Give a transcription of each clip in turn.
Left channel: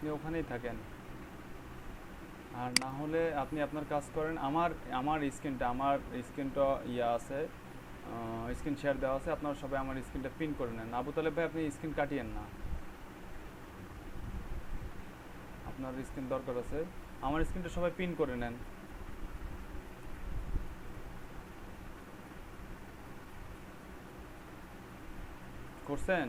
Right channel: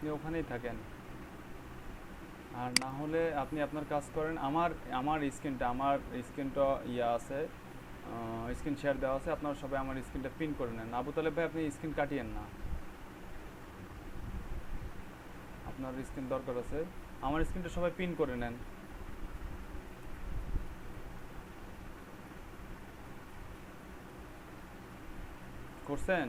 আপনি ওখানেই থাকেন। আর না হলে আপনি আপনার কাজ করেন, আমার স্ক্রিনটা ইয়া আছে, স্ক্রিন শেয়ার দেওয়া আছে, আপনারা সবাই আমার স্ক্রিনটা পিন করে নেন। আবু তালেব ভাই, আপনি স্ক্রিন কাটিয়েন না, আপনার স্ক্রিন দরকার আছে। আমার স্ক্রিনটা সবাই পিন করে নেন। করছেন?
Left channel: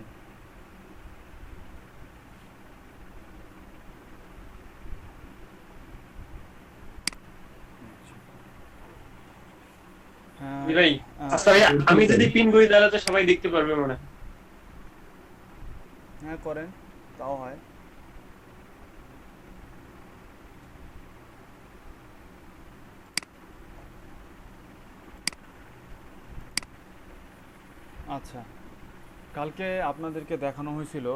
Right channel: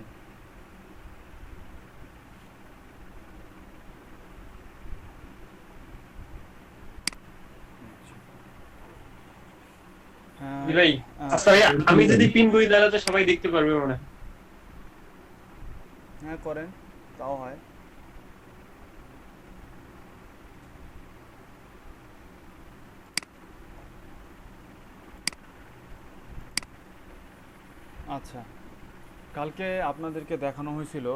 জি হ্যাঁ। ভাই। আচ্ছা ভাই, আমি যদি পিন করি তাহলে তো সবাই দেখতে পারবে মনে হয়। হ্যাঁ, করেন, তাও হয়। আচ্ছা, কালকে আপনাদেরকে দেখানো হয়েছিল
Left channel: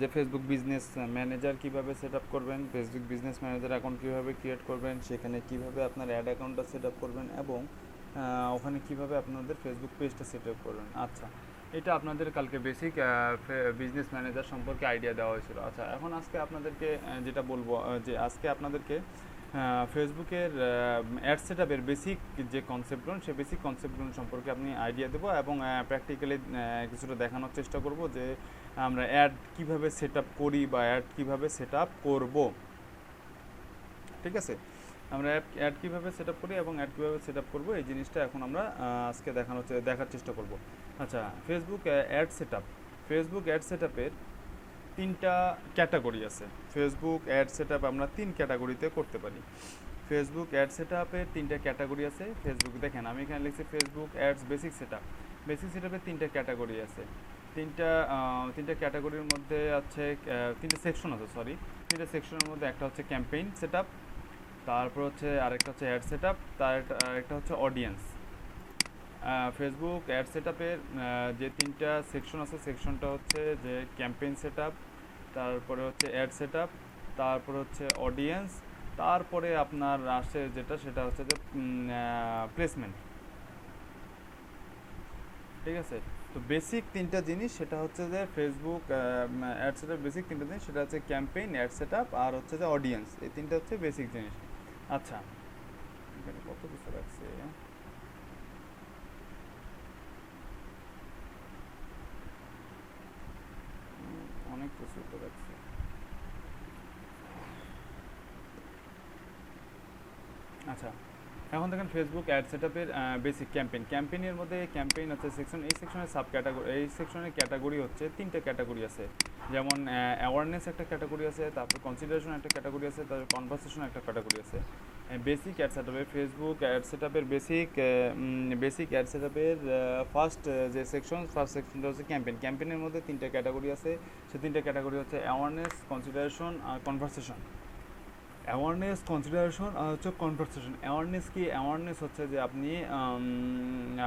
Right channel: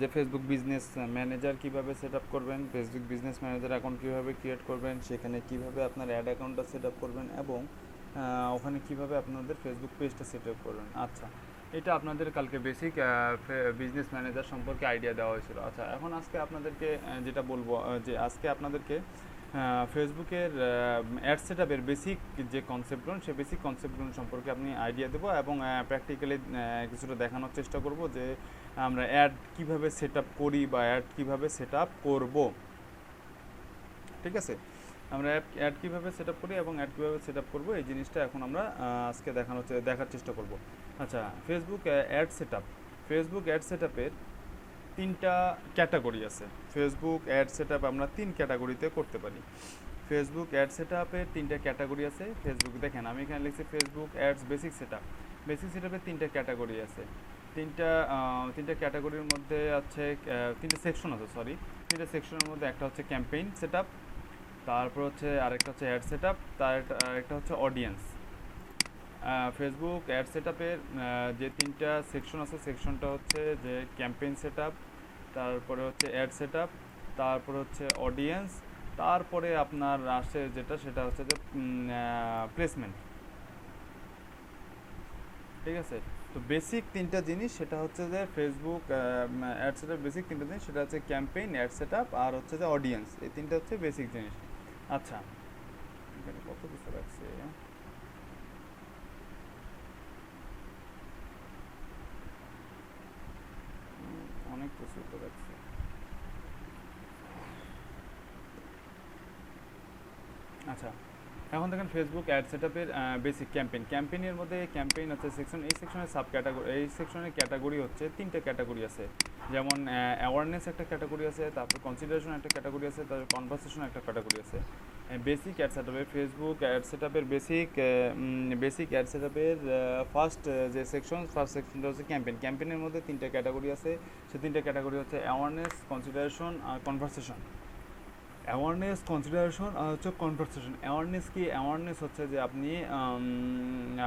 যে ফেসবুক বিজনেস ম্যানেজার কিভাবে সেট আপ করবেন, ফেসবুক বিজনেস ম্যানেজার অ্যাকাউন্ট কীভাবে ক্রিয়েট করবেন, সেখানে কিভাবে আপনার অ্যাড অ্যাকাউন্টটা সেট আপ করবেন, এবং ওখানে কিভাবে আপনাদের ফেসবুক পেজটা সেট আপ করবেন। আচ্ছা, এটা আপনাদের কালকে বেসিক বিজনেস ম্যানেজার সম্পর্কে আইডিয়া দেওয়া হয়েছিল। আচ্ছা, এখন আজকে আপনাদেরকে যেটা বলবো, যে আজকে আপনাদেরকে ফেসবুকের অ্যাড সেট আপের বেসিক যে কনসেপ্টগুলো, সেই বেসিক কনসেপ্টগুলো সম্পর্কে আপনি আইডিয়া দেবো, এবং প্র্যাকটিক্যালি কিছুটা দেখানোর চেষ্টা করব যে আমরা অ্যাড কীভাবে সেট আপ করি বা অ্যাড কীভাবে সেট আপ করবো। ঠিক আছে? আমরা অ্যাড কীভাবে সেট আপ করি এবং অ্যাড কীভাবে সেট আপ করবো, এই জিনিসটা এখন আমরা আজকে দেখার চেষ্টা করব। আচ্ছা, ফেসবুক অ্যাড সেট আপের তিনটা ক্যাটাগরি আছে। ফেসবুক অ্যাড সেট আপ আমরা তিন ক্যাটাগরিতে করতে পারি। ফেসবুক অ্যাড সেট আপের তিনটা ক্যাটাগরি আছে। ফেসবুক, দেখেন আমি এখানে লিখছি Facebook ads basic set up. Basic set আপের তিনটা ক্যাটাগরি আছে। তিনটা ক্যাটাগরির মধ্যে আছে, তিনটা সেকশন আছে, সরি। তিনটা সেকশনের মধ্যে একটা হচ্ছে ক্যাম্পেইন সেট আপ, তারপর হচ্ছে আরেকটা হচ্ছে অ্যাড সেট আপ, আরেকটা হচ্ছে অডিয়েন্স। ফেসবুক অ্যাড সেট আপের যে তিনটা সেকশন আছে, সেকশনটা হচ্ছে যে ক্যাম্পেইন সেট আপ, তারপরে হচ্ছে অ্যাড সেট আপ, তারপরে হচ্ছে অডিয়েন্স, তারপরে আপনার আসে যেটা, সেটা হচ্ছে যে প্লেসমেন্ট। ঠিক আছে? তো বেসিক তিনটা জিনিস, সেটা হচ্ছে যে Facebook ad set up, basic তিনটা জিনিস সেটা হচ্ছে ক্যাম্পেইন, অ্যাড সেট আপ, আর হচ্ছে যে অডিয়েন্স। এই তিনটা হচ্ছে বেসিক জিনিস। আচ্ছা, এখানে কত কিছু রাখছে, অনেক কিছু তো রাখছে। আচ্ছা, এখন দেখেন ফেসবুক অ্যাড সেটআপের বেসিক ক্যাম্পেইনের মধ্যে ক্যাম্পেইন হচ্ছে সেকশন, এই সেকশনের সাব ক্যাটাগরি, এই সেকশনের ক্যাটাগরি হচ্ছে তিনটা ক্যাটাগরি আছে। যেমন অ্যাওয়ারনেস একটা ক্যাটাগরি আছে, তারপর কনসিডারেশন একটা ক্যাটাগরি আছে, তারপর কনভারসেশন একটা ক্যাটাগরি আছে। বেসিক অ্যাড সেটআপে ফেসবুক অ্যাড সেটআপের বেসিক অ্যাড সেটআপের ফার্স্ট সেকশনটা হচ্ছে ক্যাম্পেইনের মধ্যে তিনটা ক্যাটাগরি আছে। সে তিনটা ক্যাটাগরি হচ্ছে অ্যাওয়ারনেস, কনসিডারেশন আর কনভারসেশন। অ্যাওয়ারনেস, কনসিডারেশন আর হচ্ছে কনভারসেশন। অ্যাওয়ারনেস কি? অ্যাওয়ারনেস হচ্ছে যে আপনি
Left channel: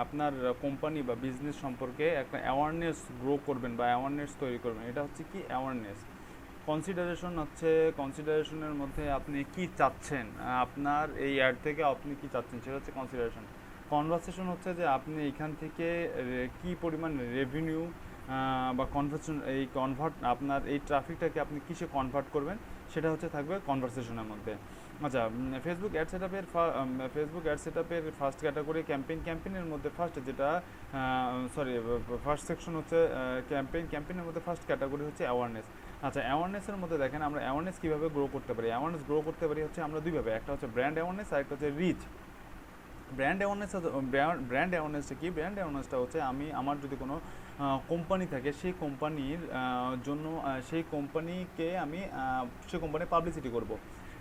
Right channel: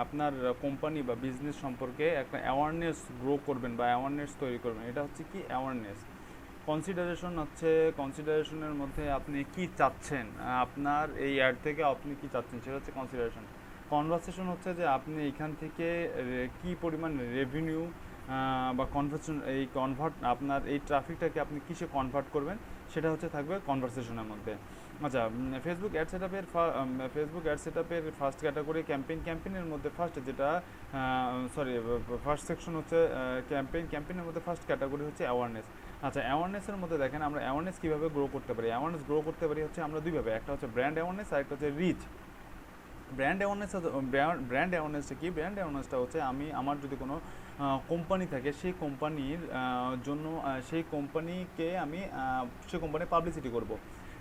আপনার কোম্পানি বা বিজনেস সম্পর্কে একটা অ্যাওয়ারনেস গ্রো করবেন বা অ্যাওয়ারনেস তৈরি করবেন, এটা হচ্ছে কি অ্যাওয়ারনেস। কনসিডারেশন হচ্ছে, কনসিডারেশনের মধ্যে আপনি কি চাচ্ছেন, আপনার এই অ্যাড থেকে আপনি কি চাচ্ছেন, সেটা হচ্ছে কনসিডারেশন। কনভারসেশন হচ্ছে যে আপনি এখান থেকে কি পরিমাণ রেভিনিউ বা কনভার্সন, আপনার এই ট্রাফিকটাকে আপনি কিসে কনভার্ট করবেন, সেটা হচ্ছে থাকবে কনভারসেশনের মধ্যে। আচ্ছা, ফেসবুক অ্যাড সেটআপের ফার্স্ট ক্যাটাগরি ক্যাম্পেইনের মধ্যে ফার্স্ট সেকশন হচ্ছে ক্যাম্পেইনের মধ্যে ফার্স্ট ক্যাটাগরি হচ্ছে অ্যাওয়ারনেস। আচ্ছা, অ্যাওয়ারনেসের মধ্যে দেখেন আমরা অ্যাওয়ারনেস কীভাবে গ্রো করতে পারি। অ্যাওয়ারনেস গ্রো করতে পারি হচ্ছে আমরা দুইভাবে, একটা হচ্ছে ব্র্যান্ড অ্যাওয়ারনেস আর একটা হচ্ছে রিচ। ব্র্যান্ড অ্যাওয়ারনেসটা কি? ব্র্যান্ড অ্যাওয়ারনেসটা হচ্ছে আমার যদি কোনো কোম্পানি থাকে, সেই কোম্পানির জন্য সেই কোম্পানিকে আমি সেই কোম্পানির পাবলিসিটি করব।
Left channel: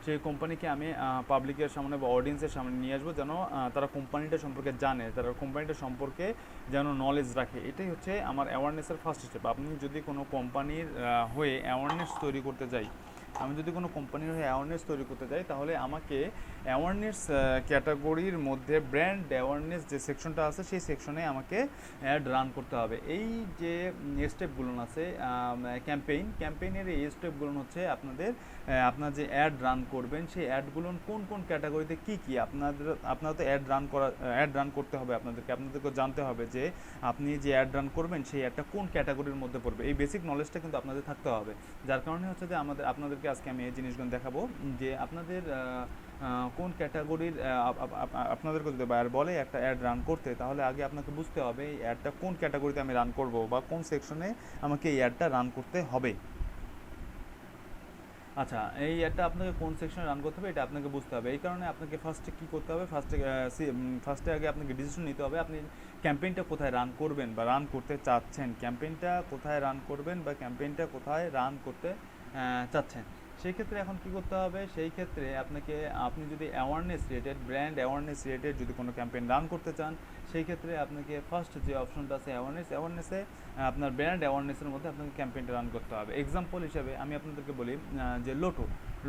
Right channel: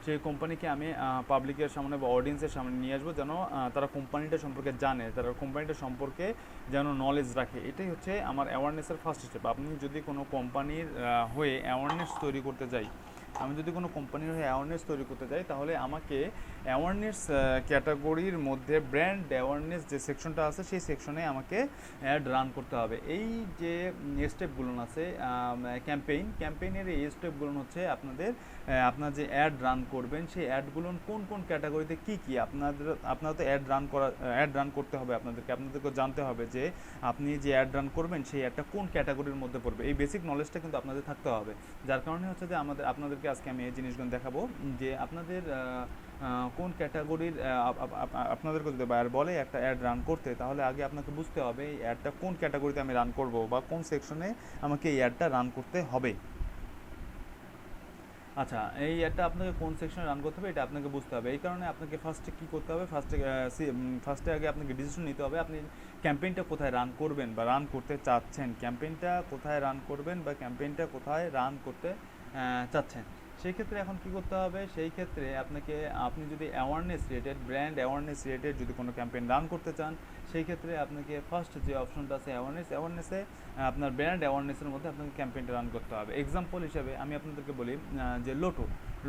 সেই কোম্পানিকে আমি পাবলিকের সামনে বা অডিয়েন্সের সামনে নিয়ে আসবো, যেন তারা কোম্পানিটা সম্পর্কে জানে, তারা কোম্পানিটা সম্পর্কে যেন নলেজ রাখে। এটাই হচ্ছে আমার অ্যাওয়ারনেসের ফার্স্ট স্টেপ। আপনি যদি কোনো কোম্পানির হয়ে অ্যাওয়ারনেস তৈরি করতে যাই, আমি যদি কোনো কোম্পানির হয়ে অ্যাওয়ারনেস তৈরি করতে চাই, তাহলে আমাকে অ্যাওয়ারনেস ক্যাটাগরির মধ্যে ব্র্যান্ড অ্যাওয়ারনেস যে সেকশনটা আছে, সেই সেকশনে আমাকে অ্যাড রান করতে হবে। এই যে স্টেপগুলো আছে ক্যাম্পেইনের এই স্টেপগুলো হচ্ছে আপনার যে অ্যাড রান করবেন, সেই অ্যাডগুলো কোন কোন ক্যাটাগরিতে কী কী আপনারা তো অ্যাড রান করতে হবে। আপনাদেরকে জানতে হবে যে আপনি যে অ্যাড রান করবেন, সেই অ্যাডটা কোন ক্যাটাগরির মধ্যে পড়বে। এই বেসিক নলেজটা কিন্তু আপনাদের থাকতে হবে। যার কারণে হচ্ছে যে আপনাদেরকে আপনাদেরকে আজকে আমি এই জিনিসগুলো দেখাবো যে আপনাদের কোন ক্যাটাগরির আপনাদেরকে যদি বায়ার বলে একটা অ্যাড রান করতে, তাহলে আগে আপনাকে বুঝতে হবে এই অ্যাডটা কোন ক্যাটাগরিতে আমি রান করব বা কোন সেকশনে আমাকে এই অ্যাডটা রান করতে হবে। আচ্ছা, এই অ্যাডটা আপনাকে কোন সেকশনে রান করতে হবে এটা আপনাকে বুঝতে হবে। এই কারণে আপনাকে ফার্স্টে কী করতে হবে, ফার্স্টে আগে আপনাকে ডিসিশন নিতে হবে আপনি ক্যাম্পেইনটা কোথায় রান করবেন বা রান করতে চাচ্ছেন, ক্যাম্পেইনটা কোথায় রান করবেন বা ক্যাম্পেইনটা কোথায় রান করতে চাচ্ছেন। সেই ক্ষেত্রে এখন কি করতে হবে, সেই ক্ষেত্রে আপনি যদি awareness related, brand awareness related যদি কোনো ক্যাম্পেইন রান করতে চান, সেই ক্ষেত্রে আপনাকে ফার্স্ট যে অপশনটা আছে অ্যাওয়ারনেসে আপনার ব্র্যান্ড অ্যাওয়ারনেসের মধ্যে আপনাকে ক্যাম্পেইনটা রান করতে হবে। এক্সাম্পল হিসাবে আমি আপনাদেরকে বলি যে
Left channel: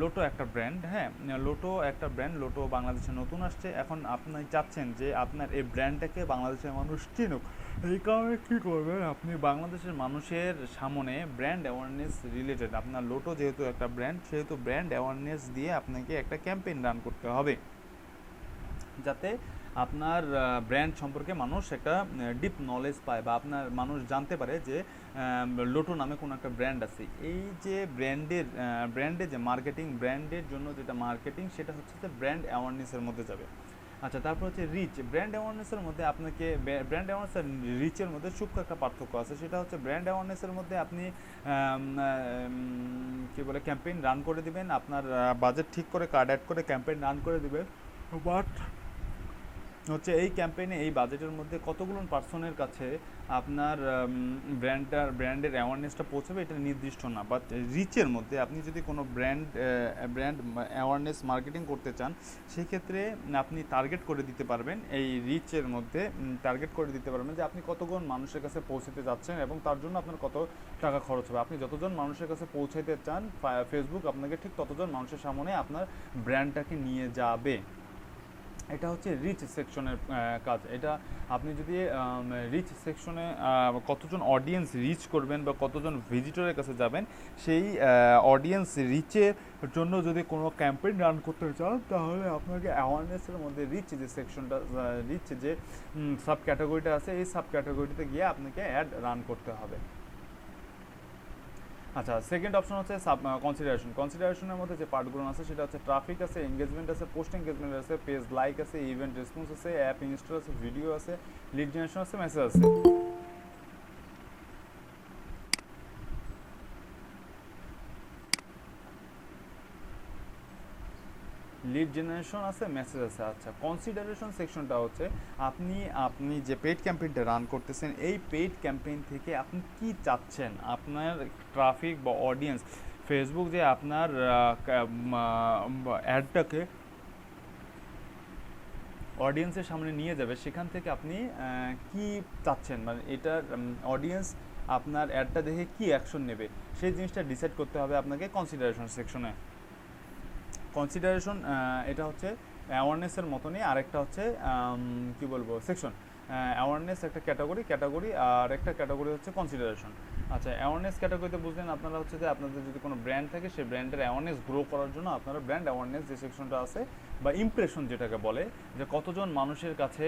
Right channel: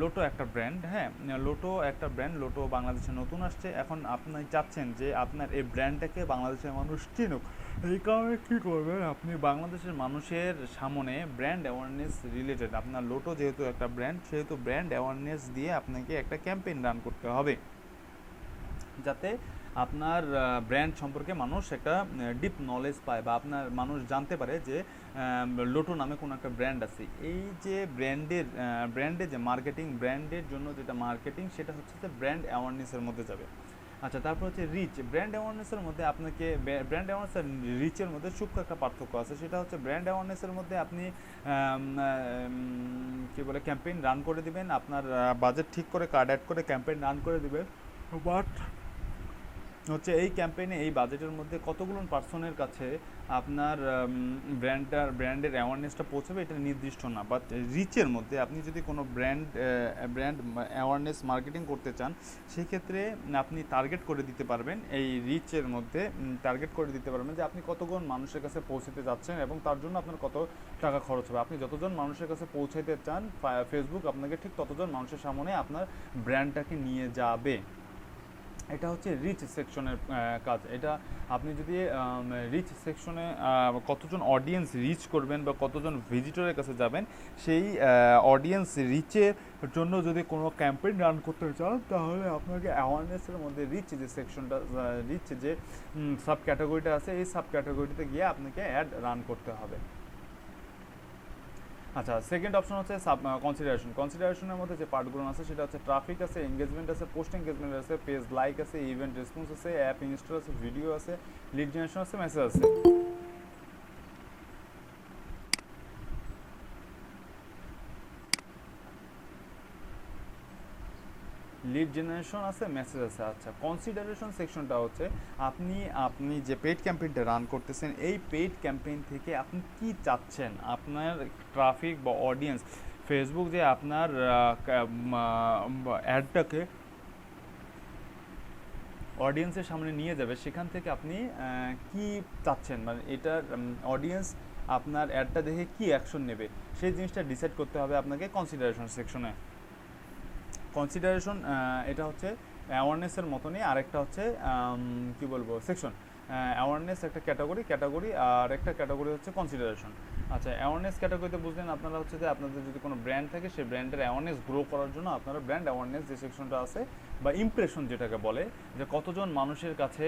লোটো একটা ব্র্যান্ড, হ্যাঁ, লোটো একটা ব্র্যান্ড, লোটো বাংলাদেশে নতুন আসছে। এখন আপনি চাচ্ছেন যে আপনার এই ব্র্যান্ডটাকে বাংলাদেশের মানুষ চিনুক, এই কারণে কী করবেন, আপনি বাংলাদেশের মানুষের সামনে ব্র্যান্ড অ্যাওয়ারনেস রিলেটেড, আপনার লোটো যেহেতু একটা ব্র্যান্ড, সেহেতু ব্র্যান্ড অ্যাওয়ারনেস দিয়ে আপনাকে একটা ক্যাম্পেইন রান করতে হবে, যাতে আপনার ব্র্যান্ড সম্পর্কে মানুষ একটা ডিপ নলেজ পায় বা আপনার মানুষ জানতে পারে যে লোটো নামে কোনো একটা ব্র্যান্ড আছে। এই যে ব্র্যান্ডের যে মার্কেটিং, ব্র্যান্ডের জন্য যেটা মার্কেটিং, সেটা হচ্ছে যে ব্র্যান্ড অ্যাওয়ারনেসের মধ্যে যাবে। আচ্ছা, তারপর হচ্ছে রিচ। ব্র্যান্ড অ্যাওয়ারনেসের মধ্যে আপনাকে ব্র্যান্ড অ্যাওয়ারনেস আর রিচের মধ্যে সূক্ষ্ম একটা পার্থক্য আছে। সেটা হচ্ছে ব্র্যান্ড অ্যাওয়ারনেসের মধ্যে আপনি কী বলে ক্যাম্পেইন রান করে দিবেন, আপনার বাজেট ঠিক করে কার্ড অ্যাড করে ক্যাম্পেইন রান করে দিবেন, বাট হচ্ছে এই ক্যাম্পেইনে এই বাজেটের মধ্যে কতগুলো পার্সনের কাছে আপনার ব্র্যান্ডের অ্যাওয়ারনেসটা পৌঁছাবে এটা নির্দিষ্ট না। বাট রিচের মধ্যে আপনি যদি কোনো ব্র্যান্ড অ্যাওয়ারনেস মার্কেটিং করতে চান, সেই ক্ষেত্রে আপনি টার্গেট করে দিতে পারবেন, এই রিচের মধ্যে টার্গেট করে দিতে পারবেন যে আপনি কতজন মানুষের কাছে পৌঁছতে যাচ্ছেন এবং তার জন্য আপনার কত টাকা খরচ হবে। আপনি যতজন মানুষের কাছে পৌঁছাতে চান, ফেসবুক আপনাকে ঠিক ততজন মানুষের সামনে আপনার ব্র্যান্ডটাকে নিয়ে যাবে। এটা হচ্ছে রিচ সেকশনের কাজ। এটা আপনি যদি রিচ সেকশনে কতজন অডিয়েন্স রিচ করবেন বা কতজন ভিজিটরের কাছে যাবেন, সেই অডিয়েন্স রিচের জন্য যদি কোনো ক্যাম্পেইন রান করতে চান, তাহলে আপনাকে অ্যাওয়ারনেসের মধ্যে রিচ যে সেকশনটা, রিচ যে সাব ক্যাটাগরিটা আছে, এই সাব ক্যাটাগরিতে গিয়ে আপনাকে অ্যাড রান করতে হবে। আচ্ছা, সেকেন্ড অপশন হচ্ছে কনসিডারেশনের মধ্যে যে পার্টগুলো আছে সেটা হচ্ছে ট্রাফিক আছে, এঙ্গেজমেন্ট আছে, পোস্ট এঙ্গেজমেন্ট আছে, পেজ লাইক আছে, ইভেন্ট রেসপন্স আছে, অ্যাপ ইনস্টল আছে, ভিডিও আছে, লিড জেনারেশন আছে, মেসেজ আছে। লিড জেনারেশন আছে, মেসেজ আছে। আচ্ছা, কনসিডারেশন সেকশনটা হচ্ছে আপনি যে পেইড ক্যাম্পেইনটা রান করতেছেন, এই পেইড ক্যাম্পেইন থেকে আপনি কি চাচ্ছেন, আপনার ট্রাফিক বা অডিয়েন্স, ফেসবুক যে আপনার অ্যাডটাকে অডিয়েন্সের সামনে নিয়ে যাবে, সেখান থেকে আপনি কি চাচ্ছেন, মানে এটার অডিয়েন্স আপনার অ্যাডটা দেখে কি অ্যাকশন নেবে, সেই জিনিসটা ডিসাইড করতে হবে আপনাকে কনসিডারেশন সেকশনে। কনসিডারেশন এটা হচ্ছে অ্যাওয়ারনেসের মতনই, আরেকটা হচ্ছে কি বলবো সেকশন। অ্যাওয়ারনেস একটা ক্যাটাগরি আর একটা ক্যাটাগরি হচ্ছে কনসিডারেশন। আচ্ছা, অ্যাওয়ারনেস ক্যাটাগরিতে বুঝলেন আপনারা হচ্ছে যে আপনাদের যদি কোনো ব্র্যান্ড থাকে, সেই ব্র্যান্ডের অ্যাওয়ারনেস গ্রো করার জন্য আপনারা ব্র্যান্ড অ্যাওয়ারনেস যে সেকশনটা আছে বা ইমপ্রেশন যেটাকে বলে, যে কতজন মানুষের কাছে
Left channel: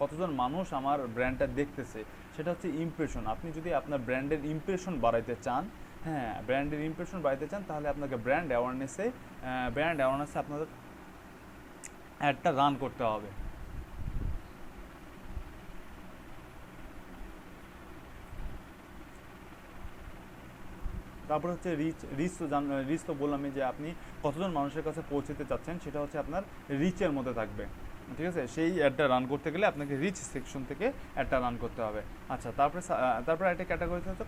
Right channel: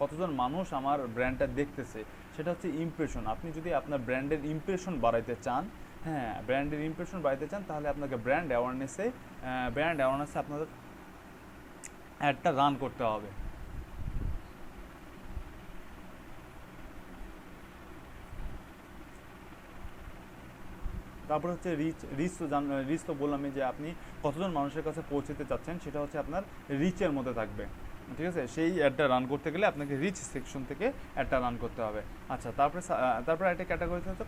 কতজন মানুষ আমার ব্র্যান্ডটা দেখতেছে, সেটা হচ্ছে ইমপ্রেশন। আপনি যদি আপনার ব্র্যান্ডের ইমপ্রেশন বাড়াইতে চান, হ্যাঁ, ব্র্যান্ডের ইমপ্রেশন বাড়াইতে চান, তাহলে আপনাকে ব্র্যান্ড অ্যাওয়ারনেসে আপনাদের অ্যাডটা রান করতে হবে। তারপর হচ্ছে রিচ তো বললামই যে আপনি কতজন মানুষের কাছে পৌঁছতে চাচ্ছেন, সেটা হচ্ছে আপনার রিচের মধ্যে থাকবে, ঠিক আছে। সেই অ্যাডটা রান করতে গেলে আপনাকে রিচ সেকশন থেকে অ্যাডটা রান করতে হবে। আচ্ছা, তারপরে একটা ক্যাটাগরি হচ্ছে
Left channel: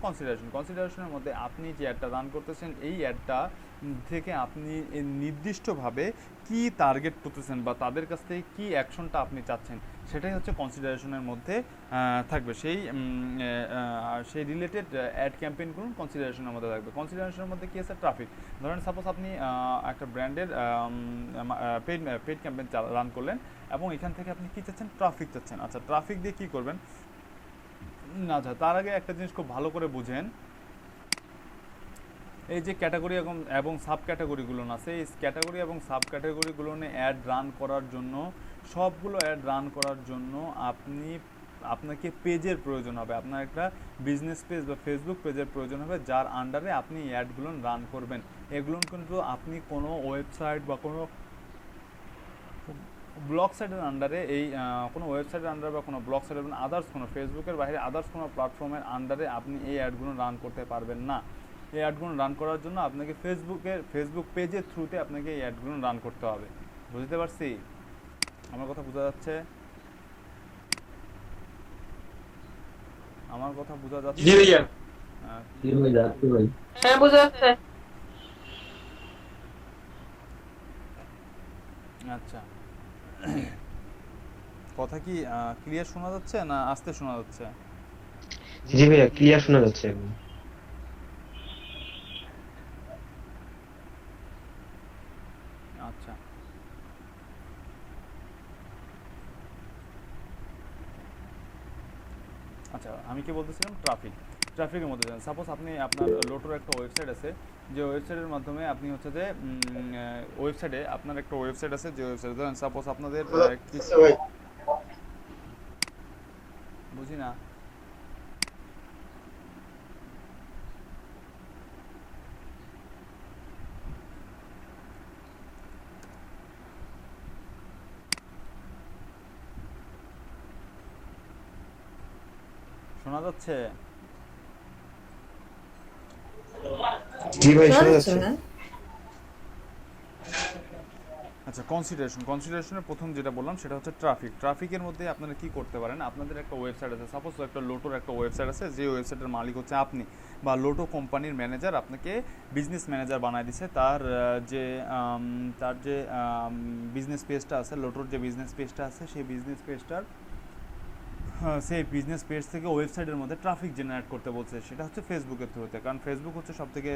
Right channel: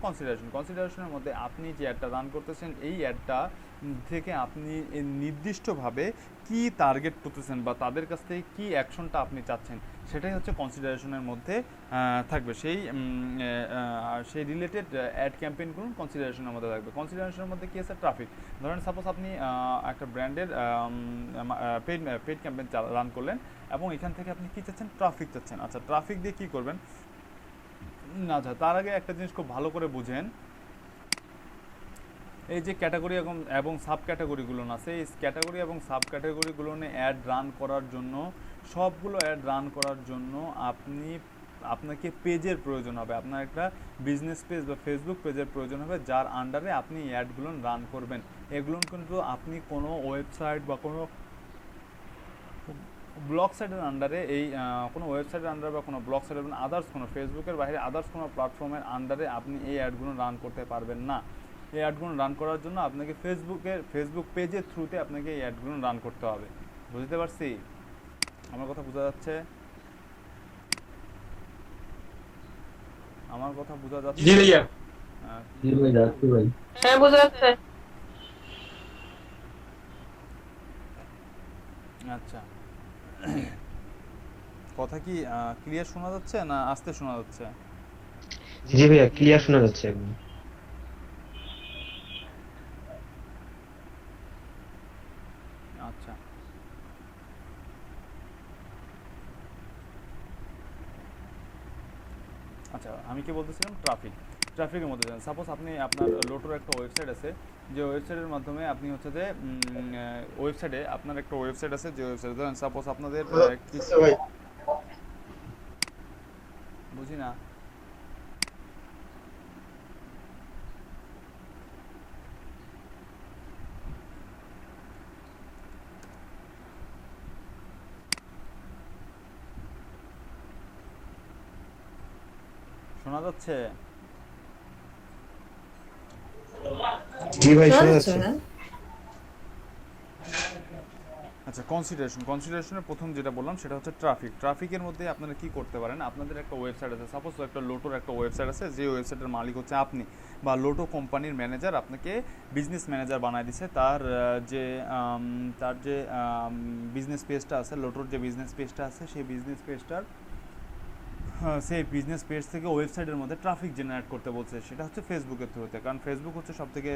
কনসিডারেশনের মধ্যে আপনি যে অ্যাডটা রান করতেছেন, এই অ্যাডটা থেকে আপনি নির্দিষ্টভাবে কি টার্গেট করতেছেন বা তাদের কাছ থেকে কী অ্যাকশনটা আপনি চাচ্ছেন, সেটাই হচ্ছে কনসিডারেশনের মধ্যে থাকবে। সেই রিলেটেড অ্যাড ক্যাম্পেইনগুলো কনসিডারেশনের মধ্যে থাকবে। কনসিডারেশনের মধ্যে কী আছে, ট্রাফিক। ধরেন সাপোজ আপনি একটা ব্র্যান্ডের পেইড ক্যাম্পেইন রান করলেন এবং এখান থেকে আপনি কী চাচ্ছেন, ট্রাফিক চাচ্ছেন। আচ্ছা, ট্রাফিক দিয়ে কী করবেন, আচ্ছা তার আগে একটা জিনিস খুব ভালো করে বুঝেন, এই যে ক্যাটাগরি এবং সাব ক্যাটাগরিগুলো আছে, এই ক্যাটাগরি এবং সাব ক্যাটাগরিগুলো অ্যাড রান করার জন্য, সবগুলো অ্যাড রান করার জন্য আপনি আপনাকে পেজের প্রয়োজন হবে, আপনার একটা বিজনেস পেজ বা ফেসবুক পেজের প্রয়োজন হবে যার আন্ডারে আপনি অ্যাডগুলো রান করবেন। এগুলো কিন্তু আপনি কোনো ওয়েবসাইট বা কোনো ব্লগ সাইটের আন্ডারে কোনো ওয়েবসাইটের আন্ডারে বা কোনো ব্লগ সাইটের আদার্স কোনো ফেসবুকের বাইরে আদার্স কোনো প্ল্যাটফর্মের আন্ডারে আপনি এই অ্যাডগুলো রান করতে পারবেন না। এই অ্যাডগুলো রান করার জন্য আপনাকে ফেসবুক পেজের থ্রুতে আপনাকে এই অ্যাডগুলো রান করতে হবে। বুঝতে পারছি? আমার কথা বোঝা যাচ্ছে? আমার কথা বোঝা যাচ্ছে? জি ভাইয়া। হ্যাঁ বোঝা যাচ্ছে। আচ্ছা, কথা কি ক্লিয়ার শোনা যাচ্ছে না আস্তে শোনা যাচ্ছে? জি ভাইয়া, ক্লিয়ার শোনা যাচ্ছে একদম। আচ্ছা, আচ্ছা আমি কি বলতেছিলাম, ট্রাফিকের মধ্যে যান। সাপোজ আপনি আপনার লোটোর একটা ওয়েবসাইট আছে, যে ওয়েবসাইটের মাধ্যমে আপনি হচ্ছে যে ওয়েবসাইটে আপনার একটা ওয়েবসাইট আছে, যে ওয়েবসাইট ধরেন সাপোজ আপনাদের বুঝি না, শোনা যাচ্ছে? জি ভাই, শোনা শোনা যাচ্ছে যাচ্ছে। না? আচ্ছা, কনসিডারেশনের প্রথম যেটা বললাম সেটা হচ্ছে ট্রাফিকের মধ্যে আপনারা কি করতে পারেন, আপনাদের একটা ওয়েবসাইট আছে, সাপোজ একটা লোটোর একটা ওয়েবসাইট আছে, যে ওয়েবসাইটের মালিক হচ্ছে আপনি বা লোটো কোম্পানির ম্যানেজার আপনাকে বিজনেস ম্যানেজার বানায় দিছে। তার যে বিজনেস পেজটা আছে, লোটোর যে বিজনেস পেজটা আছে, সেই বিজনেস পেজ থেকে ওয়েবসাইটের মধ্যে ট্রাফিক জেনারেট করতে বলছে। সেটা হচ্ছে ফেসবুকের থ্রুতে, কারণ ফেসবুক হচ্ছে সবথেকে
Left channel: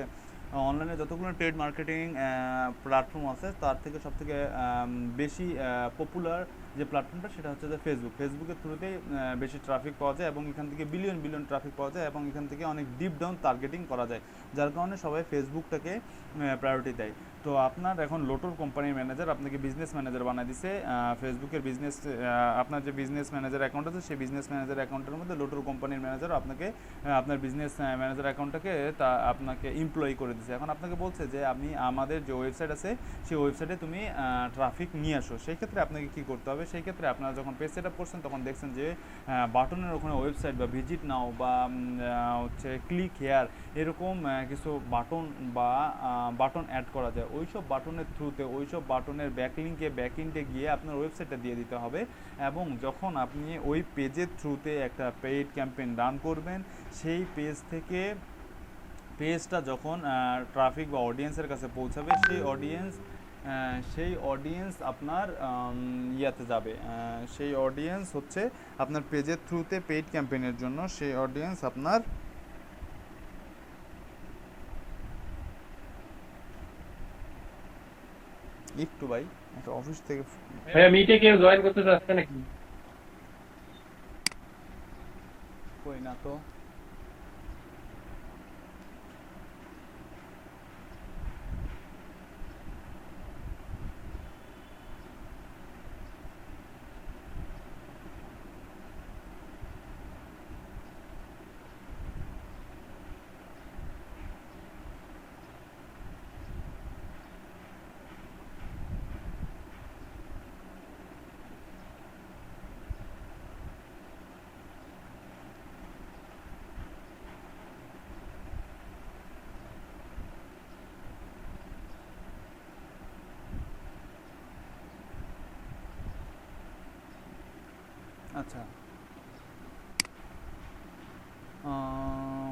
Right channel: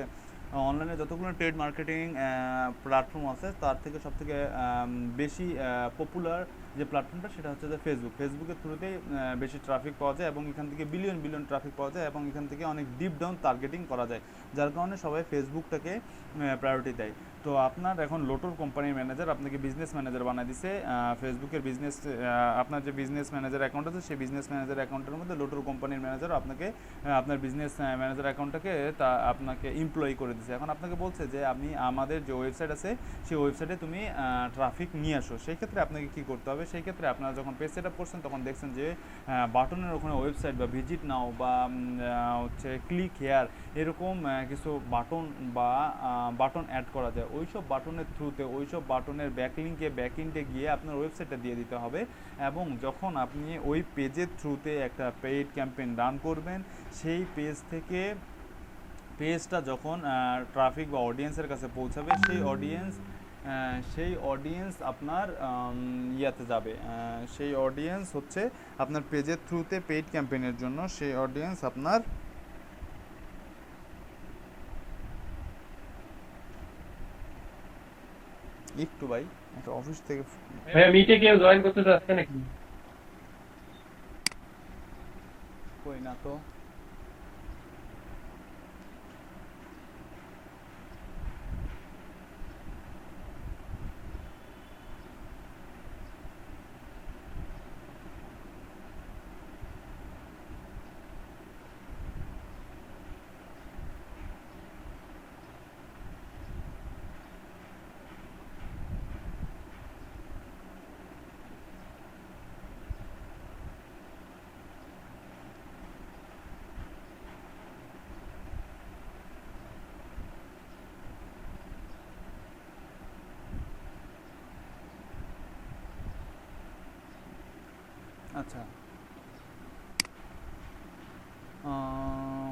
অনলাইনে যতগুলো ট্রেড মার্কেটিং প্ল্যাটফর্ম আছে তার থেকে সবথেকে বেশি পপুলার যে প্ল্যাটফর্মটা সেটা হচ্ছে যে ফেসবুকের থ্রুতেই বেশি ট্রাফিক পাওয়া যায় এবং এখান থেকে বিলিয়ন ট্রাফিক পাওয়া যায় এবং এখান থেকে অনেক ডিপ ডাউন টার্গেটিং করা যায়, যার কারণে সবাই ফেসবুকটাকে প্রায়োরিটি দেয়। তো আপনার এখন লোটোর কোম্পানির ম্যানেজার আপনাকে বিজনেস ম্যানেজার বানায় দিছে, ফেসবুকের আপনার যে বিজনেস ম্যানেজার অ্যাকাউন্ট আছে সেই বিজনেস ম্যানেজার অ্যাকাউন্টের মধ্যে লোটোর কোম্পানির ম্যানেজার আপনাকে আপনার বিজনেস ম্যানেজার অ্যাকাউন্টটাকে আপনাকে এমপ্লয়ি করে দিছে। এখন আপনাকে বলছে যে আপনি আমাদের যে ওয়েবসাইট আছে সেই ওয়েবসাইটে তুমি ট্রাফিক নিয়ে আসো। সেই ক্ষেত্রে আপনাকে কী করতে হবে, সেই ক্ষেত্রে আপনারা যখন পেজ সেট আপ করছেন তখন দেখছেন যে বাটনের ওখানে ওয়েবসাইট বা ভিজিট নাও বা হচ্ছে ক্লিক হেয়ার এরকম কিছু বাটন অ্যাড করা যায়। ওইসব বাটনের থ্রুতে ওইসব বাটনের ব্যাকলিঙ্কে গিয়ে আপনার ওয়েবসাইটটা দিয়ে দিতে হবে এবং যখন আপনি ওই পেজের থ্রুতে একটা পেইড ক্যাম্পেইন রান করবেন, সেই পেজটা যখন ট্রাফিক বা অডিয়েন্সের কাছে পৌঁছাবে, সেই অডিয়েন্স আপনার ইয়াতে যাবে, সেই অডিয়েন্স হচ্ছে আপনার পেজের থ্রুতে পেইড ক্যাম্পেইনের জন্য সেই অডিয়েন্স আপনার একটু ভাই একটা অফিস থেকে ভাইয়া মিটে কেউ জয়েন করতে চাচ্ছে নাকি? কই না তো। আচ্ছা,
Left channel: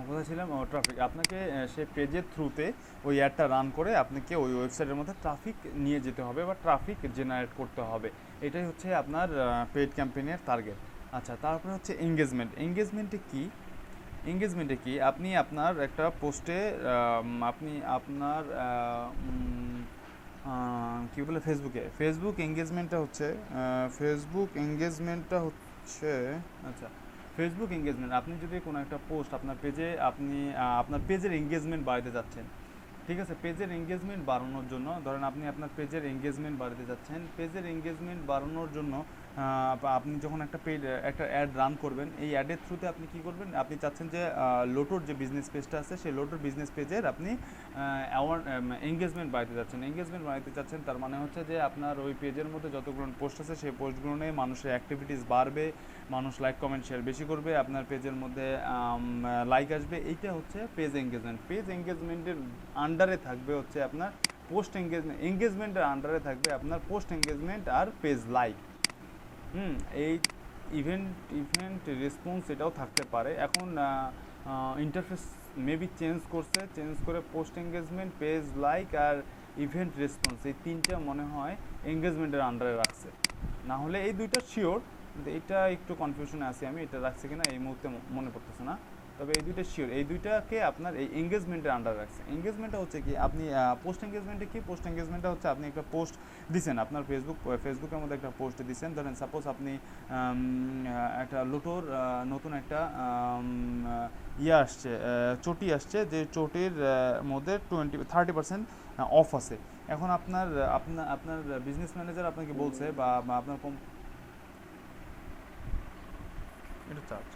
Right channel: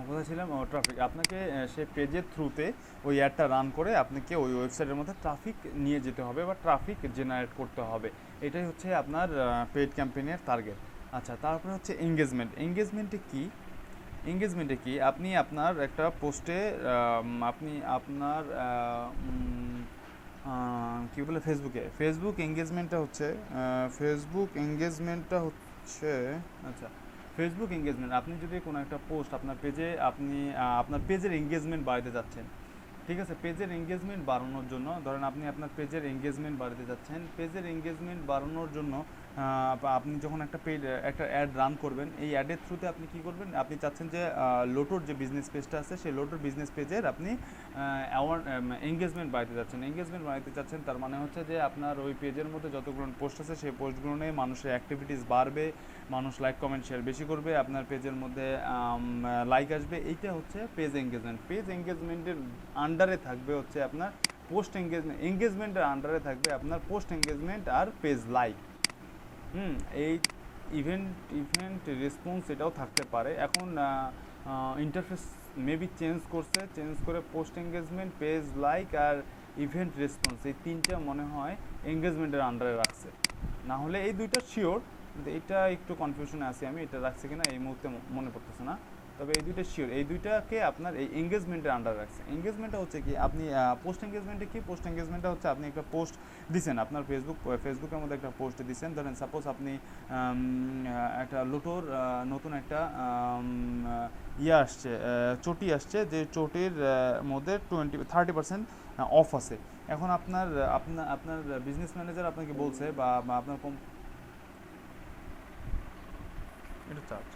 কোথায় ছিলাম? ট্রাফিক আপনাকে সেই পেজের থ্রুতে ওই অ্যাডটা রান করে আপনাকে ওই ওয়েবসাইটের মধ্যে ট্রাফিক নিয়ে যেতে হবে বা ট্রাফিক জেনারেট করতে হবে। এটাই হচ্ছে আপনার পেইড ক্যাম্পেইনের টার্গেট। আচ্ছা, তারপরে হচ্ছে এঙ্গেজমেন্টে কি আপনি আপনার একটা পোস্টে আপনি আপনার কী বলে ফেসবুক এঙ্গেজমেন্টটা হচ্ছে আচ্ছা, ফেসবুক এঙ্গেজমেন্ট আপনি যদি কোনো একটা পোস্ট আপনার পেজে আপনার পেজের এঙ্গেজমেন্ট বাড়াতে যাচ্ছেন, ঠিক আছে, পেজের এঙ্গেজমেন্ট বাড়ানোর জন্য ধরেন আপনি আপনার পেজের এঙ্গেজমেন্ট বাড়াতে যাচ্ছেন, পেজের এঙ্গেজমেন্ট বাড়ানোর জন্য আপনি যখন একটা অ্যাড রান করবেন, এই অ্যাডের থ্রুতে আপনি কি করবেন, আপনি চাচ্ছেন যে লোটোর যে বিজনেস পেজটা আছে সেই লোটোর বিজনেস পেজের আপনি এঙ্গেজমেন্ট বাড়াতে চাচ্ছেন। এঙ্গেজমেন্ট বাড়াতে চাচ্ছেন তার মানে হচ্ছে যে আপনার ওই পেজের মধ্যে যতগুলো পোস্ট আছে সেই পোস্টগুলো নিয়ে মানুষের অ্যাক্টিভিটিস বাড়বে, মানুষ লাইক কমেন্ট শেয়ার বেশি করবে, আপনার পেজের মধ্যে লাইক আসবে। এইটা হচ্ছে পেজ এঙ্গেজমেন্ট। পেজ এঙ্গেজমেন্টের আন্ডারে থাকবে হচ্ছে আপনার পোস্ট এঙ্গেজমেন্টের আন্ডারে থাকবে আপনার পোস্ট এঙ্গেজমেন্ট আর পেজ লাইক। এই ইভেন্ট রেসপন্স এটাও থাকতে পারে। এখন ইন্টারফেস মেবি চেঞ্জ করে পোস্ট এঙ্গেজমেন্ট, পেজ লাইক আর ইভেন্ট রেসপন্স এই তিনটা মনে হয় এঙ্গেজমেন্টের আন্ডারে রাখছে। না হলে এই দুইটা শিওর, কিন্তু এটা একটু কনফিউশনে আছি আমি, এটা রাখছে কিনা এই মুহূর্তে মনে পড়তেছে না। তবে এই দুইটা শিওর, এই দুইটাকে আপনার এই এঙ্গেজমেন্টের আন্ডার রাখছে। এঙ্গেজমেন্টটা হচ্ছে কি, আপনি পোস্ট এঙ্গেজমেন্টে কি, পোস্ট এঙ্গেজমেন্টটা হচ্ছে আপনি একটা পোস্ট দিছেন, আপনার ফেসবুকের মধ্যে একটা পোস্ট দিছেন। ধরেন সাপোজ আপনি একটা লোটোর নতুন একটা আসছে, চটি আসছে, যে চটির মধ্যে 30% অফ আছে। এখন আপনার বিজনেস ম্যানেজার আপনাকে বলছে বা আপনার এটা চার্জ।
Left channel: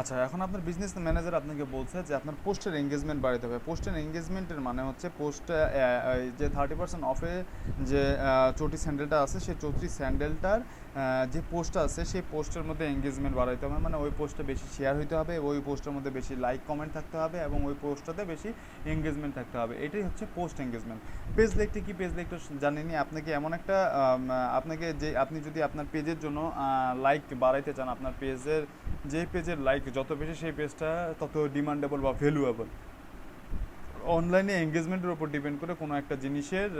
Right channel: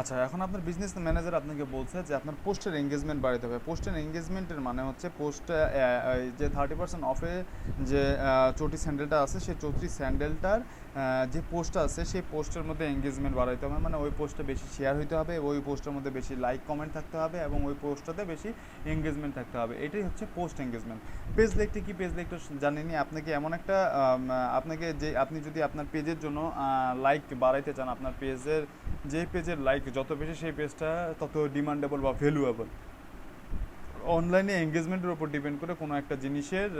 আচ্ছা, এখন আপনার বিজনেস ম্যানেজার আপনাকে বলছে যে আপনার পোস্টের এঙ্গেজমেন্ট বাড়াতে হবে। পোস্টের এঙ্গেজমেন্টের মানে হচ্ছে পোস্টে যে 30% অফে যে চটি স্যান্ডেলটা আছে, সেই চটি স্যান্ডেলটার যে পোস্টটা আছে সেই পোস্টের মধ্যে এঙ্গেজমেন্ট বাড়াইতে হবে। মানে ওই পোস্টটা বেশি শেয়ার হইতে হবে, ওই পোস্টের মধ্যে বেশি লাইক কমেন্ট থাকতে হবে এবং ওই পোস্টটাতে বেশি এঙ্গেজমেন্ট থাকতে হবে। এটাই হচ্ছে পোস্ট এঙ্গেজমেন্ট। পেজ লাইকটা কি, পেজ লাইকটা জানেনই। আপনাকে এমন একটা আপনি যদি আপনার পেজের জন্য লাইক বাড়াইতে চান, আপনার যে পেজের লাইক যত বেশি সেই পেজটা তত ডিমান্ডেবল বা ভ্যালুয়েবল। অনলাইনে এঙ্গেজমেন্টের উপর ডিপেন্ড করে কোনো একটা জিনিসের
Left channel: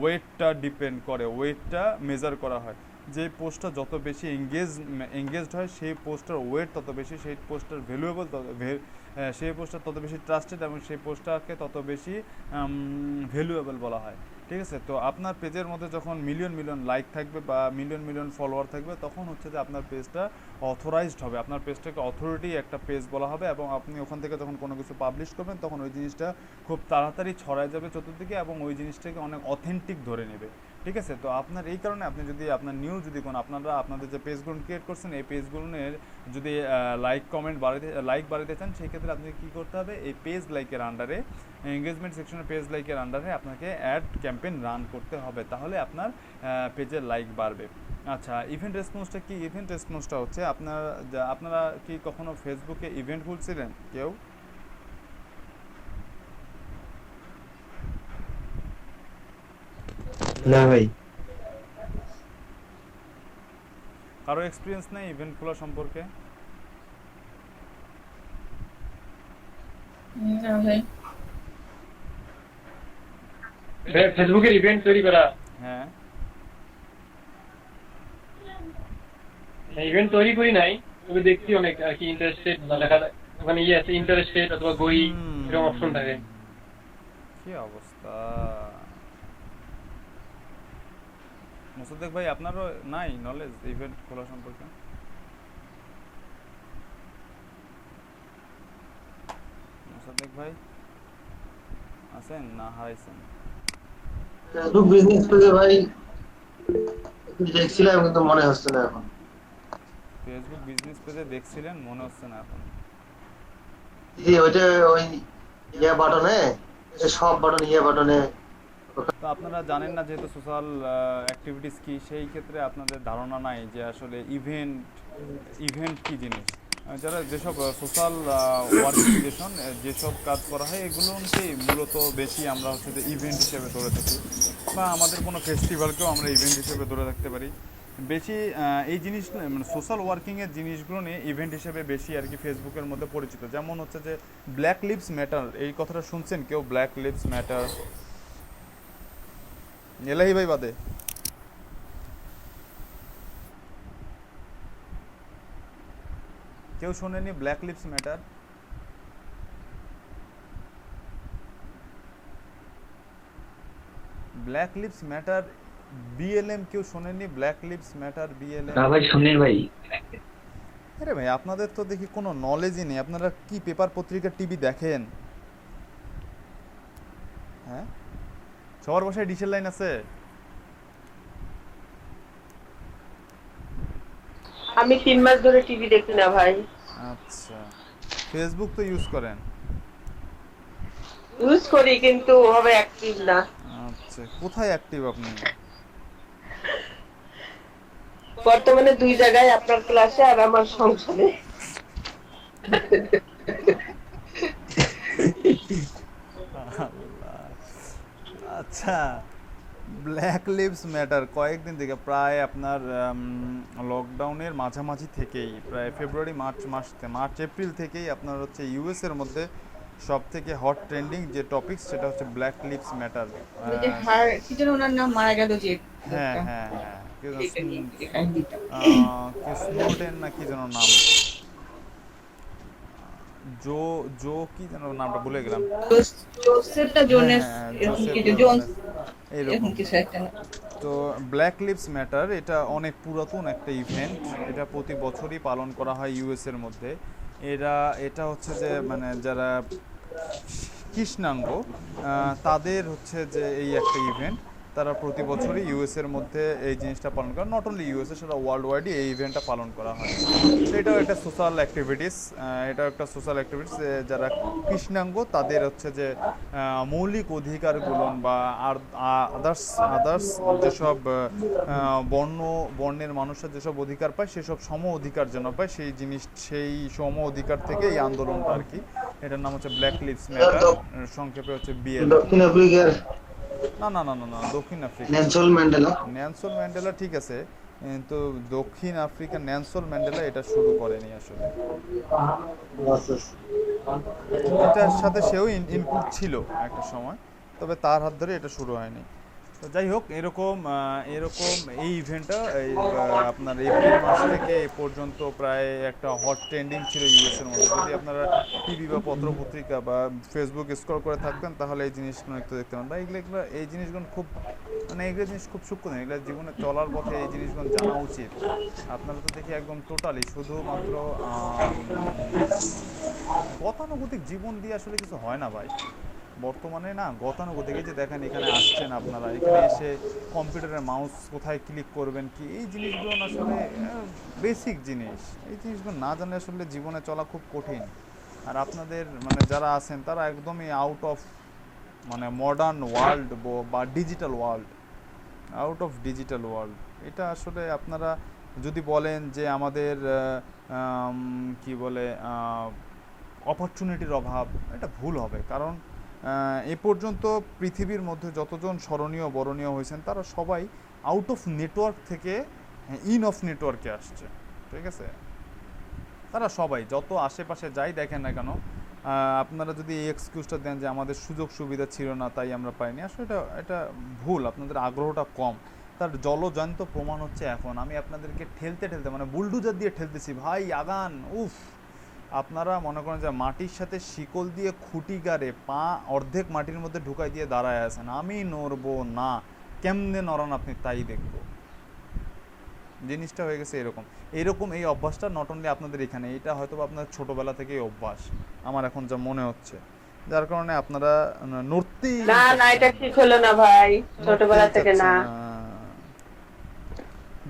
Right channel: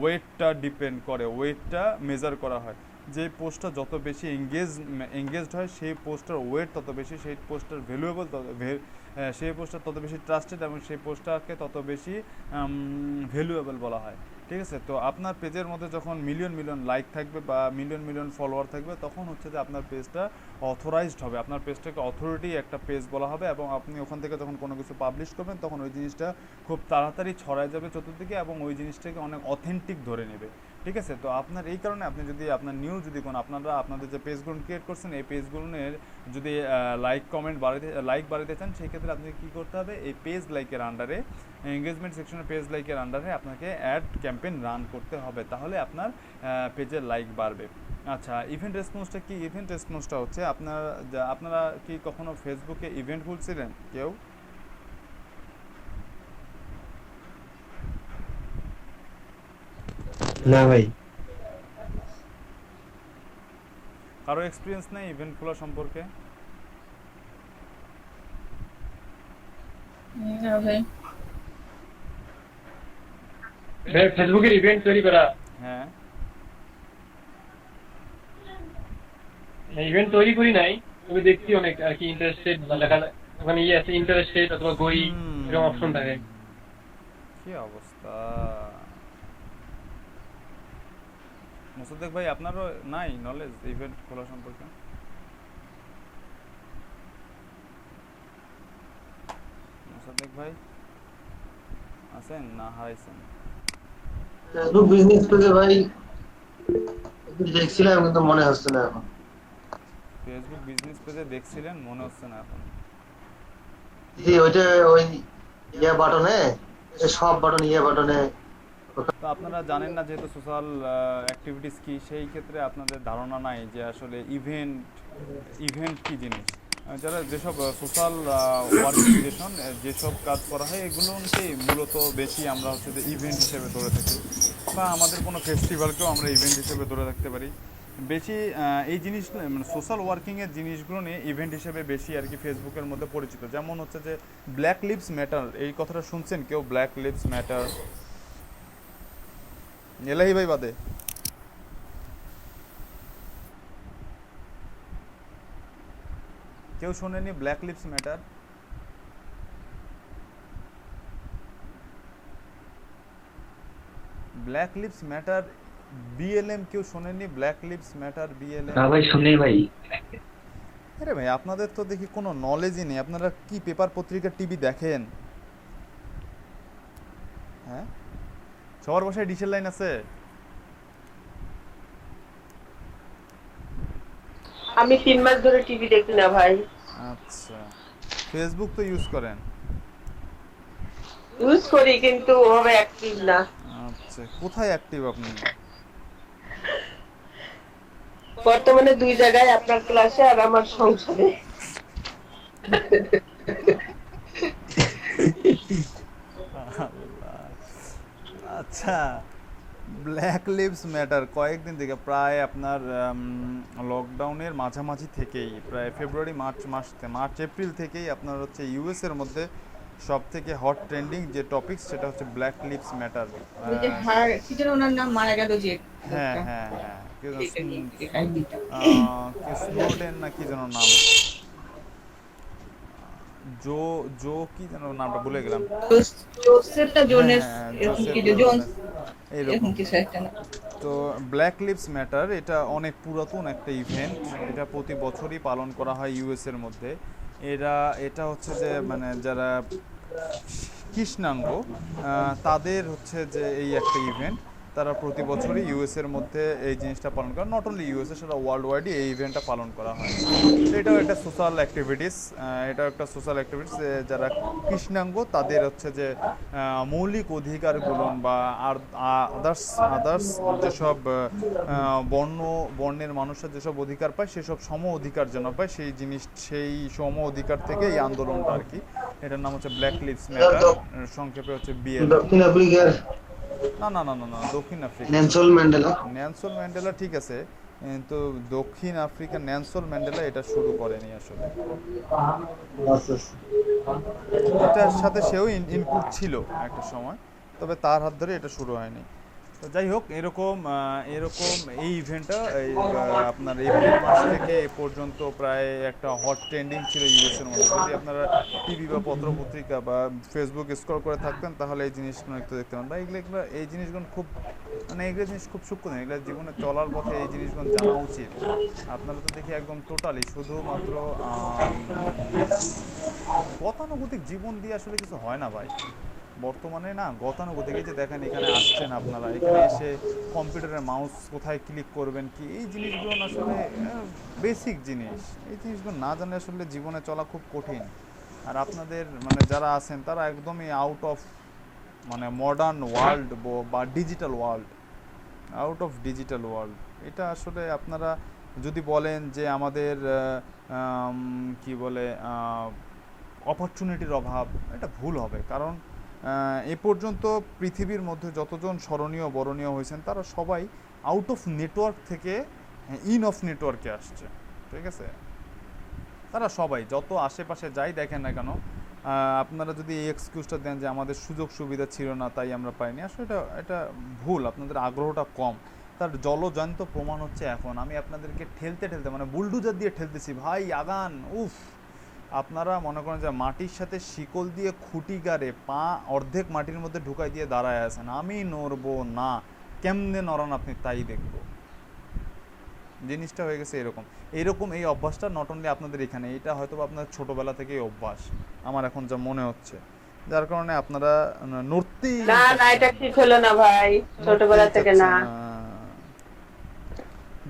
ওয়েটটা ডিপেন্ড করে, ওয়েটটা মেজার করা হয়। যে পোস্টটা যত বেশি এঙ্গেজড হয় সেই পোস্টটার ওয়েট তত বেশি, সেই পোস্টটার ভ্যালুয়েবল সেই পোস্টটা তত বেশি ট্রাস্টেড এবং সেই পোস্টটাকে তত বেশি ভ্যালুয়েবল বলা হয়। ঠিক আছে, তো আপনার পেজের মধ্যে যখন মিলিয়ন লাইক থাকবে বা মিলিয়ন ফলোয়ার থাকবে, তখন হচ্ছে যে আপনার পেজটা অথরাইজড হবে, আপনার পেজটাকে অথরিটি একটা পেজ বলা হবে এবং আপনি ওখান থেকে যখন কোনো কিছু পাবলিশ করবেন তখন ওই জিনিসটা খুব তাড়াতাড়ি ছড়ায় যাবে চতুর্দিকে এবং ওই জিনিসটাকে অনেক অথেন্টিক ধরে নেবে। ঠিক আছে, তো আপনার এই কারণে আপনি যদি আপনার নিউ যদি কোনো আপনাদের যে পেজগুলো ক্রিয়েট করছেন এই পেজগুলোর যদি লাইক বাড়াতে চান, সেই ক্ষেত্রে আপনি কী করতে হবে, এই পেজ লাইকের আন্ডারে, এঙ্গেজমেন্ট সেকশনের পেজ লাইকের আন্ডারে আপনাকে অ্যাড ক্যাম্পেইন রান করতে হবে, তাহলে আপনার পেজের লাইক বাড়বে। আচ্ছা, ইভেন্ট রেসপন্সটা কি? ইভেন্ট রেসপন্সটা হচ্ছে আপনারা কি কখনো ফেসবুকে ইভেন্ট খুলছিলেন কেউ? না ভাই। কারো এক্সপিরিয়েন্স নেই ইভেন্ট খোলা সম্পর্কে? না ভাই। ফেসবুকের ইভেন্ট তৈরি করা, হ্যাঁ, ইভেন্ট তৈরি করি নাই, তবে দেখছি অনেক আর কি ইন্টারেস্টেড লেখা, ওখানে ইয়ে আছে ইন্টারেস্টেড অথবা গই এরকম অপশন থাকে। কি অবস্থা মোসাদ্দেক ভাই, আপনারও নাই নলেজ ইভেন্ট খোলা সম্পর্কে? মোসাদ্দেক ভাই আছেন না হারাইছেন? ফেসবুক বিজনেস পেজে ভাই দেখছিলাম কিন্তু মনে হচ্ছে না এখন। ফেসবুক বিজনেস পেজে দেখছিলেন, মনে হচ্ছে না এখন? জি, ওইটা ওই বাটনে, সব বাটন বাটনে। তো আপনারা জানেন না যেহেতু সোশ্যাল অ্যাক্টিভিটিস কি, সেই ক্ষেত্রে আপনাদের ধারণা নাই যে আসলে ইভেন্ট কি জিনিস। যারা যেসব সোশ্যাল অর্গানাইজেশন যেসব কাজ করা হয় এগুলোকেই মূলত বেশি আমরা হচ্ছে যে ইভেন্ট হিসেবে ধরে থাকি, বা আমাদের কোনো ফেস্টিভ্যালকেও আমরা ইভেন্ট হিসেবে ধরে রাখতে পারি। বেশি এই জিনিস মানে সোশ্যাল ওয়ার্কিংয়ের জিনিসগুলো নিয়ে ইভেন্ট হিসেবে বেশি আর কি ফেসবুকের মধ্যে পরিচিত। যেমন হচ্ছে যে ব্ল্যাক লিভস ম্যাটার, এই কথাটা শুনছেন কেউ? ব্ল্যাক লিভস ম্যাটার, এলাহি ভাই বাদে কেউ শোনেনি black lives matter? Black lives matter BLM কেউ শোনেননি? Black lives matter BLM? না ভাই শুনি ভাই। আরে ভাই আপনাদের তো দেখি কোনো নলেজই নেই। আপনারা কি পেপার পত্রিকা টিভি দেখেন? হ্যাঁ, সবার বাসায় ডিশের লাইন আছে? আমি 3 মাস ধরে টিভি দেখি না ভাই। আচ্ছা, ফেসবুক তো ইউজ করেন? ইউজ করি কিন্তু ওভাবে অ্যাক্টিভ না। আচ্ছা, কোথায় অ্যাক্টিভ আপনি? বর্তমানে 2 জায়গায়, আপনার ক্লাসে আর আমার সংসারে। আল্লাহ। আচ্ছা, ব্ল্যাক লিভস ম্যাটার কয়েকদিন থেকে, প্রায় আপনার লকডাউনের মাঝামাঝি থেকেই, প্রায় ফেব্রুয়ারি মার্চ এপ্রিল থেকেই আপনার হচ্ছে ইউএস এর মধ্যে সব থেকে হট ট্রেন্ডিং যে টপিক সেটা হচ্ছে ব্ল্যাক লিভস ম্যাটার। ওই যে কি যেন ওনার নাম মারা গেল যে হ্যাঁ হ্যাঁ হ্যাঁ, স্নোডেন না কি যেন নাম, জো জো কি যেন নামটা ভুলে গেলাম। জোসেফটা জোনেস, হ্যাঁ, এরকম জোসেফ কিছু জোনস, এইরকম এরকম কিছু একটা না। তো ব্ল্যাক লিভস ম্যাটার এটা অনেক পুরাতন একটা ইভেন্ট। এটা প্রতি বছরই পালন করা হয় ইউএস এর মধ্যে। এটা হচ্ছে যে মানে যারা কৃষ্ণাঙ্গ তাদের হচ্ছে যে এই একটা ইভেন্ট, তারা প্রতি বছরই ইউএস এর মধ্যে এই জিনিসটা পালন করে। নট অনলি ইউএসএ, সেটা ওয়ার্ল্ড ওয়াইডই এই ইভেন্টটা পালন করা হয়। তো এটাও একটা সোশ্যাল অ্যাক্টিভিটিস, যারা কৃষ্ণাঙ্গ তাদের হচ্ছে যে মৌলিক অধিকারগুলো বা আদার্স যেসব বর্ণের মানুষরা যেসব অধিকার পায় সেসব সম অধিকার যেন পায় সেই সম অধিকার থেকে এই আন্দোলনটা আর কি। এটার নাম হচ্ছে ব্ল্যাক লিভস ম্যাটার, সংক্ষেপে হচ্ছে বিএল। দক্ষিণ আফ্রিকার না না না না না, দক্ষিণ আফ্রিকা নেলসন ম্যান্ডেলা ঠিক আছে, কিন্তু দক্ষিণ আফ্রিকা নেলসন ম্যান্ডেলা এটা শুরু করেনি আসলে। এটার সাথে সেও ইনক্লুড ছিল একটা সময়, তবে তার হাত ধরে এটা শুরু হয়নি। তো যাই হোক, এরকম এই ইভেন্টটা আপনার এপ্রিল মাস থেকে এ পর্যন্ত প্রায় একটা হট ট্রেন্ডিং ছিল ইউএস এর মধ্যে। যদি আপনারা টিভি বা পত্রপত্রিকা বা ফেসবুক স্ক্রল করে থাকতেন তাহলে এই জিনিসগুলো একটু দেখতে পান। বা এই জিনিসগুলো খুব এগুলো জিনিস খুব সূক্ষ্ম, এগুলো জীবনে চলার পথে এই জিনিসগুলো জানা উচিত। আপনারা তো দেখি একদম টোটালি শুধুমাত্র গতানুগতিক জীবন দিয়ে আসলে কিছু হয় না ভাই। বর্তমানে না গতানুগতিক, এই যে দেখেন এখানে আসছেন আপনারা, এখানে এসে কম্পিউটারের মাউস কোথায় ক্লিক করবেন কি, এই জিনিসগুলো আসলে বেসিক জিনিস। এই জিনিসগুলো না জানলে আসলে জীবনে চলা খুব কঠিন। আর আপনাদের মানে যারা আছেন তারা একদমই আউট অফ মানে মডার্ন ওয়ার্ল্ড বা digital world, out of digital world. এটা আসলে আপনারা যদি বলেন যে আমাদের কি বলে অপরচুনিটির অভাব, এটা ভুল হবে। কারণ এ পর্যন্ত পৃথিবীর মধ্যে যতজন স্মরণীয় বরণীয় হয়েছেন তারা সবাই আউট অফ নেটওয়ার্ক থেকে ইন অফ নেটওয়ার্কে আসছে, ঠিক আছে? তারা সবাই যত আশেপাশে যাই দেখেন না কেন, আপনারা যদি এই এক্সকিউজটা দেন যে আমাদের সুযোগ সুবিধা ছিল না তাই আমরা পাইনি, আসলে এটা ভুল। আপনাদের আগ্রহটা কম। তার জলজন্ত প্রমাণ হচ্ছে এখন আমি আপনাদেরকে ঠেলতে মানে বুলডুজার দিয়ে ঠেলতেছি, ভাই আগান, উফ। আপনারা মনে করেন যে মাটির সাথে শিকল দিয়ে খুঁটি গাড়ে পা অর্ধেক মাটির মধ্যে ঢুকাই দিয়ে দাঁড়ায় আছেন, আমি নড়বো না। কেমনে নড়ান আপনি তাই দেখবো। জিনিসটা হয়ে গেছে এরকম এই অভ্যাসটা নট অনলি আপনাদের এখানে, এটা হয়তো আপনাদের ছোটবেলা থেকেই অভ্যাস, আমার এখন যা মনে হচ্ছে, যার কারণে আপনারা নড়তেই না এটা ঠিক হলো না ভাই, ছোটবেলা থেকে না।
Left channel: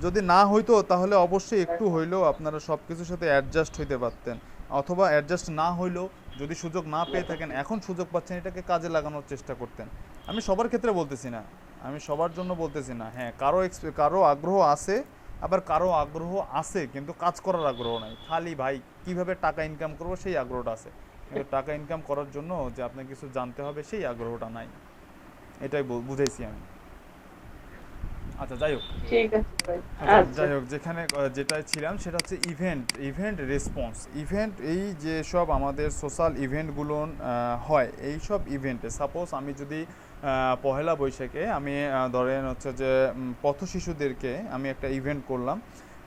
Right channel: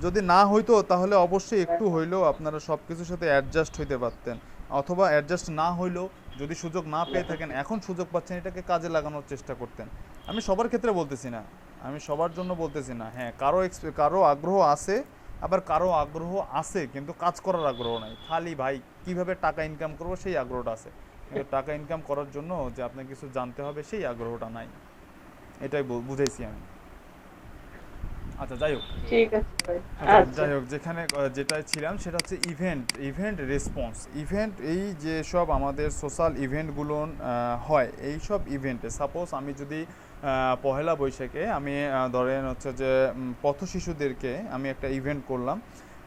যদি না হইতো তাহলে অবশ্যই একটু হইলেও আপনারা সব কিছুর সাথে অ্যাডজাস্ট হইতে পারতেন, অথবা অ্যাডজাস্ট না হইলেও যদি সুযোগ না পেয়ে থাকেন এখন সুযোগ পাচ্ছেন এটাকে কাজে লাগানোর চেষ্টা করতেন। আমি সবার ক্ষেত্রে বলতেছি না, আমি সবার জন্য বলতেছি না। হ্যাঁ, কারো আগ্রহ আছে, আবার কারো আগ্রহ আছে কিন্তু কাজ করার আগ্রহ নাই, খালি ভাই কিভাবে টাকা ইনকাম করবো সেই আগ্রহটা আছে, কিন্তু টাকা ইনকাম করার জন্য যে আপনাকে কিছু জানতে হবে সেই আগ্রহটা নাই। এটাই বুঝাইছি আমি। আচ্ছা যাই হোক, ঠিক আছে ভাই। যাই হোক, যেটাই ছিলাম সেটা হচ্ছে ইভেন্ট রেসপন্স। এই যে সব আমাদের সোশ্যাল ইভেন্টগুলো হয়, এই সব ইভেন্টে সাপোজ আমি যদি পহেলা বৈশাখে আমি ধরেন হচ্ছে যে পথশিশুদেরকে আমি একটা ইভেন্ট করলাম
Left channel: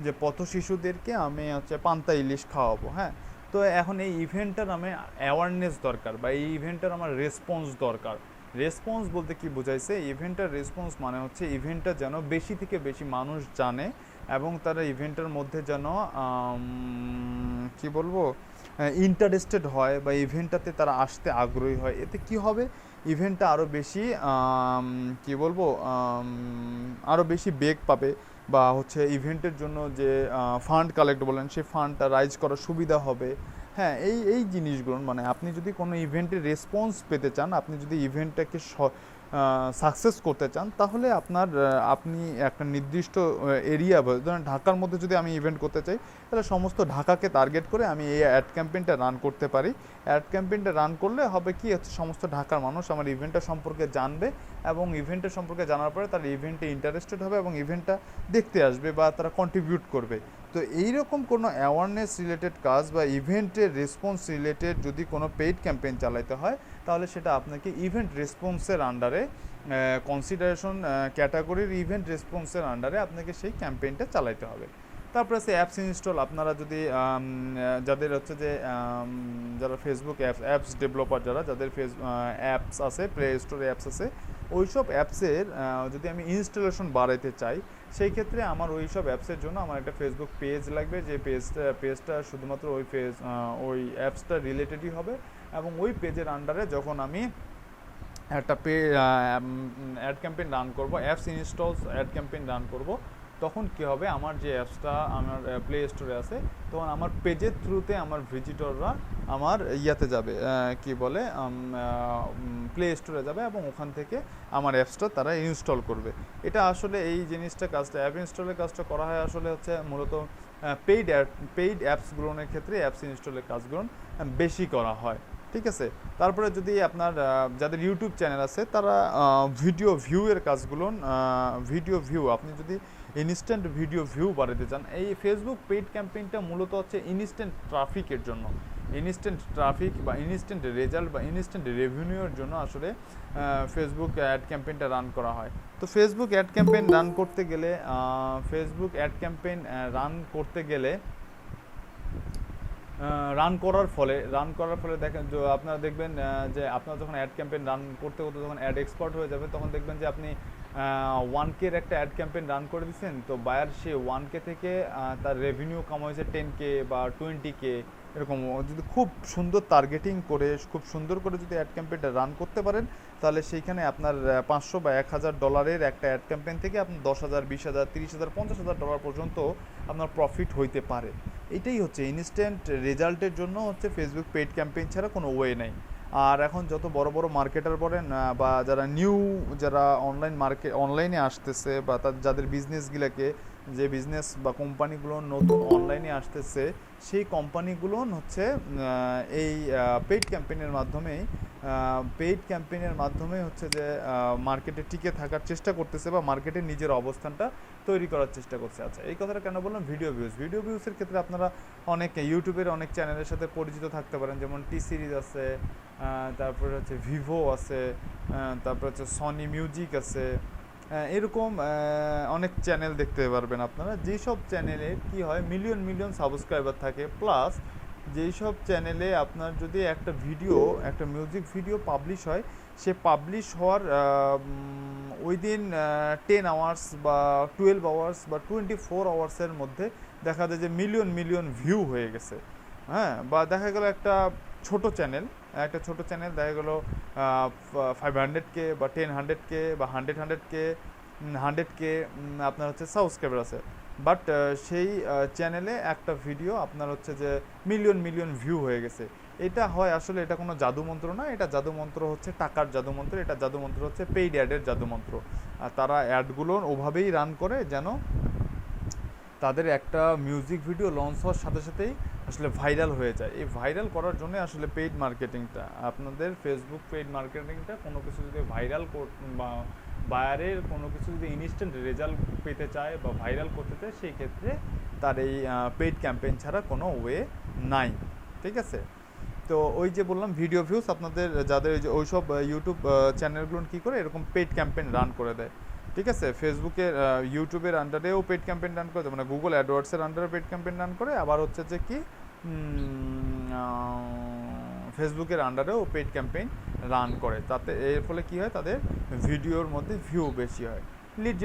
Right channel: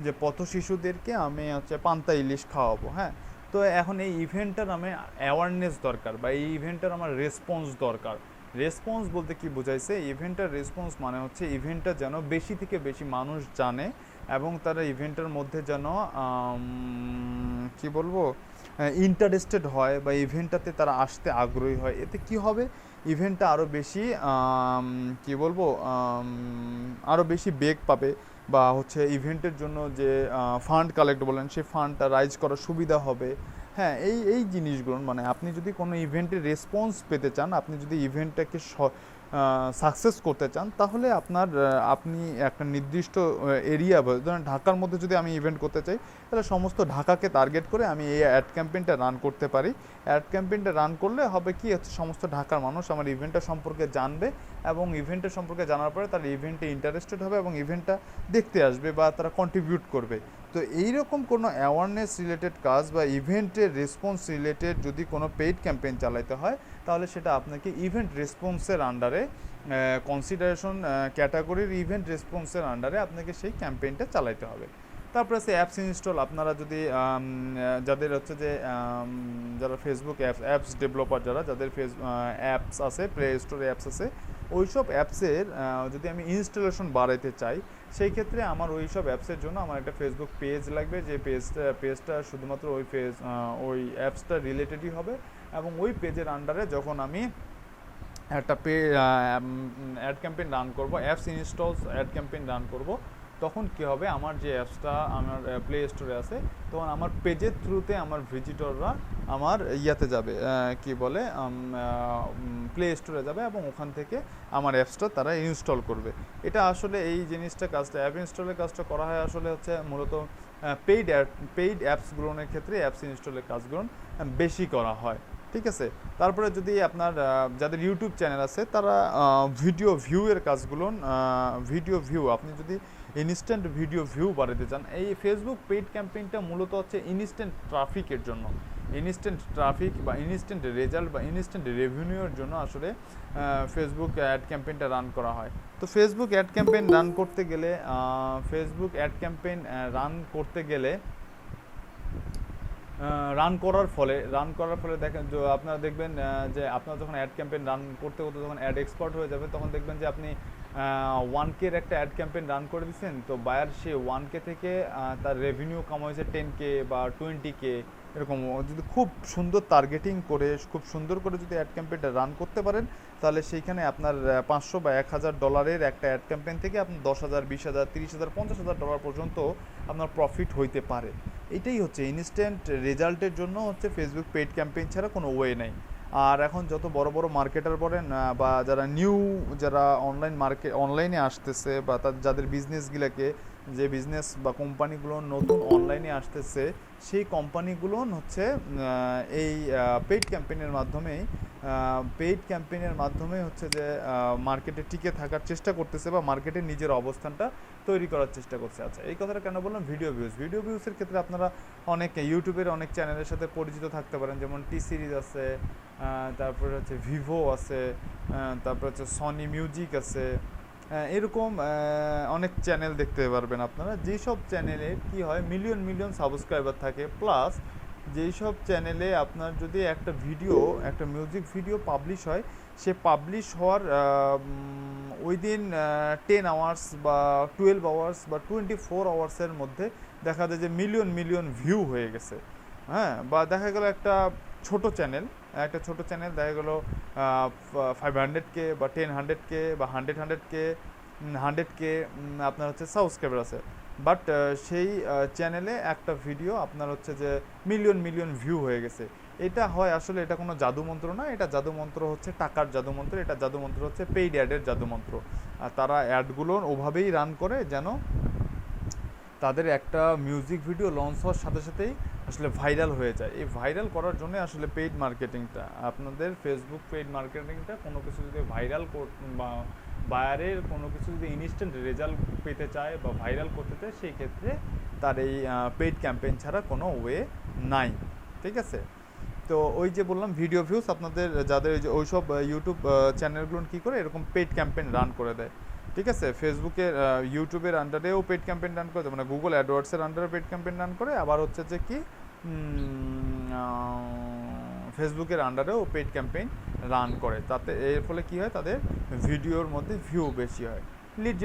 যে পথশিশুদেরকে আমি হচ্ছে পান্তা ইলিশ খাওয়াবো, হ্যাঁ। তো এখন এই ইভেন্টটার আমার অ্যাওয়ারনেস দরকার বা এই ইভেন্টটার আমার রেসপন্স দরকার। রেসপন্স বলতে কি বোঝাইছে, ইভেন্টের রেসপন্স মানে হচ্ছে ইভেন্টটা যেন বেশি থেকে বেশি মানুষ জানে এবং তারা ইভেন্টের মধ্যে যেন কি বলবো ইন্টারেস্টেড হয় বা ইভেন্টটাতে তারা আসতে আগ্রহী হয়। এতে কি হবে, ইভেন্টটা আরও বেশি কি বলবো আরও বেশি বেগ পাবে, বা হচ্ছে ইভেন্টের জন্য যে ফান্ড কালেক্ট বলেন সেই ফান্ডটা রাইজ করার সুবিধা হবে। হ্যাঁ, এই জিনিসগুলো মানে আপনি যদি কোনো ইভেন্টের রেসপন্স পেতে চান, আপনি যদি ইভেন্টটাকে সাকসেস করতে চান, তাহলে আপনি একটা নির্দিষ্ট এরিয়া, ধরেন ঢাকার মধ্যে যদি আমি ইভেন্ট করতে চাই, তাহলে সমস্ত ঢাকাকে টার্গেট করে আমি এই অ্যাড ক্যাম্পেইনটা রান করতে পারি। অ্যাড ক্যাম্পেইনটা রান করলে হবে কি হচ্ছে, সমস্ত ঢাকার মানুষ আমার ইভেন্টটা সম্পর্কে জানবে এবং ইভেন্টের সম্পর্কে জানার পরে তারা ইভেন্টে ইন্টারেস্টেড হবে এবং ইভেন্টটা দেখতে আসবে বা তারা কন্ট্রিবিউট করবে। তো এইরকম কোনো অ্যাওয়ারনেস রিলেটেড কাজ বা ইভেন্টের রেসপন্স রিলেটেড যদি কোনো পেইড ক্যাম্পেইন চালাতে হয়, তাহলে সেটা আপনাকে ইভেন্ট রেসপন্সের আন্ডারে কনসিডারেশন ক্যাটাগরির ইভেন্ট রেসপন্সের আন্ডারে আপনাকে সেই ক্যাম্পেইনটা চালাতে হবে। তারপরে আছে অ্যাপস ইনস্টল। আপনারা যদি যাদের হচ্ছে যে যারা ফেসবুক অ্যাপস ডেভেলপার, যাদের অ্যাপস আছে, প্লে স্টোরে অ্যাপস আছে, ওইসব অ্যাপসের যদি আমি ইনস্টলেশন বাড়াইতে চাই, সেই ক্ষেত্রে আমার ওই সব অ্যাপসের জন্য আমার একটা ফেসবুক পেজ লাগবে, যে পেজটা শুধুমাত্র ওই অ্যাপসটা রিলেটেডই হবে এবং ওই পেজের আন্ডারে যখন আমি একটা অ্যাড ক্যাম্পেইন রান করব, apps installs ad campaign run করব, তখন কি হবে, আমার যে অ্যাপসটা আমার প্লে স্টোরে আছে, তখন আমার পেজের থ্রুতে আমার ভিজিটররা আমার ইয়াতে যাবে, কি বলে প্লে স্টোরে যাবে এবং ওখান থেকে আমার অ্যাপসটা তারা ইনস্টল করবে। এটা আসলে এই জিনিসটা কাজটা অ্যাপ ইনস্টলের কাজটা করা হয় আসলে হচ্ছে মূলত পেইড অ্যাপসগুলোর ক্ষেত্রে অ্যাপস ইনস্টলের কাজগুলো বেশি করা হয়। ঠিক আছে। তারপরে যদি আপনার যাদের ইউটিউব চ্যানেল আছে, তারা ভিডিও ভিউয়ের কাজগুলো আপনি যদি ইনস্ট্যান্ট ভিডিও ভিউ বাড়াতে চান, এই ফেসবুক পেইড ক্যাম্পেইনটা মূলত হচ্ছে ইনস্ট্যান্ট ট্রাফিকের জন্য, ইনস্ট্যান্ট ট্রাফিক বা ইনস্ট্যান্ট রেজাল্ট বা ইনস্ট্যান্ট রেভিনিউর জন্য আসলে ফেসবুক অ্যাড ক্যাম্পেইনটা রান করা হয়। তো ফেসবুক অ্যাড ক্যাম্পেইন রান করতে গেলে রান করার ফলে দেখেন, আপনারা দেখবেন যে আপনারা যখন অ্যাড ক্যাম্পেইন রান করতে যখন অ্যাড এক্সপার্ট হয়ে যাবে, তখন দেখবেন যে আপনি 1K একটা অ্যাড ক্যাম্পেইন রান করে দিচ্ছেন, তো বায়ার সে 1K থেকে তার রেভিনিউ কামাইছে 10K বা 20K এরকম। যদি খুব সুন্দর টার্গেটিং করে খুব সুন্দর করে যদি অ্যাড ক্যাম্পেইনটা রান করতে পারেন, তাহলে সেইখানে আপনার $500 বা $1000 একটা অ্যাড ক্যাম্পেইন থেকে আপনি $10,000, $20,000, $30,000, $50,000 পর্যন্ত আপনার প্রফিট হইতে পারে। এটাই হচ্ছে ইনস্ট্যান্ট রেজাল্টের জন্য হচ্ছে ফেসবুক পেইড ক্যাম্পেইন ছাড়া কোনো ওয়ে নেই। আর এখন যত বড় বড় মার্কেটার বলেন বা যারা অনলাইনে আসতেছে বা যাদের বিজনেস বা কোম্পানিগুলো নতুন অনলাইনে আসতেছে, সেই কোম্পানিগুলো হচ্ছে এই পেইড ক্যাম্পেইনের মাধ্যমেই হচ্ছে যে মার্কেটে টিকে থাকার চেষ্টা করতেছে বা মার্কেটে নিজের অবস্থানটা তৈরি করার চেষ্টা করছে। আচ্ছা, এই কথাটা কেন বললাম, ভিডিও ভিউজের ক্ষেত্রে আপনারা ইউটিউবের অনেক চ্যানেলের সাথে পরিচিত থাকতে পারেন, যেমন টি সিরিজ আছে, তারপরে হচ্ছে ভিভো আছে, তারপরে হচ্ছে সনি মিউজিক আছে, এরকম অনেক চ্যানেল দেখতে পারবেন আপনারা, যেসব চ্যানেলে কি হয় মিলিয়ন সাবস্ক্রাইবার থাকে, প্লাস যেই সব চ্যানেলে আপনার যদি একটা মিউজিক ভিডিও পাবলিশ হয়, সে পাবলিশ হওয়ার উইদিন 10 আওয়ার্স বা 12 আওয়ার্স বা 24 আওয়ার্সের মধ্যে দেখা যায় যে মিলিয়ন ভিউ হয়ে গেছে। হ্যাঁ, বা দেখা গেল একটা ছোট চ্যানেল দেখা গেলো 500K বা 1000K বা 100K আপনার হচ্ছে সাবস্ক্রাইবার আছে, বাট সেই চ্যানেলে একটা ভিডিও আপনার হচ্ছে যে মিলিয়ন ভিউ হয়ে গেছে। এটা হয় আসলে, এটা কোনো জাদুমন্ত্র না, এটা জাদুমন্ত্র হচ্ছে টাকার জাদুমন্ত্র, এটা জাদুমন্ত্র হচ্ছে পেইড অ্যাডের জাদুমন্ত্র। আর তারা অ্যাডগুলো ওভাবেই রান করে যেন তাদের একটা মিউজিক ভিডিও লঞ্চ হওয়ার সাথে সাথেই আসলে ভাইরাল হয়ে যায়। এই ভাইরাল করার জন্য আসলে পেইড মার্কেটিংটা, আপনাদের ফেসবুক পেইড মার্কেটিংটা কোনো কিছু যদি ভাইরাল বা বায়ারের কোনো কিছু যদি ইনস্ট্যান্ট রেজাল্ট পেতে চায় বা ভাইরাল করতে চায়, সেই ক্ষেত্রে তার এই পেইড ক্যাম্পেইন ছাড়া কোনো ওয়ে নাই। ঠিক আছে। তো ওই যে বললাম ভিডিও ভিউজ, আপনাদের যাদের ওইসব ইউটিউব চ্যানেলগুলো কী করে এরকম পেইড ক্যাম্পেইন রান করে দেয়। ঠিক আছে। ফেসবুকের ইউটিউবের আন্ডারেও পেইড ক্যাম্পেইন রান করে, মানে গুগল অ্যাডওয়ার্ডসের আন্ডারে পেইড ক্যাম্পেইন রান করে, আবার হচ্ছে যে কি ফেসবুকের আন্ডারেও পেইড ক্যাম্পেইন রান করে, তাতে এর ফলে কী হয়, তাদের ভিডিওর মধ্যে ভিউ বেশি হয়। লিড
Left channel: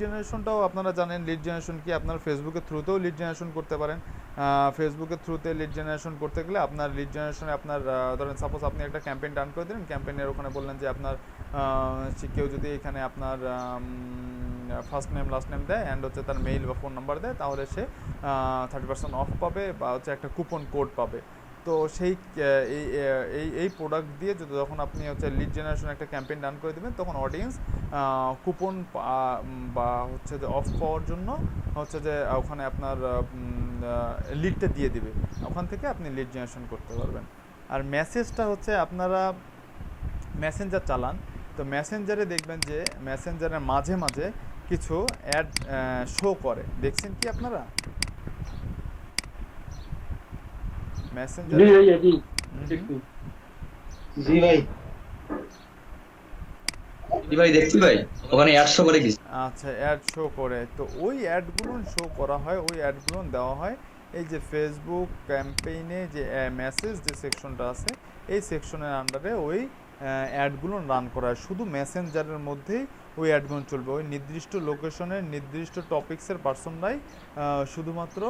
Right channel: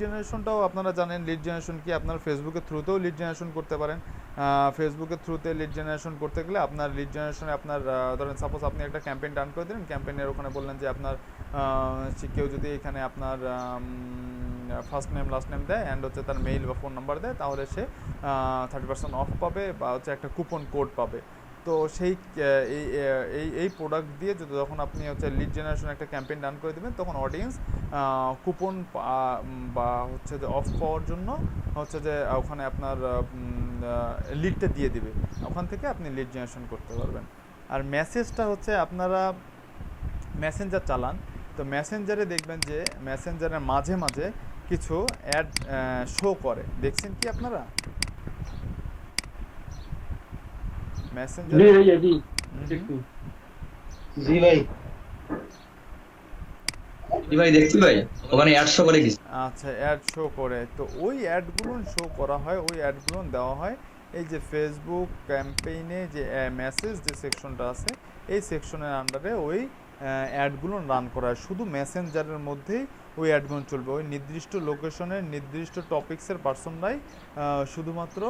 জেনারেশনটাও আপনারা জানেন, লিড জেনারেশন কি, আপনার ফেসবুকের থ্রুতেও লিড জেনারেশন করতে পারেন। ফেসবুকের থ্রুতে লিড জেনারেশন করতে গেলে আপনার লিড জেনারেশনে আপনার ধরেন সাপোজ আপনি একটা ক্যাম্পেইন রান করে দিলেন, ক্যাম্পেইনের ওখানে বললেন যে আপনার কেউ যদি এখানে আপনার ফার্স্ট নেম লাস্ট নেম দেয় অ্যান্ড হচ্ছে তার মেইল বা ফোন নাম্বার দেয়, তাহলে সে 30% অফ পাবে বা হচ্ছে একটা কুপন কোড পাবে। তো সেই এই প্রোডাক্ট দিয়ে যদি যখন আপনি হচ্ছে লিড জেনারেশন একটা ক্যাম্পেইন রান করে দেবেন, তখন অডিয়েন্স কুপন বা হচ্ছে যে অফ পাওয়ার জন্য হচ্ছে যে ওখানে আপনার লিডটা দিয়ে দিবে, ওখান থেকে আপনি লিড জেনারেশন করতে পারবেন। আর মেসেজটা হচ্ছে আপনারা মেসেঞ্জার চালান, তো মেসেঞ্জারে দেখবেন যে মেসেঞ্জারের মাঝে মাঝে কিছু অ্যাড শো করে, দেখছেন কি আপনারা মেসেঞ্জার? জি ভাই দেখছি ভাই, ওখানে অ্যাড শো করে কিছু। আচ্ছা, অ্যাড শো করে, তো ওই অ্যাডগুলো শো করা হয়, ওই অ্যাডগুলো দেওয়া হয় এই যে ফেসবুক ক্যাম্পেইনে যে মেসেজ যে সেকশনটা আছে, এই সেকশনের আন্ডারে ওই অ্যাডগুলো রান করা হয়। শুধু মেসেঞ্জারের মধ্যেই ওই অ্যাডগুলো চলবে, ওই নির্দিষ্ট লোকেশনের নির্দিষ্ট টপিক্সের পার্সনরাই শুধুমাত্র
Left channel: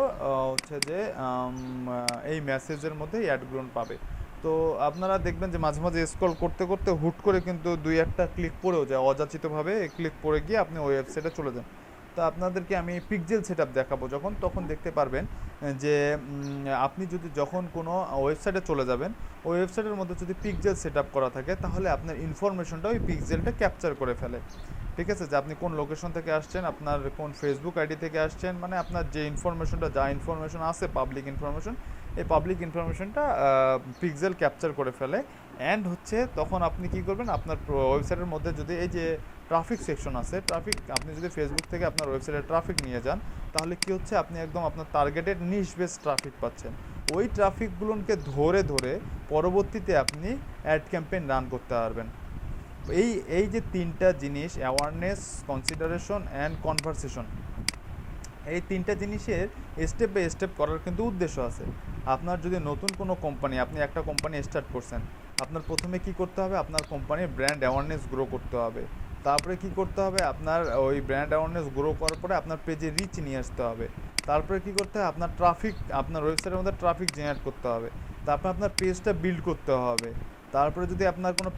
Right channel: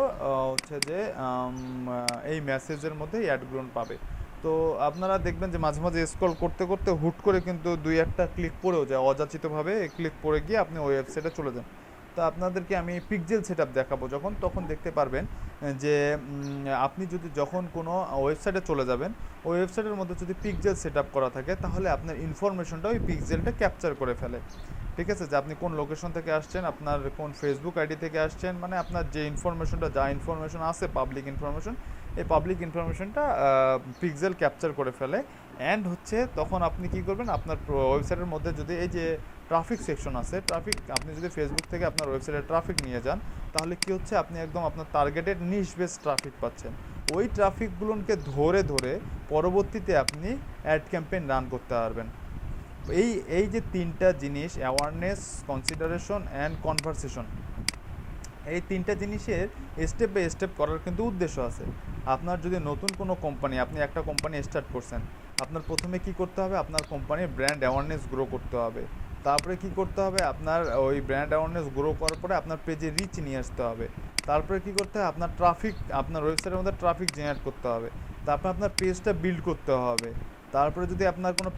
হচ্ছে যে এই মেসেজের মধ্যে অ্যাডগুলো পাবে। তো আপনারা দেখবেন যে মাঝে মাঝে স্ক্রল করতে করতে হুট করে কিন্তু 2-1টা ক্লিক পড়েও যায়, অযাচিতভাবে ক্লিক পড়ে গিয়ে আপনি ওই ওয়েবসাইটে চলে যান। তো আপনাদেরকে আমি পিক্সেল সেটআপ দেখাবো, তখন দেখতে পারবেন যে আপনি যদি যখন কোনো ওয়েবসাইটে চলে যাবেন, ওই ওয়েবসাইটের মধ্যে যদি পিক্সেল সেটআপ করা থাকে, তাহলে আপনার ইনফরমেশনটা ওই পিক্সেলটা ক্যাপচার করে ফেলে। ঠিক আছে, যে আপনি কোন লোকেশন থেকে আসছেন, আপনার কোন ফেসবুক আইডি থেকে আসছেন, মানে আপনার যে ইনফরমেশনটা যা ইনফরমেশন আছে পাবলিক ইনফরমেশন, এই পাবলিক ইনফরমেশনটা পিক্সেল ক্যাপচার করে ফেলে। অ্যান্ড হচ্ছে তখন আপনি কি করবেন, আপনার ওয়েবসাইটের মধ্যে যদি এই যে ট্রাফিক সেকশন আছে, আপনি যদি ফেসবুক থেকে আপনার ওয়েবসাইটে ট্রাফিক নিয়ে যান, তাহলে কি হচ্ছে, আপনি একদম আপনার টার্গেটেড নিশ বেস ট্রাফিক পাচ্ছেন। ওই ট্রাফিকগুলোকে ধরে ধরে পরবর্তীতে আপনি অ্যাড ক্যাম্পেইন রান করতে পারবেন। এই যে তিনটা জিনিস, অ্যাওয়ারনেস, কনসিডারেশন অ্যান্ড কনভারসেশন, এই তিনটা জিনিসের স্টেপ বাই স্টেপ করার কিন্তু উদ্দেশ্য আছে। আপনার যদি নতুন কোনো কোম্পানি, আপনি একটা কোম্পানি স্টার্ট করছেন, আপনার প্রথমে কি করতে হবে, আপনার কোম্পানির ব্র্যান্ড অ্যাওয়ারনেস গ্রো করতে হবে। তারপরে কি করতে হবে, আপনার ওই ব্র্যান্ড অ্যাওয়ারনেস গ্রো করার পরে আপনার পেজে রিচ নিয়ে আসতে হবে। তারপরে কি করতে হবে, আপনার আপনার ওয়েবসাইটের মধ্যে ট্রাফিক জেনারেট করতে হবে। তারপর আপনার পেজটা বিল্ড করতে হবে। তারপরে যদি আপনার কোনো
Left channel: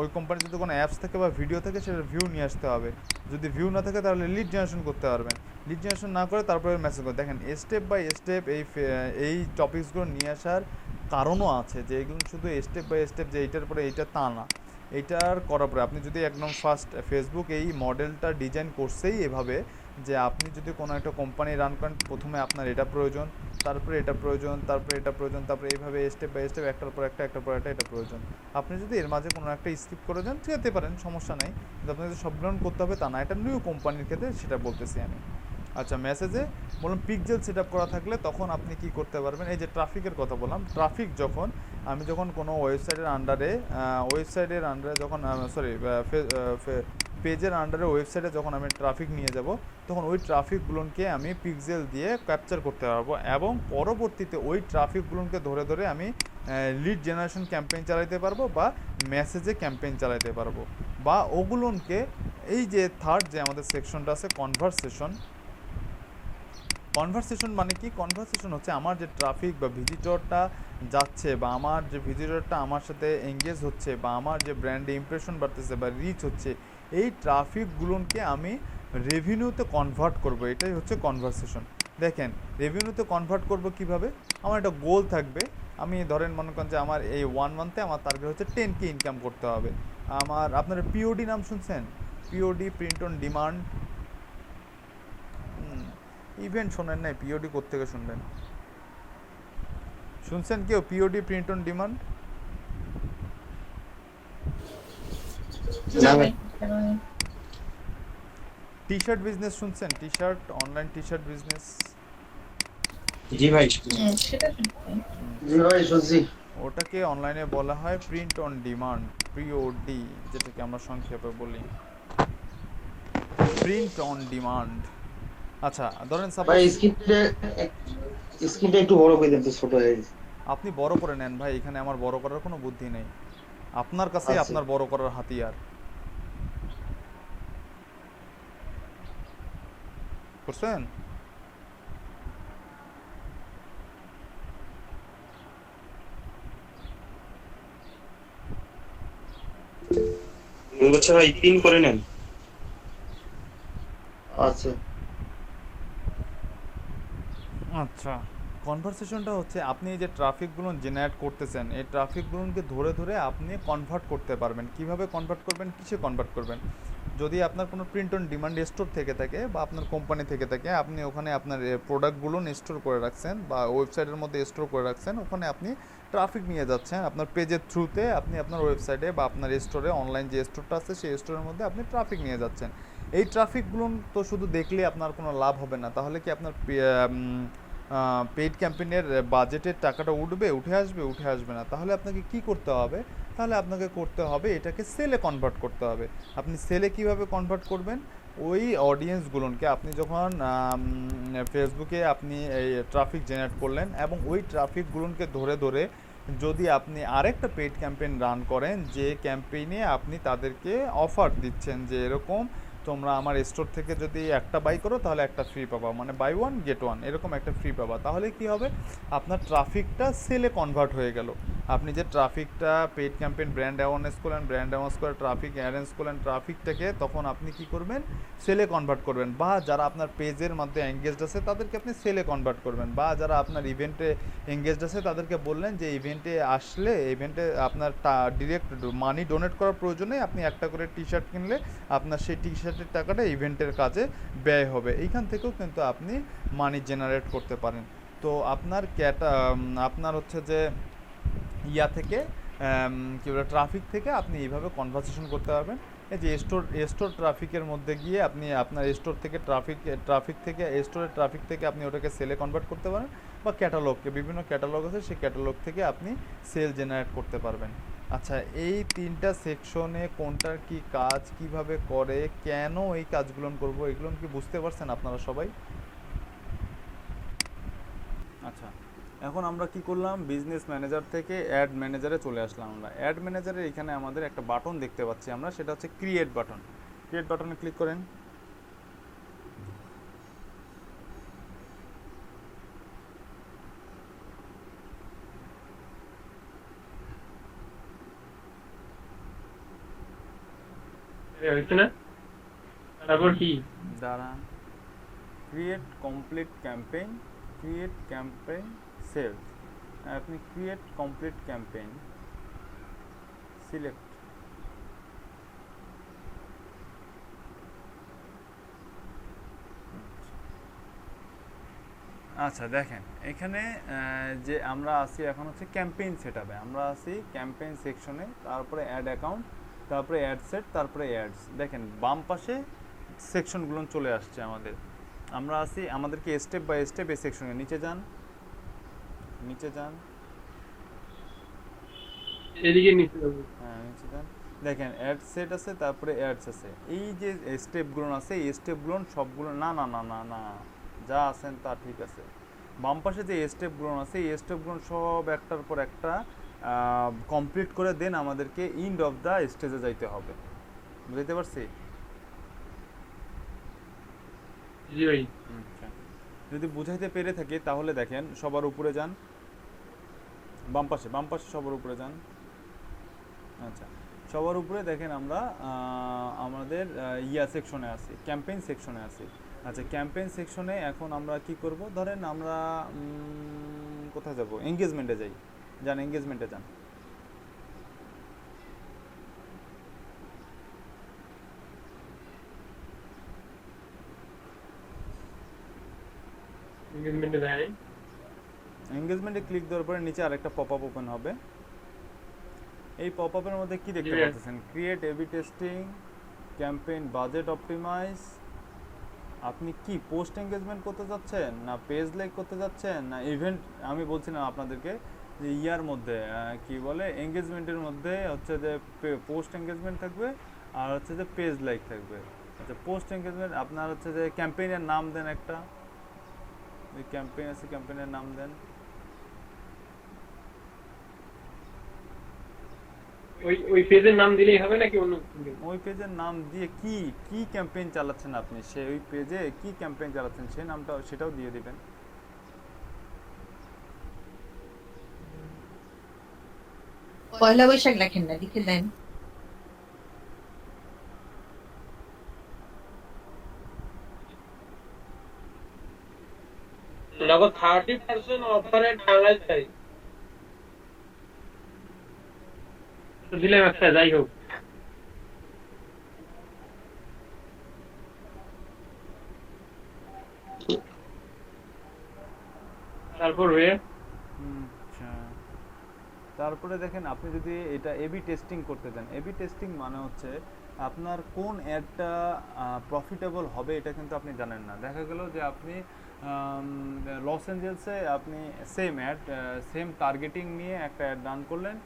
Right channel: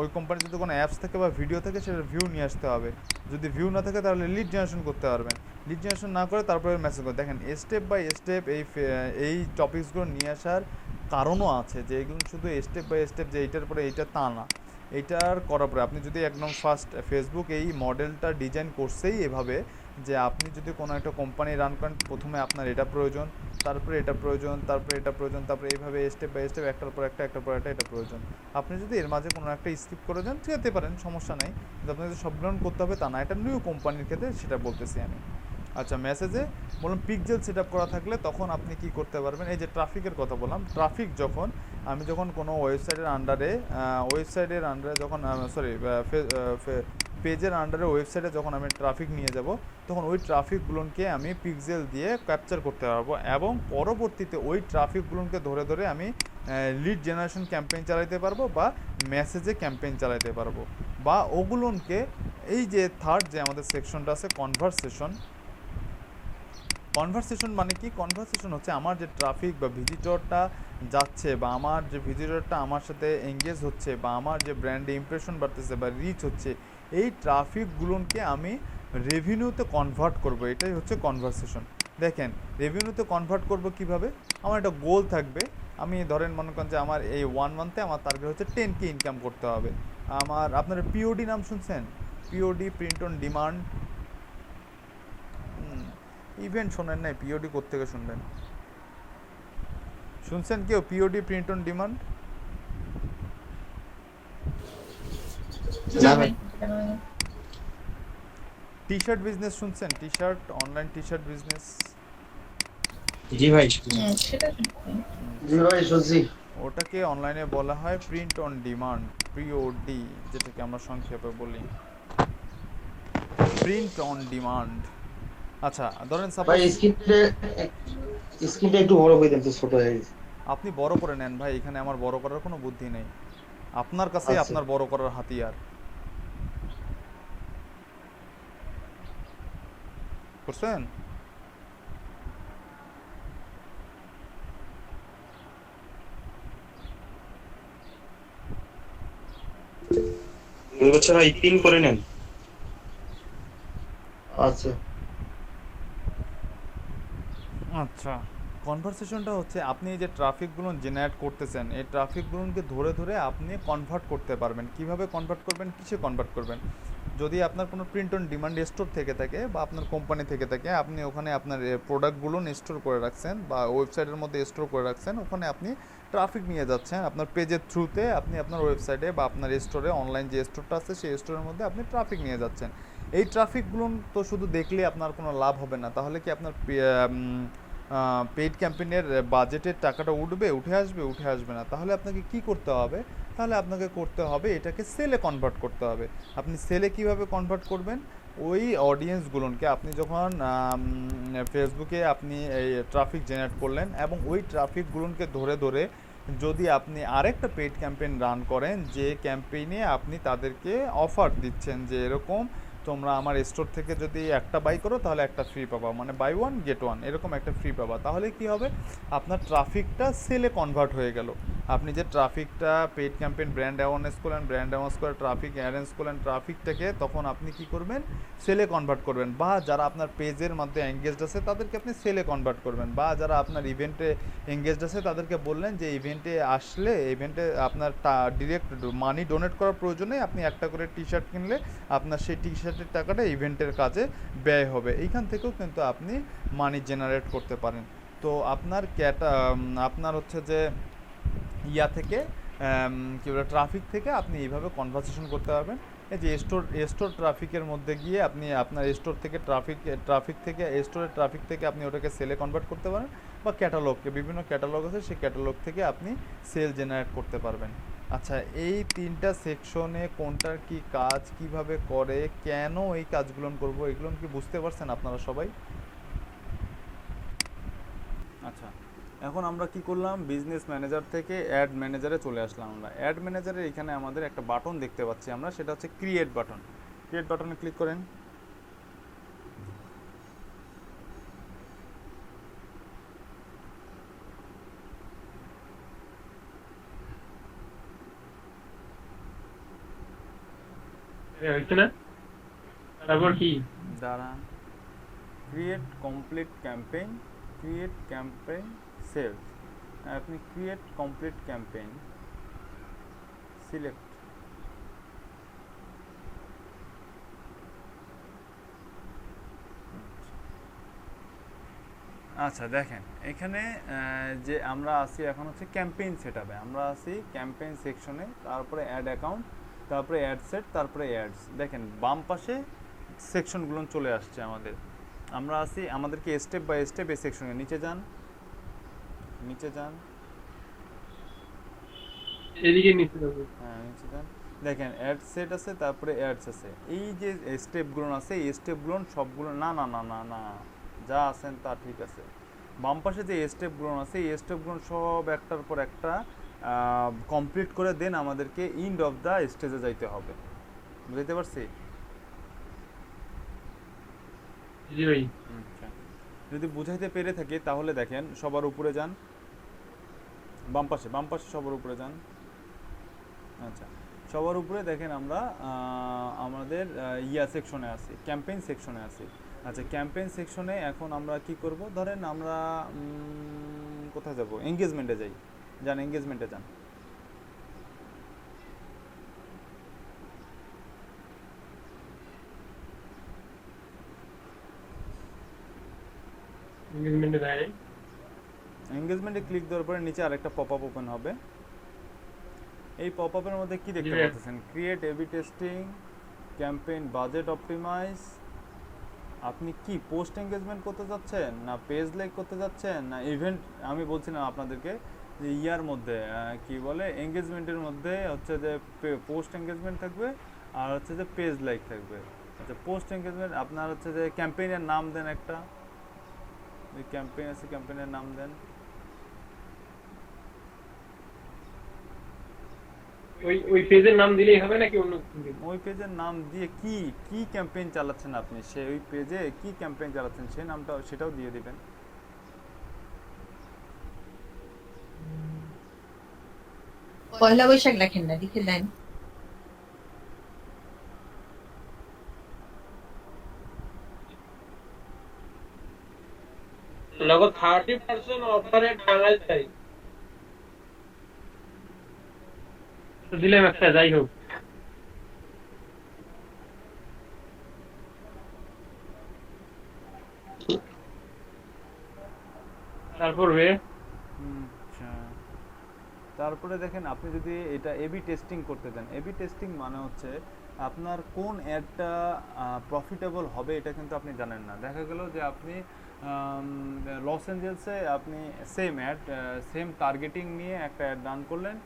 ওই কোম্পানির যদি কোনো অ্যাপস থাকে বা ভিডিও থাকে, সেটা ভিউ নিয়ে আসতে হবে। যদি ভিউ না থাকে, তাহলে লিড জেনারেশন করতে পারবেন। লিড জেনারেশন না করে তারপরে মেসেজ করে দেখেন, স্টেপ বাই স্টেপ এই টপিকসগুলো নিয়ে আসার কারণও আছে, যে এগুলো শুধু স্টেপ বাই স্টেপ যে এইটার পরে এইটা তা না। এইটার করার পরে আপনি যদি একদম ফার্স্ট, ফেসবুক এই মডেলটা ডিজাইন করছেই এভাবে যে আপনি যদি কোনো একটা কোম্পানি রান করেন, প্রথমে আপনার এটা প্রয়োজন, তারপরে এটা প্রয়োজন, তারপরে এটা প্রয়োজন, তারপরে এইভাবে স্টেপ বাই স্টেপ একটার পর একটা এটা প্রয়োজন। আপনি যদি এর মাঝে কোনো একটা স্কিপ করে যান, যেতে পারেন, সমস্যা নেই, কিন্তু আপনার যদি সবগুলো করতে হবে তা না। এটা নিউ কোম্পানির ক্ষেত্রে সেটা বলতেছি আমি। আচ্ছা, মেসেজে বললাম পিক্সেল সেট আপ করা থাকলে তখন আপনি কি করতে পারবেন, এই যে ট্রাফিকের কথা বললাম, ট্রাফিক যখন কোনো ওয়েবসাইটের আন্ডারে যখন পেজের আন্ডারে ওয়েবসাইটে যখন আমি ট্রাফিক নিয়ে যাব, তখন ওই ট্রাফিকগুলোকে আমি পিক্সেল দিয়ে ক্যাপচার করতে পারবো, এবং পরবর্তীতে ওই ট্রাফিকগুলোকে ধরে ধরে আমি লিড জেনারেশন ক্যাম্পেইন চালাতে পারবো বা মেসেজে ক্যাম্পেইন চালাতে পারবো, বা ওগুলোকে এই যে থার্ড যে আমাদের সেকশনটা আছে কনভারসেশন মানে কি? কনভারসেশন হচ্ছে আমার যে ট্রাফিক বা ভিজিটরটা যাচ্ছে, বা আমার যে ভিজিটরটা আমার সাথে এঙ্গেজ হচ্ছে, বা আমার যে ব্র্যান্ডে ইমপ্রেশন বাড়তেছে বা রিচ হচ্ছে, এই ট্রাফিকগুলোকে আমি রেভিনিউতে কনভার্ট করব, এটাই হচ্ছে কনভারসেশন। দেখেন, রেভিনিউতে কনভার্ট করব কিভাবে? আমার একটা গোল থাকবে, আমি ধরেন মনে করেন যে আমার এই 1 মান্থে আমার টার্গেট হচ্ছে 10K ইনকাম করতে হবে। আপনারা পিওডি নাম শুনছেন? POD, print on demand. Event শোনেন নাই, পিওডি কোত্থেকে শুনবেন? শুনছেন কেউ POD, print on demand? T shirt business শুনছেন? T shirt, online T shirt business. জি ভাই, শুনছি। ওটাকে অনলাইনে বলা হয় প্রিন্ট অন ডিমান্ড, পিওডি, যেটাকে আমরা সংক্ষেপে বলি প্রিন্ট অন ডিমান্ড। আচ্ছা, ধরেন সাপোজ স্ক্রিনটা একটু বড় করে দেন তো, ছোট হয়ে গেছে। আপনি বড় করে নেন ভাই, এখানে আমার বড় করার কোনো বুদ্ধি নেই। আপনার কাছেই আচ্ছা। আপনার বড় করার হাতিয়ার। বুঝছেন? বলছে ভাই পিন করে নেন। আচ্ছা। আচ্ছা, কনভারসেশনটা হচ্ছে আপনি এই যে ট্রাফিকগুলো জেনারেট করতেছেন, এই ট্রাফিকগুলোকে ধরে ধরে আপনি কনভার্ট করতে পারবেন। কিভাবে কনভার্ট করবেন, কিসে কনভার্ট করবেন? যদি আপনার কোনো প্রিন্ট অন ডিমান্ড স্টোর থেকে থাকে বা আপনার কোম্পানি থেকে থাকে, আপনি ওখানে আপনার প্রোডাক্টগুলো স্টোর করে রাখছেন বা ওয়েবসাইটের মধ্যে স্টোর করে রাখছেন, ওখানে আপনি ট্রাফিক নিয়ে যাচ্ছেন আপনার পেজের থ্রুতে, আপনি আপনার ওয়েবসাইটে বা আপনার স্টোরে, অনলাইন যে স্টোরটা আছে সেই স্টোরের মধ্যে আপনি ট্রাফিক নিয়ে যাচ্ছেন। এই ট্রাফিকগুলো তো শুধু দেখলে আপনার কোনো লাভ হবে না, তাহলে কি আপনার পেইড ক্যাম্পেইনের বাজেটের টাকাটা উঠে আসবে না। তাহলে আপনাকে কি করতে হবে? তাহলে আপনাকে করতে হবে এটাকে সেলে কনভার্ট করতে হবে। আপনি সেলে কিভাবে কনভার্ট করবেন? ওই অডিয়েন্সগুলোকে আপনি যখন ফেসবুকে আপনি এই ট্রাফিক জেনারেট করলেন এবং ওই ট্রাফিকগুলোকে ধরে ধরে যদি আপনি আরেকটা পেইড ক্যাম্পেইন রান করেন, যে ক্যাম্পেইনে আপনি তাদেরকে অফার দিচ্ছেন যে এরকম তোমরা আমার স্টোর থেকে যদি একটা বাই করো তাহলে একটা ফ্রি পাবা, মানে বাই ওয়ান গেট ওয়ান, এরকম একটা ফ্রি পাবা, তাহলে কি হবে? আপনার ট্রাফিকটা সেলে কনভার্ট হয়ে গেল। আপনি যে ট্রাফিকটা পেইড ক্যাম্পেইন ব্র্যান্ড অ্যাওয়ারনেস করলেন, ব্র্যান্ড অ্যাওয়ারনেস করে ট্রাফিক অ্যারেঞ্জ করলেন, ট্রাফিকটাকে তখন আপনি কি করবেন? সেলে কনভার্ট করবেন। বা যারা আপনার পেজের মধ্যে এঙ্গেজড আছে তাদেরকে আপনি সেলে কনভার্ট করবেন। বা যারা আপনার ইভেন্টে এঙ্গেজড আছে তাদেরকে বললেন যে ইভেন্টে আসলে ইভেন্টে আপনার ডিরেক্ট মানি ডোনেট করার প্রয়োজনে আপনি একটা করে টি শার্ট কিনলে আপনার সেই টি শার্টের টাকাটা ইভেন্টের কাজে ব্যয় হবে। এইখান থেকেও কিন্তু আপনি মানি জেনারেট করতে পারেন। তো আপনার আপনার হচ্ছে যে ইয়া থেকে কী বলে ট্রাফিক থেকে আপনি এইভাবে কনভারসেশন করতে পারবেন। এই যে স্টোর ট্রাফিকের মধ্যে গিয়ে আপনি আপনার স্টোর থেকে ট্রাফিক থেকে স্টোরের ট্রাফিক থেকে আপনি ওটাকে সেলে কনভার্ট করতে পারেন, বা ক্যাটালগকে, বিভিন্ন ক্যাটালগ আছে সেই ক্যাটালগ থেকে আপনি সেল জেনারেট করতে পারবেন। আচ্ছা, এই তিনটা সেকশনে কোনটার কি কাজ, কিভাবে করে, কেন এই কাজগুলো করব, এগুলো কি বুঝতে পারছেন আপনারা সবাই? আচ্ছা, এখন আমরা কি করলাম? বিজনেস ম্যানেজার থেকে অ্যাড ম্যানেজারে চলে আসলাম। আমরা অ্যাড ম্যানেজারে এখানে আমাদের একটা বাটন দেখতে পাচ্ছি আমরা, সেটা হচ্ছে ক্রিয়েট বাটন। ক্রিয়েট বাটনে ক্লিক করেন। হয়েছে না? তারপর কি? দাঁড়ান, create complete campaign, create campaign sales. আপনি ক্রিয়েট কমপ্লিট ক্যাম্পেইন সিলেক্ট। আচ্ছা দেখেন, এখানে যে আমরা আছি এখন হচ্ছে ক্যাম্পেইন সেটআপে, আমরা আছি ক্যাম্পেইন সেকশনে, তারপরে অ্যাড অ্যাকাউন্ট, তারপরে অ্যাড সেট, তারপরে অ্যাডস। দেখেন বাম পাশে সেকশনগুলো চলে আসছে আমাদের। আমরা আছি, আমাদেরকে স্টেপ বাই স্টেপ এই সেকশনে নিচে যান, নিচে যান, এদিকে নিতে হবে। হ্যাঁ নিচে যান। দেখেন অ্যাড সেট আছে, তারপরে অ্যাডস আছে। এই যে স্টেপগুলো আছে, এই স্টেপগুলো সবগুলো না না না না না যা আছেন তা ঠিক আছে। বাম পাশে যে স্টেপগুলো আছে, এই স্টেপগুলো সব একটার পর একটা কমপ্লিট করে দেন আমাদেরকে এন্ড অফ দ্য স্টেজে যাইতে হবে। বুঝতে পারছি? জি ভাই। আচ্ছা, যদি বুঝাইতে পেরে থাকি তাহলে দেখেন সবার উপরে যান, বাম পাশে সবার উপরে যান। আচ্ছা, সবার উপরে দেখেন আমরা আমাদের ইয়া সেকশনে আছি, ক্যাম্পেইন সেকশনে আছি। আচ্ছা, ক্যাম্পেইন সেকশনে এখন আমরা কি করব? ধরেন আমরা কোথায় যাব? এঙ্গেজমেন্টে যাই। যান, এঙ্গেজমেন্টে যান। এনগেজমেন্টে যায়। এঙ্গেজমেন্টে ক্লিক দেওয়ার পরে নিচে আরেকটা পপআপ ওপেন হবে। এই পপআপের মধ্যে কি দেখতে পাচ্ছেন? Create AB testing, campaign budget optimise. আপনি কি পোস্ট এঙ্গেজমেন্ট করতে যাচ্ছেন, না পেজ লাইক করতে যাচ্ছেন, না ইভেন্ট? আমি বলছিলাম আপনাদেরকে যে ইয়ার মধ্যে কি বলে, এঙ্গেজমেন্টের মধ্যে হচ্ছে যে পোস্ট এঙ্গেজমেন্ট থাকবে আর হচ্ছে যে পেজ লাইক থাকবে। আচ্ছা, পোস্ট এঙ্গেজমেন্ট আপনার হচ্ছে যে ক্যাম্পেইনের নাম দেন একটা, ক্যাম্পেইন আছে, ক্যাম্পেইনের নাম দেন। ওই পেজের নাম দিলেই হবে নাকি অন্য ওই পেজের নাম দিয়ে কি কি ক্যাম্পেইন চালাচ্ছেন আপনি, সেই ওই পেজে কি ক্যাম্পেইন চালাচ্ছেন সেই নামটা সেটাও দিয়ে দিবেন। পয়লা বৈশাখ লেখেন না, লিখে দেন। নগদ 30% অফারে টাঙ্গাইল চাই দিলাম একটা, যাই হোক। তারপর আচ্ছা, তারপরে দেখেন আপনি যদি এটা এবি টেস্টিং করতে দেন, এবি টেস্টিং মানে হচ্ছে আপনার কোন অ্যাডটা প্রফিটেবল হবে এটা কিন্তু আপনি জানেন না। দেখা গেল যে আপনি লস অ্যাঞ্জেলসে আপনি সেম অ্যাড সেম টার্গেটিং নিয়ে একটা অ্যাড রান করলেন,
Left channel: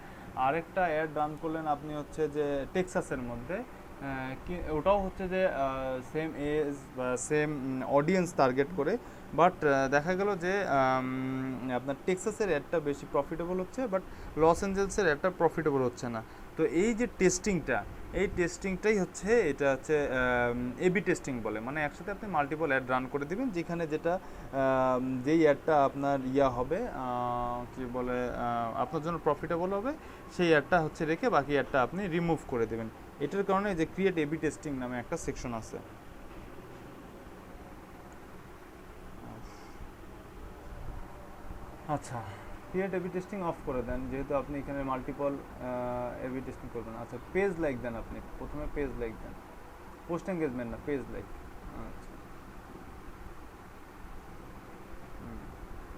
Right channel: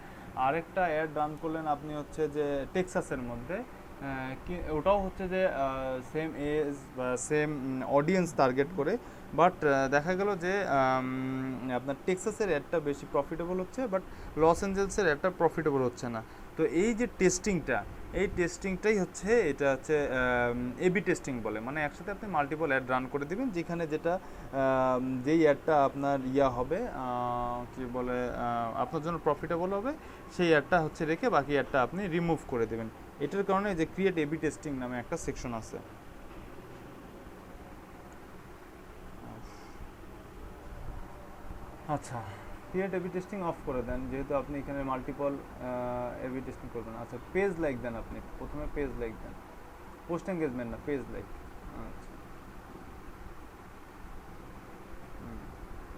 আরেকটা অ্যাড রান করলেন আপনি হচ্ছে যে টেক্সাসের মধ্যে, ওটাও হচ্ছে যে সেম এজ বা সেম অডিয়েন্স টার্গেট করে, বাট দেখা গেল যে আপনার টেক্সাসের অ্যাডটা বেশি প্রফিটেবল হচ্ছে, বাট লস অ্যাঞ্জেলসের অ্যাডটা প্রফিটেবল হচ্ছে না। তো এই যে টেস্টিংটা, এই টেস্টিংটাই হচ্ছে এটা হচ্ছে এবি টেস্টিং বলে, মানে একসাথে আপনি মাল্টিপল অ্যাড রান করে দিবেন, যেখানে যেটা যেই অ্যাডটা আপনার ইয়া হবে কি বলে আপনার জন্য প্রফিটেবল হবে সেই অ্যাডটা হচ্ছে রেখে বাকি অ্যাডটা আপনি রিমুভ করে দেবেন। এটার কারণে যে ক্রিয়েট এবি টেস্টিং নামে একটা সেকশন আছে। আচ্ছা, ক্রিয়েট এবি টেস্টিং অফ করে দেন, যেহেতু আপনি এখানে মাল্টিপল এবি টেস্টিং করবেন। আচ্ছা, পেজ লাইক দেন, আপনি প্রথমে পেজ লাইক দেন, পোস্ট এঙ্গেজমেন্ট না, পেজ লাইক। আচ্ছা,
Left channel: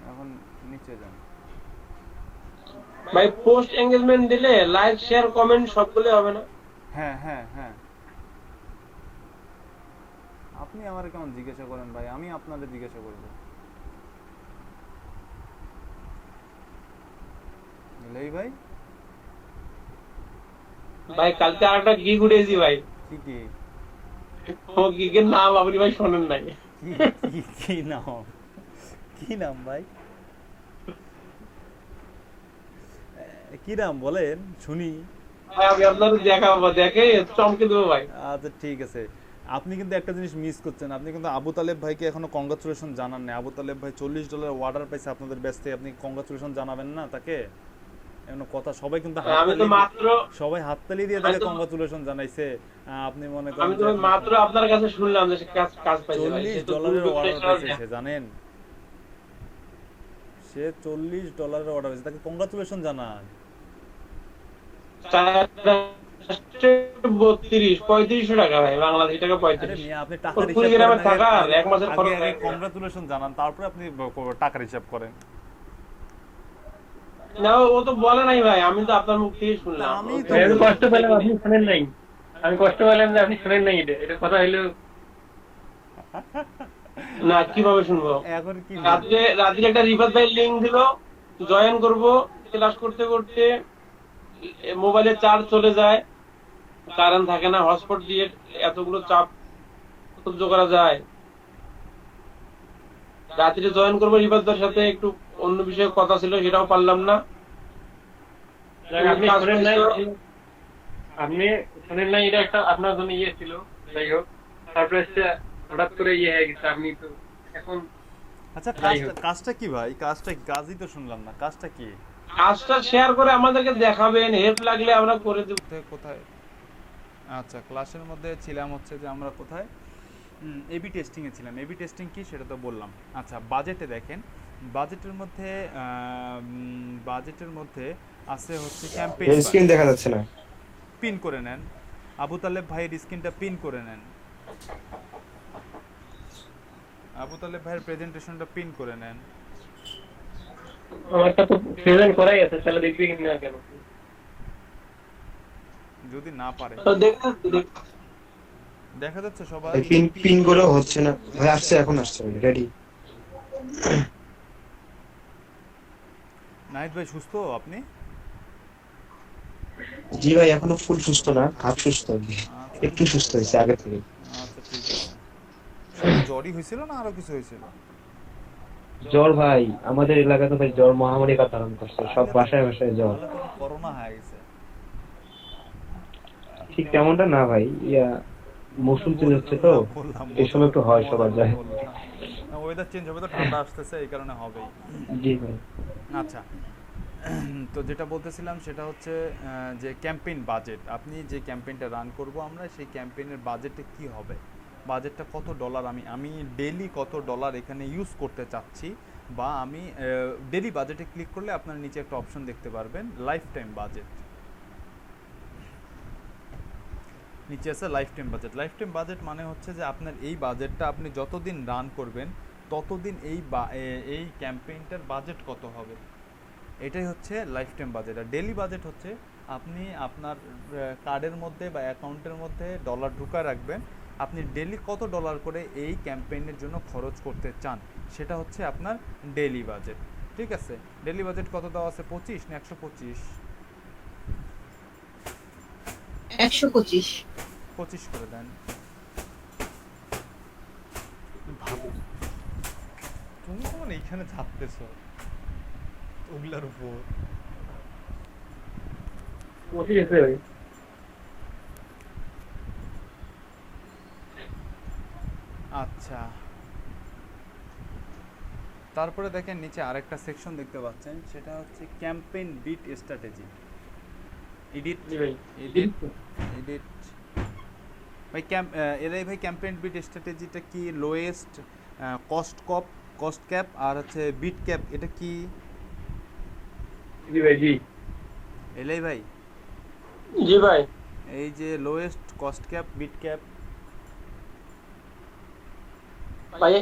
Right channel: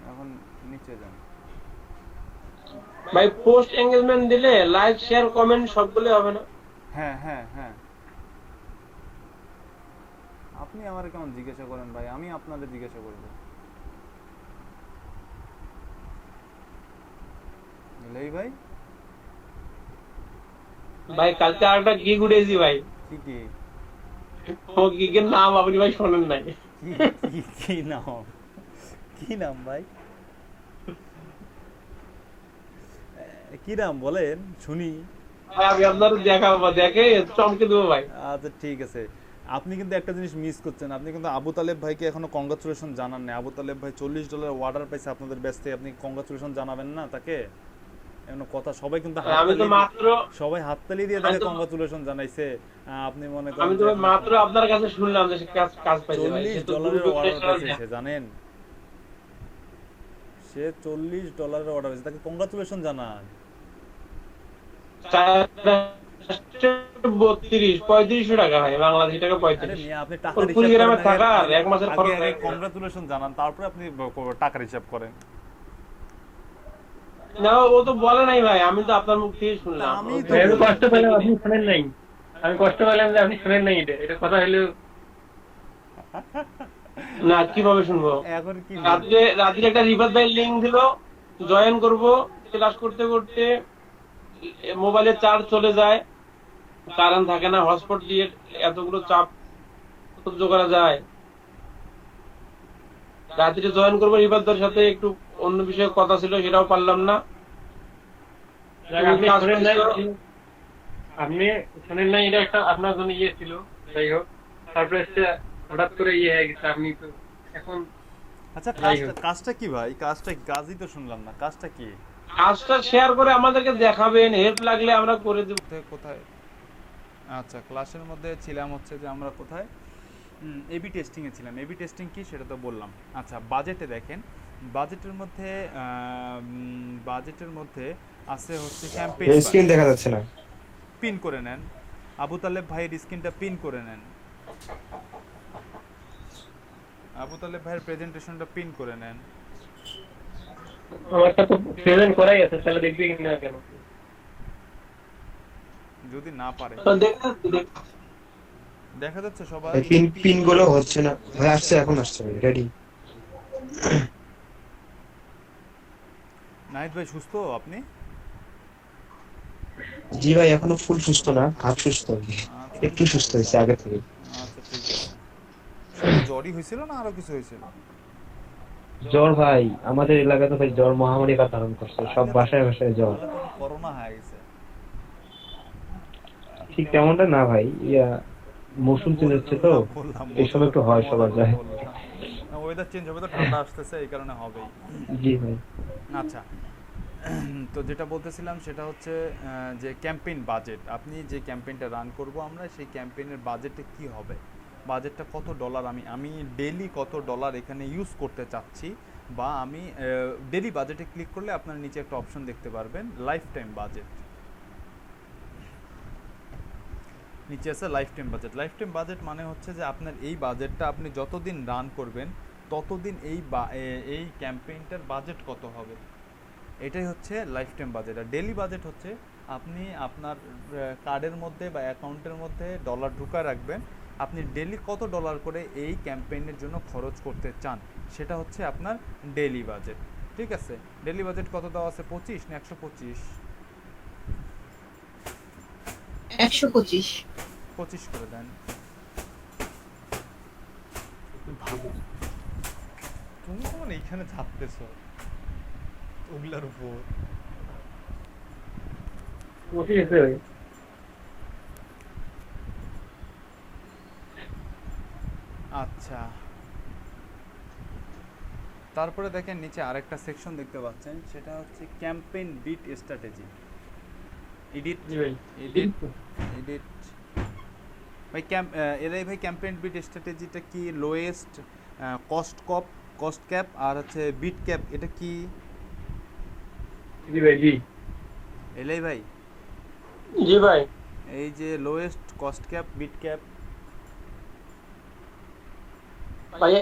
এখন নিচে যান। ভাই পোস্ট এঙ্গেজমেন্ট দিলে লাইক শেয়ার কমেন্ট সবগুলো হবে না? হ্যাঁ হ্যাঁ হ্যাঁ, আপনি আমার কেমন জিজ্ঞাসা করেন ভাই, আমি আপনাদের জিজ্ঞাসা করবো। লেই ভাই, ভাই কালকে আরেকটা গিগ উঠেছি ভাই। কি কি ও গিগের নাম আপনি ভাই শোনেন নাই? কি কি কি নাম, কি নাম ভাই, কি নাম বলেন শুনি। ভাই আমি আপনার দেখাবো, দেখে চমকে দেবো ভাই। আচ্ছা ঠিক আছে, আপনি কিন্তু একটা জিনিস মিস করছেন, আপনি কিন্তু আবু তালেব ভাইকে এখনো কংগ্রাচুলেশন জানান না। আবু তালেব ভাই $40 অর্ডার পাইছে আপনাদের ব্যাচ থেকে, আপনি কংগ্রাচুলেশন জানাবেন না তাকে? এমন কথা, সবাই কিন্তু সবাই হাততালি দিয়ে তাকে কংগ্রাচুলেশন জানাইছে, আপনি মনে করেন আমি তো মাত্র আপনার কাছে শুনলাম যে কাজ পাইছে। $40 অর্ডার পাইছে সে, জানেন? সে $40 অর্ডার পাইছে, তাকে কংগ্রাচুলেশন জানান। 3500 টাকা ভাই, বাংলাদেশি টাকা 35। আরে মিয়া, আপনি টাকার হিসাব করেন, আগে কংগ্রাচুলেশন জানান, তারপরে আপনি টাকার হিসাব করেন। না ও তো বলে নাই ভাই, আমি তো আপনার মুখ থেকে শুনলাম। আমি তো কষ্ট পেলাম, আপনি শুনেন নাই। আমি কষ্ট পেলাম যে আপনি শুনেন নাই। এটা কথা হলো না, কিভাবে শুনবো? এখন কি রাত্রে একটা রিভার ভাই লিংক দিল, জয়েন করব, ক্লাস করতে করতে মোবাইলে চার্জ চলে যায়, কারেন্ট থাকে না, হটস্পট দিয়ে এতগুলো চাপ সহ্য করা যায়। রাত্রে জয়েন করবো রিভারদার সাথে, একটু অন্য বিষয়ে কথা ছিল, সেটাও পারলাম না। আপনি শোনেন নাই, এটা একটা আপনার জন্য ইয়ে ছিল, যাই হোক। তারপরে হঠাৎ করে ইয়ে হয়ে গেছে, আপনি তো এখন। আচ্ছা, কাজটা কি ভাই, কাজই তো শুনলাম না, কাজটা কি? কাজটা শেয়ার করে আমাদেরকে দেখাবেন, হেল্প লাগলে আমরা করে দেব। কোথায়? আচ্ছা, ক্লাসের মধ্যে ছিলাম হচ্ছে যে আমরা কোথায় এবি টেস্টিং এ ছিলাম। এবি টেস্টিং কি সেটা তো বললাম। আচ্ছা, বাজেটে দেখেন, বাজেটের মধ্যে আছে হচ্ছে ক্যাম্পেইন। স্ক্রিন দেখা যাচ্ছে না, পিন করে নেন, আবু তালেব ভাইয়ের স্ক্রিনটা পিন করে নেন, আবু তালেব ভাইয়ের প্রেজেন্টেশনটা পিন করে নেন। আমারটা তো প্রেজেন্ট করাই আছে, তাহলে দেখবি কিনা কেন? যদি না পারে, দেখা যাচ্ছে সবাই পিন গুলো হচ্ছে না ভাই, আসছে, এখন আসছে, রেডি। নাহিদ ভাই সুস্থ আপনি? জি ভাই, এখনো ফুল সুস্থ না, হাফ সুস্থ, একটু সুস্থ হয়েছে আগে থেকে। আচ্ছা ঠিক আছে, শুধু জ্বরই হয়েছিল না আরো কিছু হয়েছিল? জ্বর ভাই, আমাদের এলাকাতে ভাই জ্বর মহামারী ধারণ করছে, সব বাসায় বাসায় জ্বর। তাহলে তো করোনা হয়ে গেছে। ঠিক তেমনটা না ভাই, মৌসুম চেঞ্জ হচ্ছে তো, বললাম এই সময় একটু হয় সবার যায়। ওয়েদার চেঞ্জ হবে তো, ঠান্ডা আসতেছে, এই কারণে হবেই। জি ভাই। আচ্ছা, তো যেটা বলতেছিলাম সেটা হচ্ছে যে ক্যাম্পেইন বাজেট, আপনি যে ক্যাম্পেইনটা রান করব আমরা, সেই ক্যাম্পেইনের বাজেটে কি হবে, বাজেটটা কত ডলার, আমি ডেইলি কত ডলার এখানে ইউজ করতে চাচ্ছি, বা আমি ডেইলি বাজেটে ক্লিক করলে আপনার নিচে একটা অপশন দেখতে পারবেন লাইফ টাইম বাজেট, নিচে আছে life time budget. Life time budget মানে হচ্ছে যে আপনার এই বাজেটটা আপনি যতদিন রান করবেন ততদিন এই ক্যাম্পেইনটার বাজেট কত হবে, এটাই হচ্ছে লাইফ টাইম বাজেট। আর ডেলি বাজেট হচ্ছে আপনি আপনার কার্ডের মধ্যে বা অ্যাকাউন্টের মধ্যে ডলার ঢুকা রাখবেন, আপনি ডেলি কত ডলার করে এই ক্যাম্পেইনের জন্য খরচ করতে চান, সেটা হচ্ছে আপনার ডেলি বাজেট। ঠিক আছে, ডেলি বাজেট কত দেওয়া আছে, 25 না 125? 125। 25 করে দেন। ভাবো তুমি কোন এইখানে ঝাপতেছো ওগুলার উপর। ঠিক আছে ভাই। আচ্ছা, তারপরে দেখেন নিচে আরেকটা সেকশন দেখতে পাচ্ছেন, সেটা হচ্ছে campaign bid strategy. Edit edit edit ভাই, এরাই ভাই ক্যাম্পেইন বিট স্ট্র্যাটেজিটা কি, লোয়েস্ট কস্ট ক্যাপ আর হচ্ছে বিট ক্যাপ, এটা কি এলাই ভাই? জি ভাই। এই যে lowest cost cap, bid cap, ভাই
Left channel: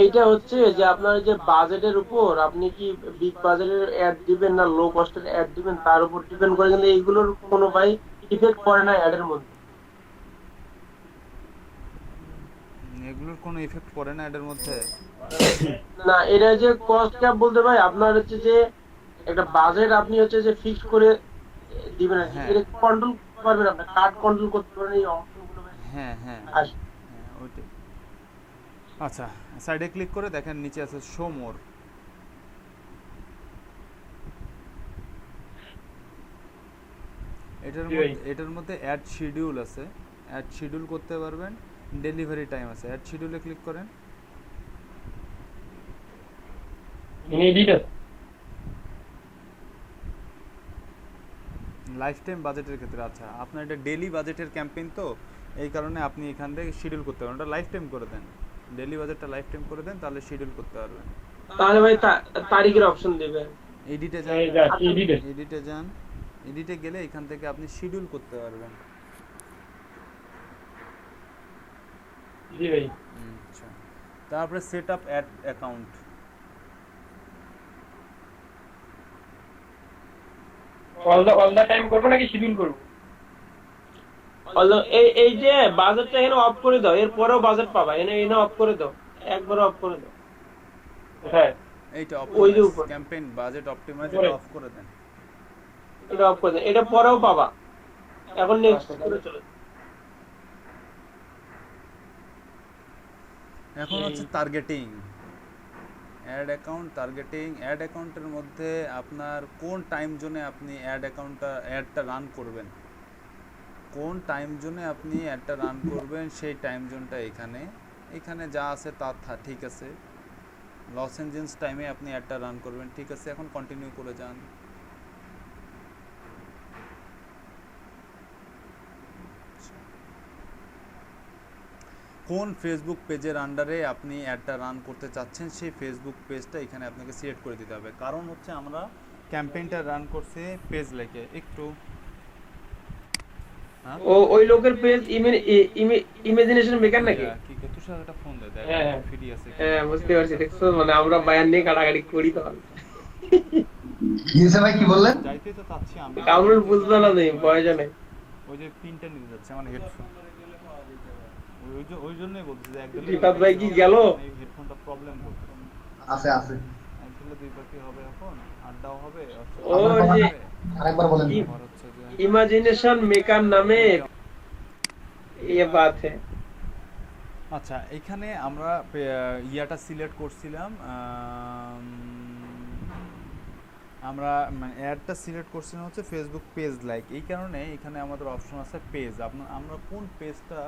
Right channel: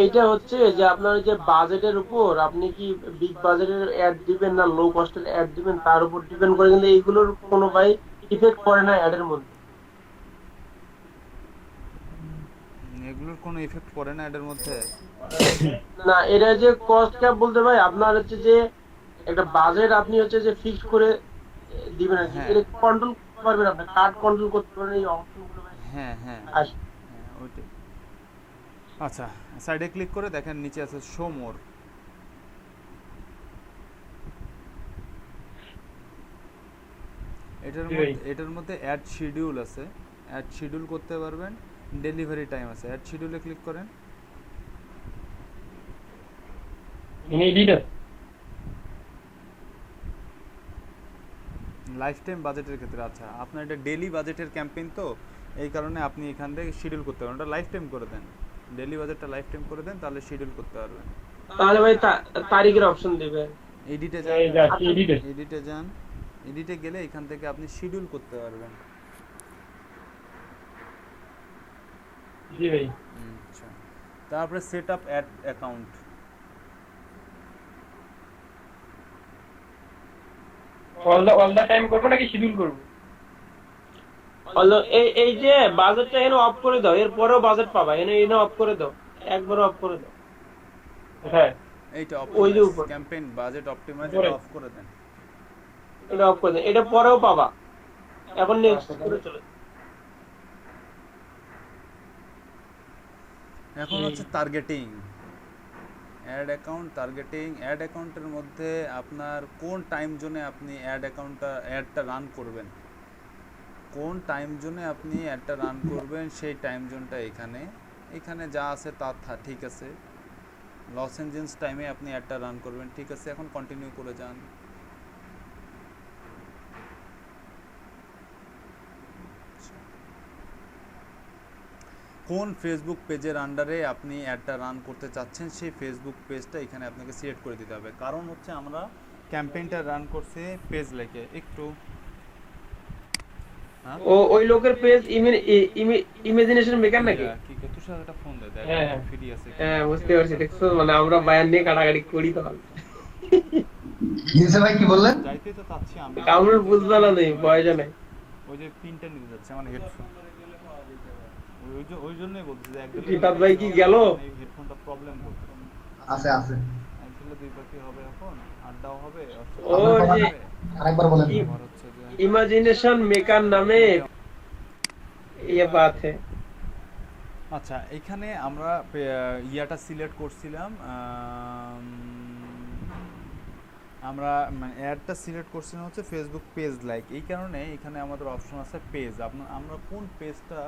এইটা হচ্ছে যে আপনার যে বাজেটের উপর আপনি কি বিগ বাজেটের অ্যাড দিবেন না লো কস্টের অ্যাড দিবেন তার উপর ডিপেন্ড করে, কিন্তু এইগুলোর কোনো ভাই ইফেক্ট পড়ে না অ্যাডের মধ্যে। এগুলোর কোনো ইফেক্ট পড়ে না এটার মধ্যে? না, এটা যে কস্ট ক্যাপ বলতে ভাই আপনার হচ্ছে যে একটা বাজেট আপনি হচ্ছে যে ফিক্স করে দিবেন, হ্যাঁ। এটা কন্ট্রোল করবেন, আপনি কার্ড কন্ট্রোল করতে পারেন এই অপশনগুলো ভাই। হ্যাঁ হ্যাঁ আসে। হ্যাঁ, ওইটাই। আচ্ছা, সাইডে ক্লিক করে দেখেন নিচে আছে শো মোর। এটার মধ্যে অ্যাড শিডিউল আছে, অ্যাড শিডিউল করতে পারবেন, ডেলিভারি টাইম আছে, অ্যাড শিডিউলে ক্লিক করেন। লাইফ টাইম বাজেটের ক্ষেত্রে, আচ্ছা আপনার এটা ডেলি বাজেটের ক্যাম্পেইন তো, এই কারণে আপনি এখান থেকে শিডিউল করতে পারেন, ওটা লাইফ টাইম করে দেন, ডেলি বাজেটটা লাইফ টাইম করে দেন, তাহলে শিডিউল করতে পারবেন। তাহলে ভাই তারিখের অপশন দিবে। এডিটে যান, এডিটে যান, এডিটে গেলে এখান থেকে আপনি শিডিউল করতে পারবেন। জি ভাই। আচ্ছা, তারপরে set up ad account. All the time করব নাকি শিডিউল করব? এই যে বাজেটটা এখানে অফ করে দাও, এরপরেও বাজেট পাবা, এনে অফ করে দাও, একবার অফ করে দাও। হ্যাঁ, এইটা ওই যে অপটিমাইজ উপর ক্যাম্পেইন বাজেট অপটিমাইজ, এটা অফ করে দেন। এটা অফ করে দেন, এটা পরেও পাবা। এখন নেক্সট করে চলে। এখন হচ্ছে targeting, ad account targeting. Ad অ্যাকাউন্টের মধ্যে আপনার কোন টাইম জোনে আপনি অ্যাডটা রান করবেন, কোন টাইম জোনে আপনি অ্যাডটা রান করবেন, সেই টাইম জোনটা এখানে যা আছে তা ঠিক আছে। লস এঞ্জেলস টাইমে আপনি অ্যাডটা রান করবেন, ঠিক আছে। এখন কন্টিনিউ করে যান। কোন ফেসবুক পেজের আন্ডারে আপনি অ্যাডটা রান করতে চাচ্ছেন, সেই ফেসবুক পেজটা এখানে আপনাকে সিলেক্ট করে দিতে হবে, কারণ হচ্ছে আমরা ক্যাম্পেইনটা রান করছি পেজ লেখে একটু। ওই লোকের পেজ ইমাজিনেশন মেকার নাকি? কি তুষার একটা ফোন দে, দেখ হ্যাঁ ফ্রি আছে। হ্যাঁ, বুঝতে পারছি। দেখছো, মানে আমরা বায়ান নিয়ে কাটাকাটি করি তো। ভাই কি বললেন? যাইতে তো চাচ্ছি আমি, কাউন্টার বুঝতে না নেই, বয়সা নাই। ওই যে পিনটা নিতে যাচ্ছে আমার হেডফোন, ওই জন্যই বলছি যে একদম রিফাত ভাই কি গেল? এই হেডফোনটা প্রবলেম করছে। আছে একদম দুই পাখি হবে, এখন আড্ডাও হবে, ও যে আরেকবার বলেন। আবার হচ্ছে যে ইমাজিনেশন মেকার নামে ये बात है। আচ্ছা, এখানে আমরা ইয়াটা সিলেক্ট করছিলাম, আমরা মানে অ্যাডটা সিলেক্ট করছিলাম হচ্ছে ফেসবুক পেজ লাইক, এই কারণে এখানে আমাদের অপশন আছে পেজ। আমরা কোন পেজটা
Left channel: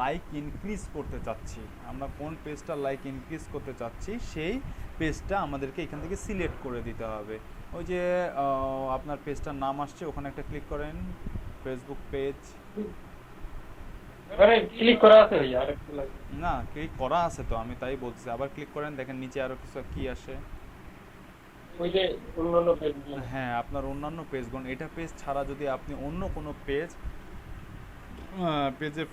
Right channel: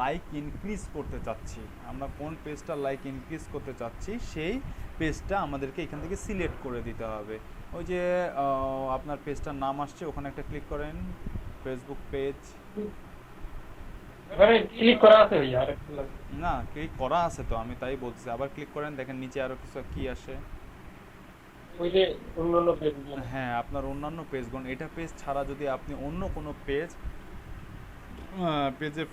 লাইক ইনক্রিজ করতে চাচ্ছি, আমরা কোন পেজটা লাইক ইনক্রিজ করতে চাচ্ছি সেই পেজটা আমাদেরকে এখান থেকে সিলেক্ট করে দিতে হবে। ওই যে আপনার পেজটার নাম আসছে, ওখানে একটা ক্লিক করেন, ফেসবুক পেজ। ক্লিক করা আছে ভাইয়া, আরেকটু লাগবে। না, ক্লিক করা আছে তো, আমি তাই বলছি, আবার ক্লিক করেন, দেখেন নিচে আরও কিছু কি আসে। ওই যে অন্যান্য পেজ। হ্যাঁ, আপনার অন্যান্য পেজগুলো, এটা পেজ ছাড়া যদি আপনি অন্য কোনো পেজে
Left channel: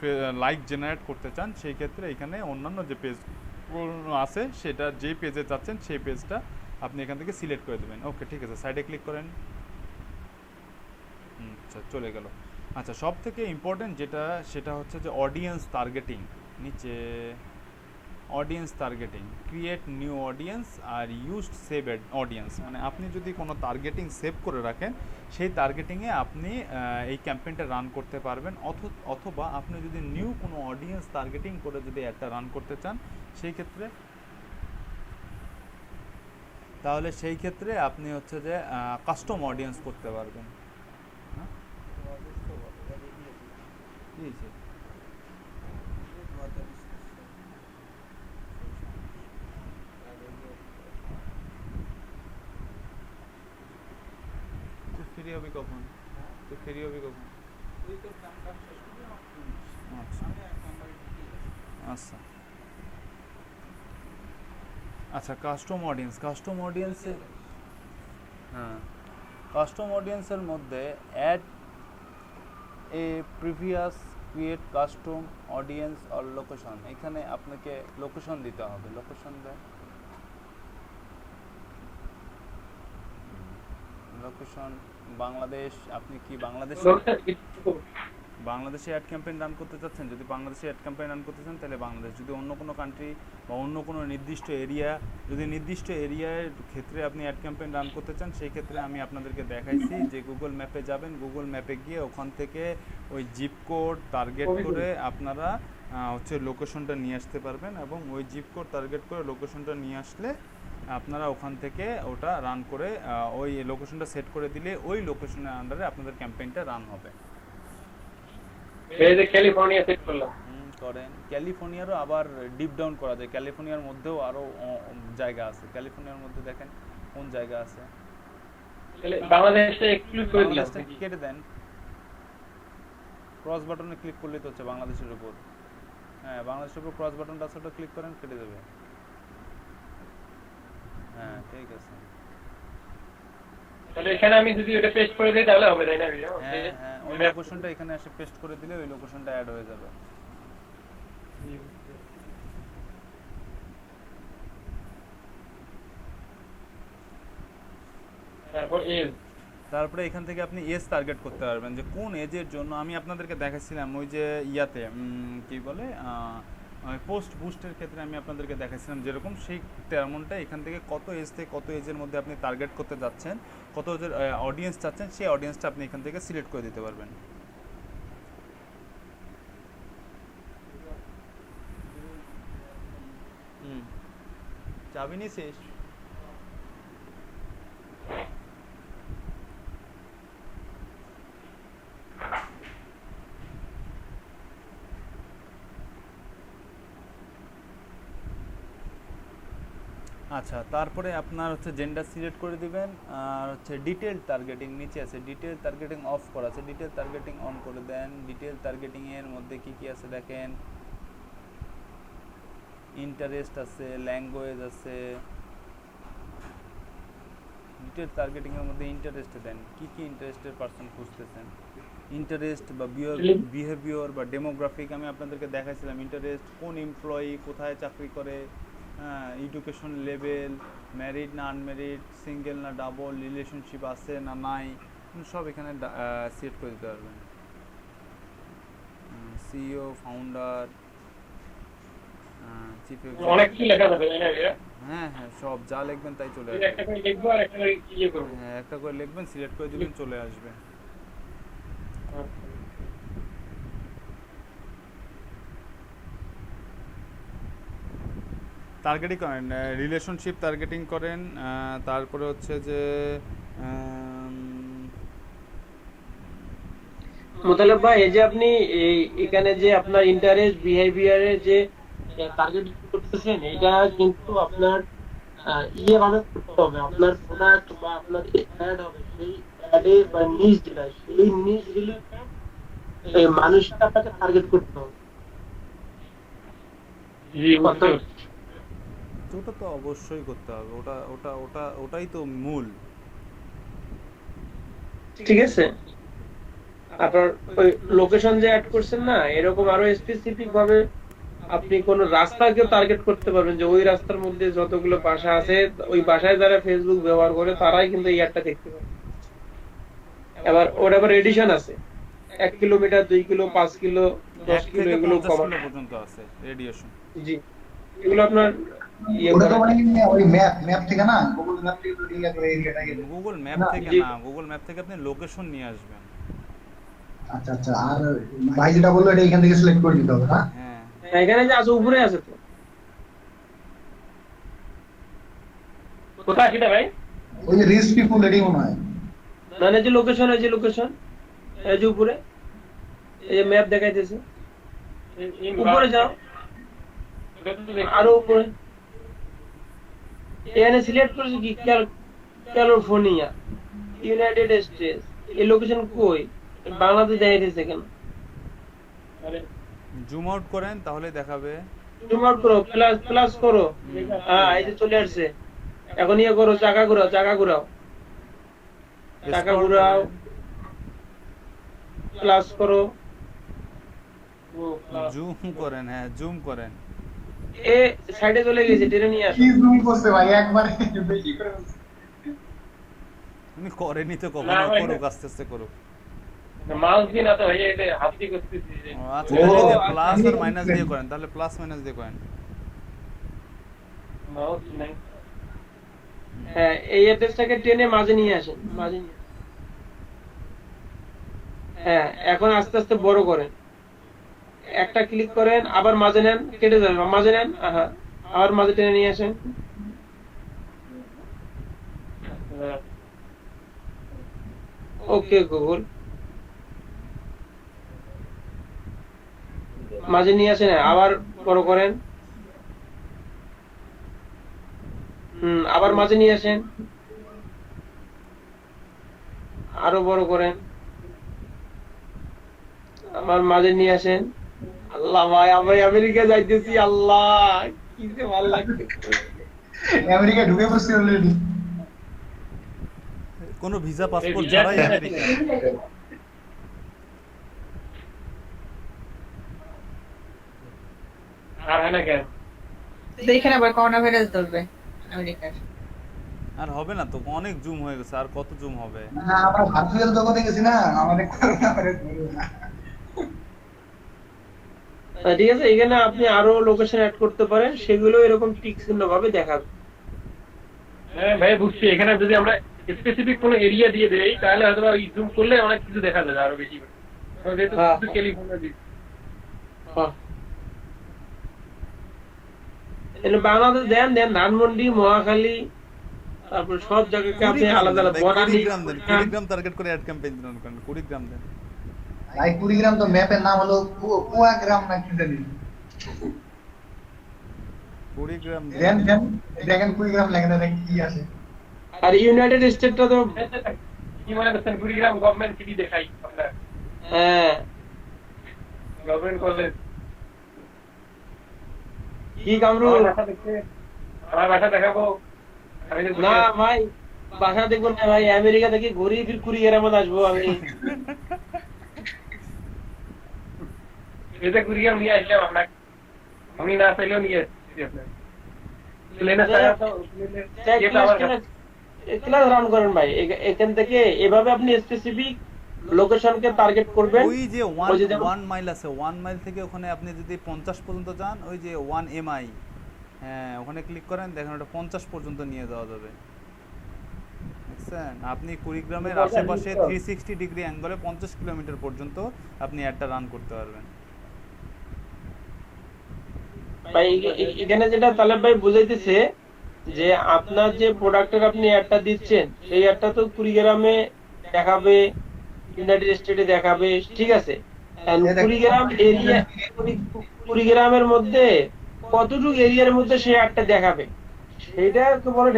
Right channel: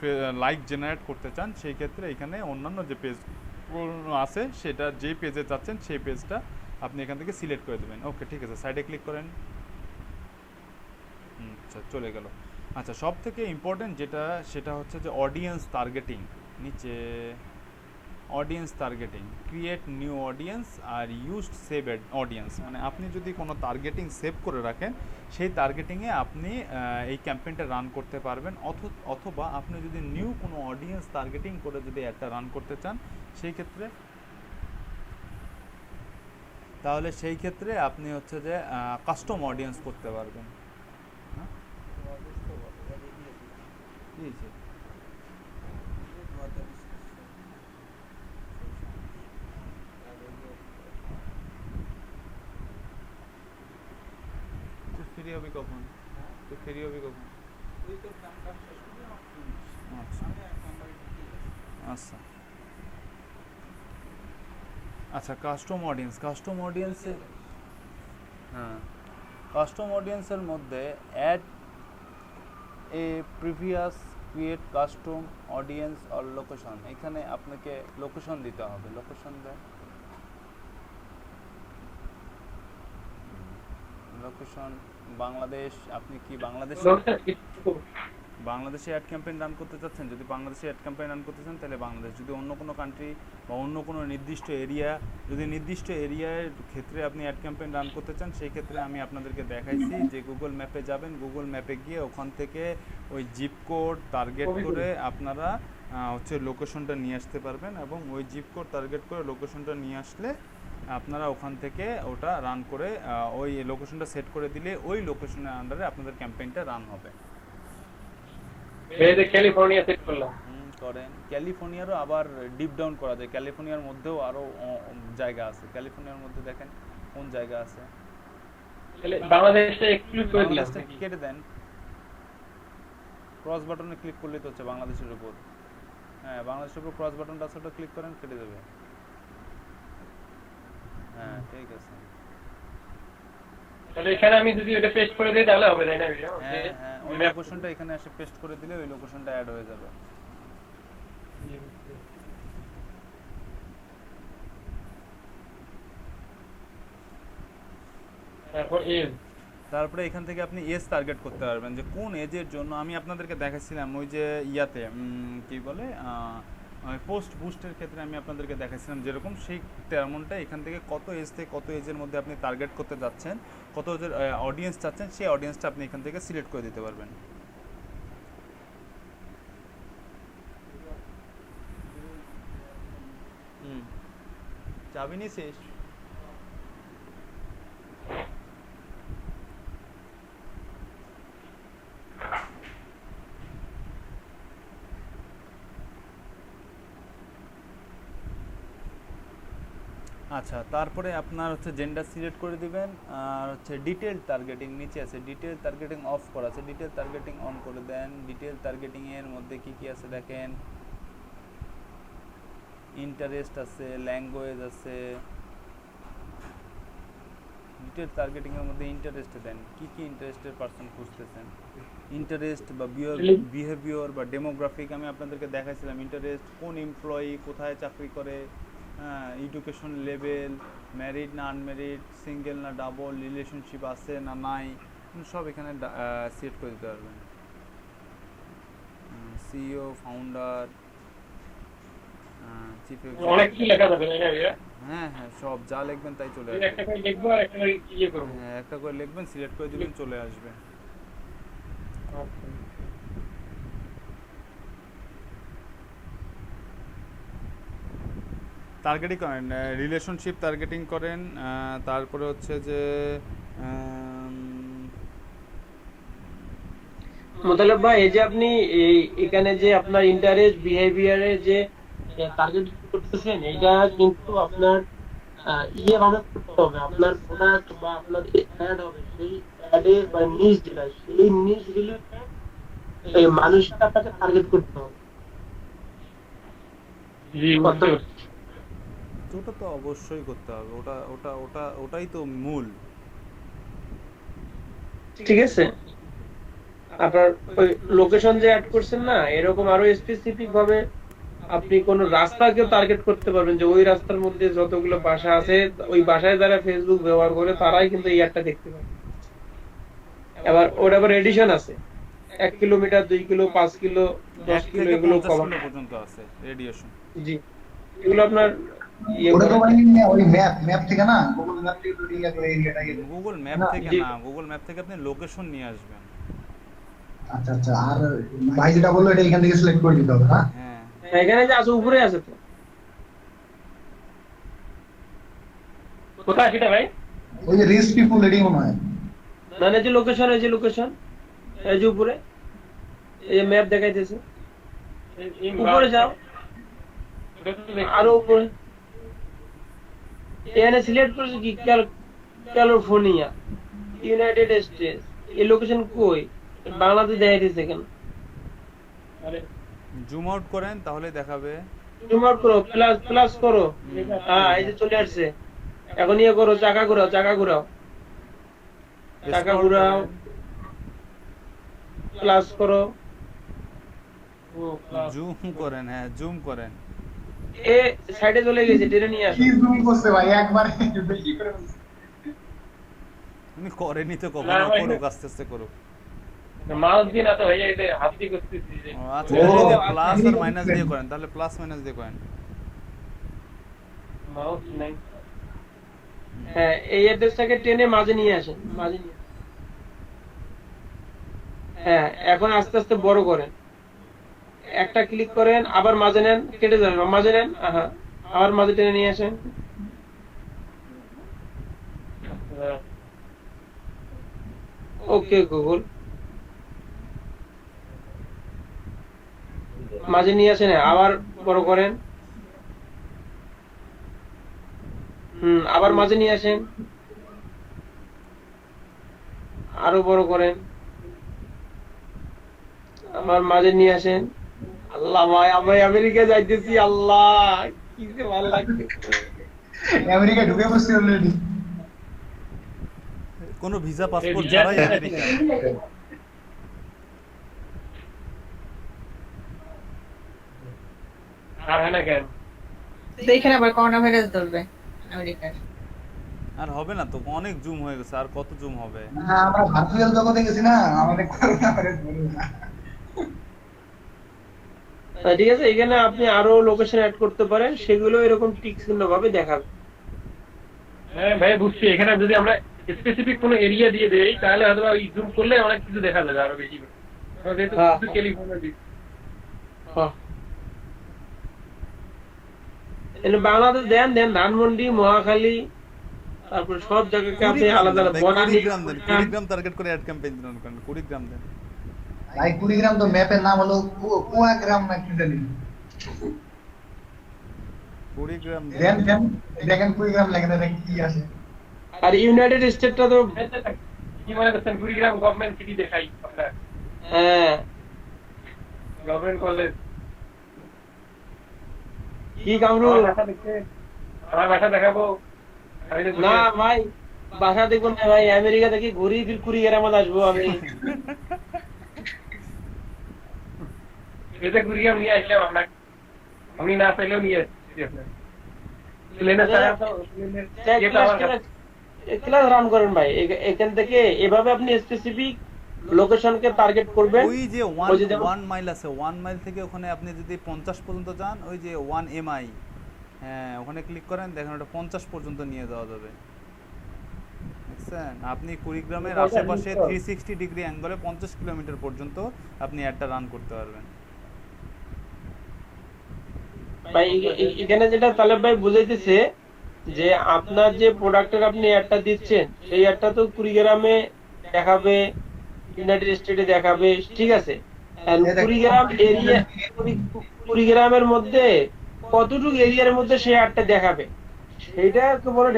লাইক জেনারেট করতে চান, সেই ক্ষেত্রে এখানে অন্যান্য যে পেজ আছে সেটা যেই পেজে চাচ্ছেন সেই পেজটা আপনি এখান থেকে সিলেক্ট করে দেবেন। ওকে, ঠিক আছে, সাইডে ক্লিক করেন। আচ্ছা, চলে গেল। আচ্ছা, সব থেকে ইম্পর্টেন্ট যেটা সেটা হচ্ছে যে অডিয়েন্স টার্গেটিং। নিচে audience targeting, create new audience are used save audience, মানে আপনি যদি কোনো টার্গেটিং সেভ করে রাখেন সেই টার্গেটিংয়ে আপনি এই ক্যাম্পেইনটা রান করতে পারবেন, অথবা আপনি যদি নিউ কোনো অডিয়েন্স টার্গেটিং করে যদি একটা রান করতে চান সেই ক্ষেত্রে, তাহলে সেই ক্ষেত্রে আপনি হচ্ছে যে কাস্টম অডিয়েন্স করতে পারবেন। হ্যাঁ, কি হয়েছে? ফ্রি হবে কখন? তো ফ্রি হবে কখন? আচ্ছা আচ্ছা আচ্ছা, কাস্টম অডিয়েন্সে, হ্যাঁ, কাস্টম অডিয়েন্সের মধ্যে add a previous create custom audience or location, এখানে আপনাকে লোকেশন দিতে হবে। লোকেশন দেন, লোকেশন বাংলাদেশ। আপনি কি বাংলাদেশে অ্যাড ক্যাম্পেইন রান করতে চাচ্ছেন? যদি বাংলাদেশে অ্যাড ক্যাম্পেইন রান করতে চান তাহলে বাংলাদেশ। যদি অন্য কোনো কান্ট্রি বা অন্য কোনো নির্দিষ্ট এরিয়ার ক্ষেত্রে আপনি অ্যাড ক্যাম্পেইন রান করতে চান, সেই ক্ষেত্রে আমি আপনাদেরকে দেখাইছি যে গুগল ম্যাপে যাবেন, গুগল ম্যাপে গিয়ে ওখান থেকে ওই জিপ কোড টার্গেট করে আপনারা হচ্ছে লোকেশনটা নিয়ে আসতে পারবেন, এবং ওই জিপ কোড টার্গেট করে লোকেশনটা নিয়ে আসলে আপনারা ওখান থেকে ওটা রান করে ওই লোকেশনটা সেট করে দিলে ওই লোকেশনের আন্ডারে আপনাদের ক্যাম্পেইনটা রান হবে। এই যে ক্যালিফোর্নিয়া সেট করলাম। করেন, ক্যালিফোর্নিয়ারও আবার ডিপ ডাউন করা যায়, ক্যালিফোর্নিয়ার মধ্যেও আরও জায়গা আছে। ক্যালিফোর্নিয়ার মধ্যে দেখেন কোন জায়গা আছে। বাংলাদেশটা এক্সক্লুসিভ করে দিলাম। বাংলাদেশটা কেটে দেন, ক্রস বাটনে ক্লিক করলেই তো হচ্ছে বাংলাদেশের উপর। হ্যাঁ, বাংলাদেশের উপর ক্রস বাটনটা আছে, ওটা ক্লিক করেন, কেটে দেবে। হ্যাঁ, ঠিক আছে। তাহলে এখানে আমি যদি ওটা পেস্ট করে দিই তাহলে হবে, তাই না? হ্যাঁ হ্যাঁ, ওই লোকেশনটা এখানে এসে পেস্ট করে দিলে ওই লোকেশনটা অ্যাড হয়ে যাবে। তারপরে এখান থেকে আপনি এজ টার্গেট করতে পারবেন যে কোন এজের জন্য। আমি আপনাদেরকে দেখাচ্ছিলাম ওই যে ইয়াতে কি বলে পোস্ট বুস্টের ক্ষেত্রে আমি আপনাদেরকে দেখাচ্ছিলাম যেরকম, সেই তেমনটা এখান থেকে কত এজ থেকে কত এজের মধ্যে আপনি টার্গেট করতে যাচ্ছেন, কত এজের অডিয়েন্স চাচ্ছেন, সেই অডিয়েন্সটা আপনি এখান থেকে সিলেক্ট করে দিতে পারবেন। চাবি নিয়েছিস? আচ্ছা, তারপরে আপনার হচ্ছে জেন্ডার সিলেক্ট করে দিবেন, আর হচ্ছে ডিটেল টার্গেটিং নিচে আছে, ডিটেল টার্গেটিং অফ করা আছে, ডিটেল টার্গেটিং অন করে দেন। ডিটেল টার্গেটিং এর মধ্যে কি কি আছে দেখেন, ইন্টারেস্ট আছে, ল্যাঙ্গুয়েজ আছে। ডিটেল টার্গেটিং এর মধ্যে ইন্টারেস্ট দেন, কি কি ইন্টারেস্টের পারসন খুঁজতেছেন, ইন্টারেস্ট বা বিহেভিয়ার বা ডেমোগ্রাফিক আমি আপনাদেরকে দেখাইছিলাম। ইন্টারেস্ট, কোন এমপ্লয়ি কোথায় চাকরি করে, এডুকেশন লেভেল, ম্যারিড না আনম্যারিড, সিঙ্গেল না ডাবল, রিলেশনশিপ আছে না নাই, সব এখানে সেট করে দিতে পারবেন। সিইও, ফাউন্ডার, চিফ, অনেক কিছু লেখা থাকে। হ্যাঁ হ্যাঁ, সব যা লিখবেন তাই চলে আসবে। একটা করে লিখবো আর একটা করে ইয়ে করব। হ্যাঁ, একটা করে লিখবেন, সিলেক্ট করে দিবেন, চলে আসবে। টার্গেটিং করেন, রিলেশনশিপ টার্গেটিং করেন, তারপরে হচ্ছে যে মোতালেব ভাই, এই যে আপনি এখানে যে আপনার ইন্টারেস্ট বিহেভিয়ারে যে টার্গেট করতেছেন, এটা কিন্তু আপনার ইয়ে ভাবে করতে হবে। আপনার প্রোডাক্ট বা আপনার অ্যাড হবে, সেই অ্যাডের বা নিশ যেটা, সেই নিশ রিলেটেড এই মানুষটা আপনাকে টার্গেট করতে হবে। ওটা তো অবশ্যই করতে হবে, ওটাই তো মূল। ঠিক আছে, আপনার ওই লোকেশন যে অ্যাড করছেন না, এরকম আরো স্পেসিফিক ভাবে আপনি কোন রাস্তাকে টার্গেট করতে পারবেন, যে ওই রাস্তার মধ্যে যতগুলো বাসা আছে, ওই বাসায় যারা ফেসবুক ব্যবহার করে তারাই কিন্তু এই অ্যাডটা দেখতে পাবে। এবার ওর আবার এডিশন আছে, 1 কিলোমিটার, 2 কিলো, 5 কিলো, 10 1 কিলো, থেকে এগুলো 50 কমা। কিলো পর্যন্ত আছে রেডিয়েশন। জি, এগুলো আপনার ওটা তো মানে ওই ম্যাপ থেকে না, গুগল ম্যাপ থেকে লিখে করে এরিয়াটা গেলে। গুগল ম্যাপ থেকে জি। না, গুগল ম্যাপ থেকে আপনি লোকেশন নিয়ে আসবেন। আচ্ছা আচ্ছা, আর ভাই যেটা বললো এটা এখান থেকে সিলেক্ট করে দিতে হবে না? হ্যাঁ, এখানে যে আছে উপরে আছে তো, কোথায় সেটা ভাই? ওই যে রিচ পিপল এটাই মনে হয়। না, এই যে লোকেশন, এই যে লোকেশন, এই যে উপরে এই যে ম্যাপ দেখাইতেছে, উপরে যাও, আরো উপরে এখানে সিলেক্ট করেছে কি ক্যালিফোর্নিয়া, ইউনাইটেড স্টেটস। এই লোকেশন কই? বাংলাদেশ দেখাইতেছে কেন? জুম আউট করেন তাহলে দেখাবে। জুম আউট করো, প্লাস করো, হ্যাঁ এই যে চলে আসছে। এখন ইয়ে করো, চাকা ঘুরাও, চাকা ঘুরাও, চাকা Scroll ঘুরাও, করেন, প্লাস করো, জুম করেন, হ্যাঁ জুম করেন। এ সাইডে চলে গেছে, টেনে নিয়ে আসো। কি জুম করছে ভাই একবারে বেশি করে বলছে। উনি করেনি তো কখনো, করুক, আস্তে আস্তে করুক। মাউস দিন তো ভাই, এটা হাত দিয়ে করতেছি। ও আচ্ছা, তাহলে যে প্লাস আর মাইনাস দিয়ে করেন, তাহলে প্লাস মাইনাস দিয়ে করেন। মাউস নাই। হ্যাঁ, এই অ্যাড্রেসটাকে টেনে মাঝে নিয়ে আসেন, মাঝে নিয়ে। হ্যাঁ, এখন আস্তে আস্তে বড় করেন, একটা ক্লিক করেন, আবার মাঝে নেন, কেটে যাবে, মাঝে নেন, আবার মাঝে টেনে নিয়ে আসেন। ওকে গুগল, মাঝে নিয়ে আসেন, আবার বড় করেন, আবার মাঝে নিয়ে আসেন, আরো বড় করেন, আমার মাঝে নিয়ে আসেন। আল্লাহ ভাই, আমি আমেরিকা যাইতেছি, আল্লাহ কি যে ভালো লাগছে। আমেরিকা ঢুকে পড়ছি অলরেডি। কোনো ভিসা পাসপোর্ট ছাড়াই আমেরিকা। আর হ্যাঁ না কেন? তো এখানে আবার করোনা ভাইরাস ধরবে আমেরিকার। আর হবে না তো, অনেক জুম হয়ে গেছে, আর কত জুম হবে? না আমরা ভার্চুয়াল জগতে গেছি না, আমাদের করোনা ভাইরাস বলবো না। ঠিক আছে, এখানে আপনি আরো লোকেশন অ্যাড করতে পারেন, সেগুলো এরকম টিক চিহ্ন ভাবে দেখাবে। হ্যাঁ ভাই বুঝছি, এখানে যদি আমরা স্পেসিফিক কোনো এরিয়া দিয়ে দেই তাহলে হয়তো ওই জুম করলে অনেক কিছু দেখা যাবে আরো বেশি করে। যেহেতু শুধু ক্যালিফোর্নিয়া দিই। এখানে বাংলাদেশ দেন, ধানমন্ডি, মহাখালী, তারপর সব জায়গাকে আপনি আলাদা আলাদা বনানী। কুড়িগ্রাম দেন, কুড়িগ্রাম টার্গেট করে অ্যাড ক্যাম্পেইন রান করেন, কুড়িগ্রাম দেন। ভাই কুড়িগ্রাম তো ম্যাপের নাম হলো কুয়াগ্রাম না কি জানি। কুড়িগ্রাম দেন। দেন দেন দেখেন কুড়িগ্রাম লেখা দেখেন কি আছে। আর ইউনাইটেড স্টেটটা তো কি মনে করছেন কুড়িগ্রাম গভর্নমেন্ট সিটি দেখাই আমরা? হ্যাঁ, গভর্নমেন্ট কলেজ। কি কামরুল? আমার বাসা দেখাবো। আমি তো না ভাই, বাসা দেখবো না ভাই, আমেরিকা থেকে ঘুরি ফির কুড়িগ্রামে আসবো আমি। এটা কুড়িগ্রাম নিয়ে আসলাম আমরা, আমি না চাইলেও নিয়ে আসছি আপনার। প্লেনের টাকা তো এটা আমার কাছে। ক্লাস রান করেন ভাই, এখান থেকে এভাবে আপনি স্পেসিফিক লোকেশনকে টার্গেট করবেন। ওই যে ওই যে যেমন- 1 মাইল আছে, 1 মাইল থেকে ওখানে আপনি যদি 50 পর্যন্ত যান, ওই যে 1 MI, হ্যাঁ ওখানে ক্লিক করেন, দেখেন ওটা 50 পর্যন্ত নিয়ে যাওয়া যাবে। দেখছেন, আপনি কুড়িগ্রামের আশেপাশে 360 ডিগ্রি অ্যাঙ্গেলে 50 কিলোমিটার পর্যন্ত আপনি অ্যাডটা রান করতে পারবেন। ভাই এখানে যেটা তালেব ভাই বুঝাইতেছে যে আপনার যে প্রোডাক্টের আপনি অ্যাডটা দিচ্ছেন সেই অ্যাডটা তো কুড়িগ্রামে দেখাবে, ইউনাইটেড স্টেটে দেখাবে, ঠিক আছে। And কুড়িগ্রামের মধ্যে কতটুকু এরিয়ার মধ্যে সেই অ্যাডটা দেখাবে সেইটা তো বড়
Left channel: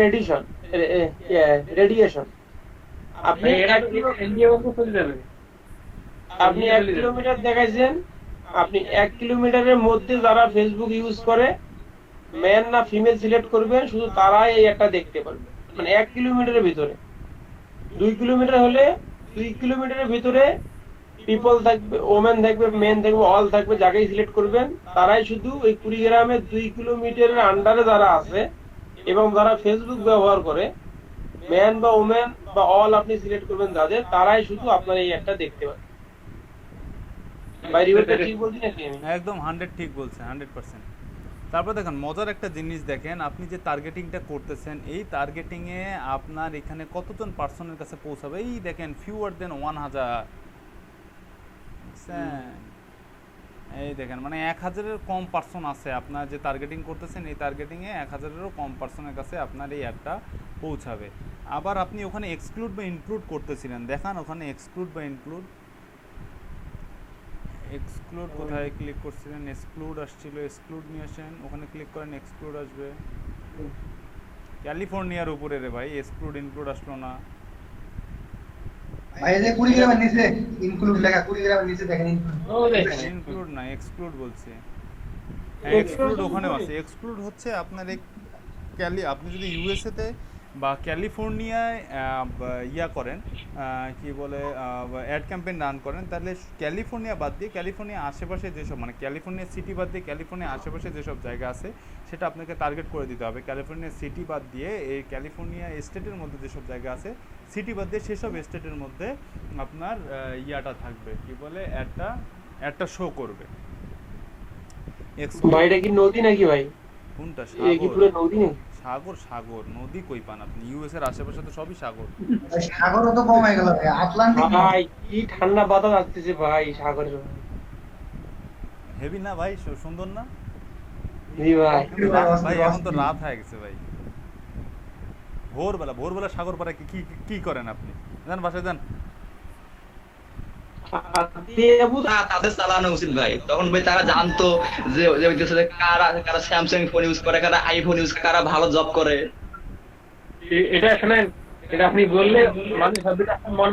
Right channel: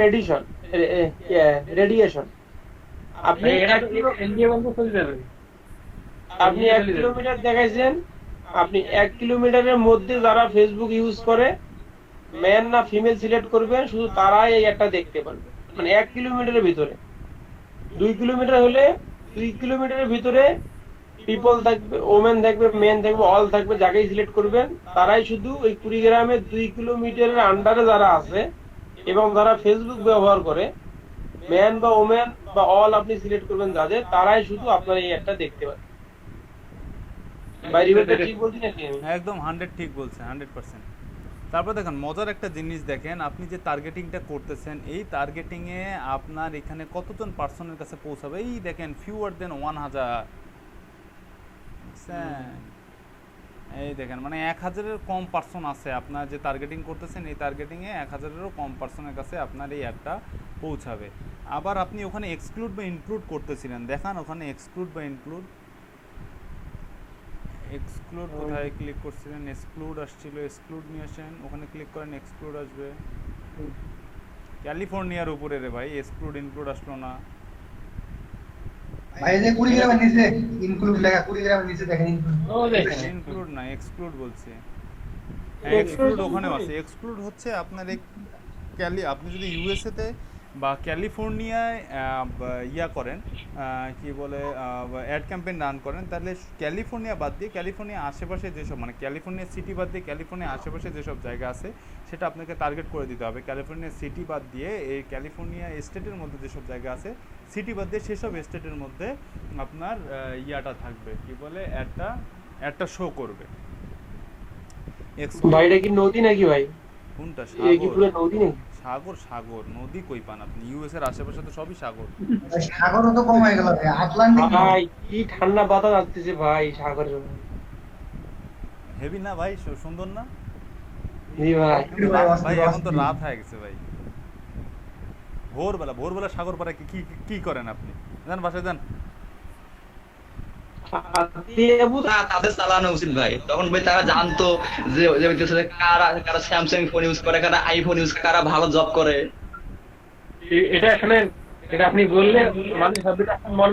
রেডিয়েশন। আপনি এটা এরিয়া বলতে চলে যাবে। আপনি 1 কিলোমিটার দেখাইছেন, আপনি 1 কিলোমিটারের মধ্যে যারা ফেসবুক ইউজ করে মেন না ফিমেল সিলেক্ট করবেন, শুধু তারাই এই একটা দেখতে পারবে। মানে 1 কিলোমিটারের ভিতরে। 2 কিলোমিটার হলে 2 কিলোমিটারের ভিতরে পিপল থাকবে, ওমেন থাকবে, মেন থাকবে, অল থাকবে, যাকেই সিলেক্ট করবেন তারাই শুধু ওই কুড়িগ্রামে 2 কিলোমিটারের আন্ডারে যারা আছে এবং যারা ফেসবুক ব্যবহার করে, মেন বা ওমেন বা অল আপনি সিলেক্ট করবেন যাদের, তারাই শুধু আপনার এই একটা দেখতে পাবেন। বাইরে বেরটা ঠিক বলছি নাকি আমি? একদম 100 ঠিক বলছেন, 100%। তারপর দেখেন মজার একটা জিনিস দেখেন, আপনি যে টার্গেটিংটা করতেছেন এই টার্গেটিংয়ে আপনার এখানে কতজন পার্সনের কাছে পৌঁছাবে, এই দেখেন ফিউয়ার দেন 1000। এই দেখেন মানে 1000-এর কম পার্সন আছে আপনার যে টার্গেটিং করতেছেন, এই টার্গেটিংয়ে 1000-এরও কম পার্সনের কাছে আপনার এই অ্যাডটা পৌঁছাবে। আবার আপনি ওখানে এক্সক্লুড বা ইনক্লুড করতেছিলেন, দেখান ওখানে এক্সক্লুড বা ইনক্লুড, এক্সক্লুড কোথায় ক্লিক করছিলেন, এক্সক্লুড আসছিল, এক্সক্লুড নিয়ে আসেন, ওখানে ক্লিক করেন এক্সক্লুড আসবে। ক্যালিফোর্নিয়ার উপরে রে ভাই, এক্সক্লুড ইনক্লুড আসলো না ভাই এই যে কুড়িগ্রামের নিচে ইনক্লুড লেখা, কুড়িগ্রামের নিচে দেখেন ইনক্লুড। ও দেখেন ইনক্লুড না এক্সক্লুড বলছে। হ্যাঁ এক্সক্লুড ওখানেও আছে। এক্সক্লুড হচ্ছে আপনার এই আপনি যদি ইউএসএ তে বা ক্যালিফোর্নিয়ায় ইয়া করেন, কি বলে অ্যাড ক্যাম্পেইন রান করেন, তাহলে ক্যালিফোর্নিয়া বাদ দিয়ে ক্যালিফোর্নিয়া আশেপাশে যেসব মানে ক্যালিফোর্নিয়া সিটি বাদ দিয়ে ক্যালিফোর্নিয়া আশেপাশে যেসব জায়গা আছে সেটা আপনাকে টার্গেট করে দিতে হবে। ক্যালিফোর্নিয়া সিটি বাদ দিয়ে এই ক্যালিফোর্নিয়া স্টেটের মধ্যে যেসব জায়গা আছে সিটি বাদ দিয়ে সেসব স্টেটের মধ্যে আপনার ইয়াটা থাকবে, কি বলে অ্যাডটা শো করবে। ভাই এটা কি নদী নাকি ভাই? কোনটা? এই কি পুরো নদী নাকি? সাগর নদী কই পান আপনি? ইউএস এর আশেপাশে তো সবই সাগর। সাগরও তো কম হয়ে গেল, আটলান্টিক। ভাই কি ঠান্ডা বাতাস আসতেছে ভাই সাগরে। হেভি না ভাই, সুন্দর না? জি ভাই। ভাই এখন তো রাত হয়ে গেছে ভাই, ভোরবেলা সাগর পাড়ে কি করেন আপনি? যান বাসায় যান। তাদের চালানো উচিত ভাই, তখন ভাই তারা জানতো যে কারা স্যামসাং ফোন ইউজ করে, কারা আইফোন ইউজ করে, কারা ভালো জব করে। এটা শুনেন, এটা আপনি বললে মানুষ ভাববে মন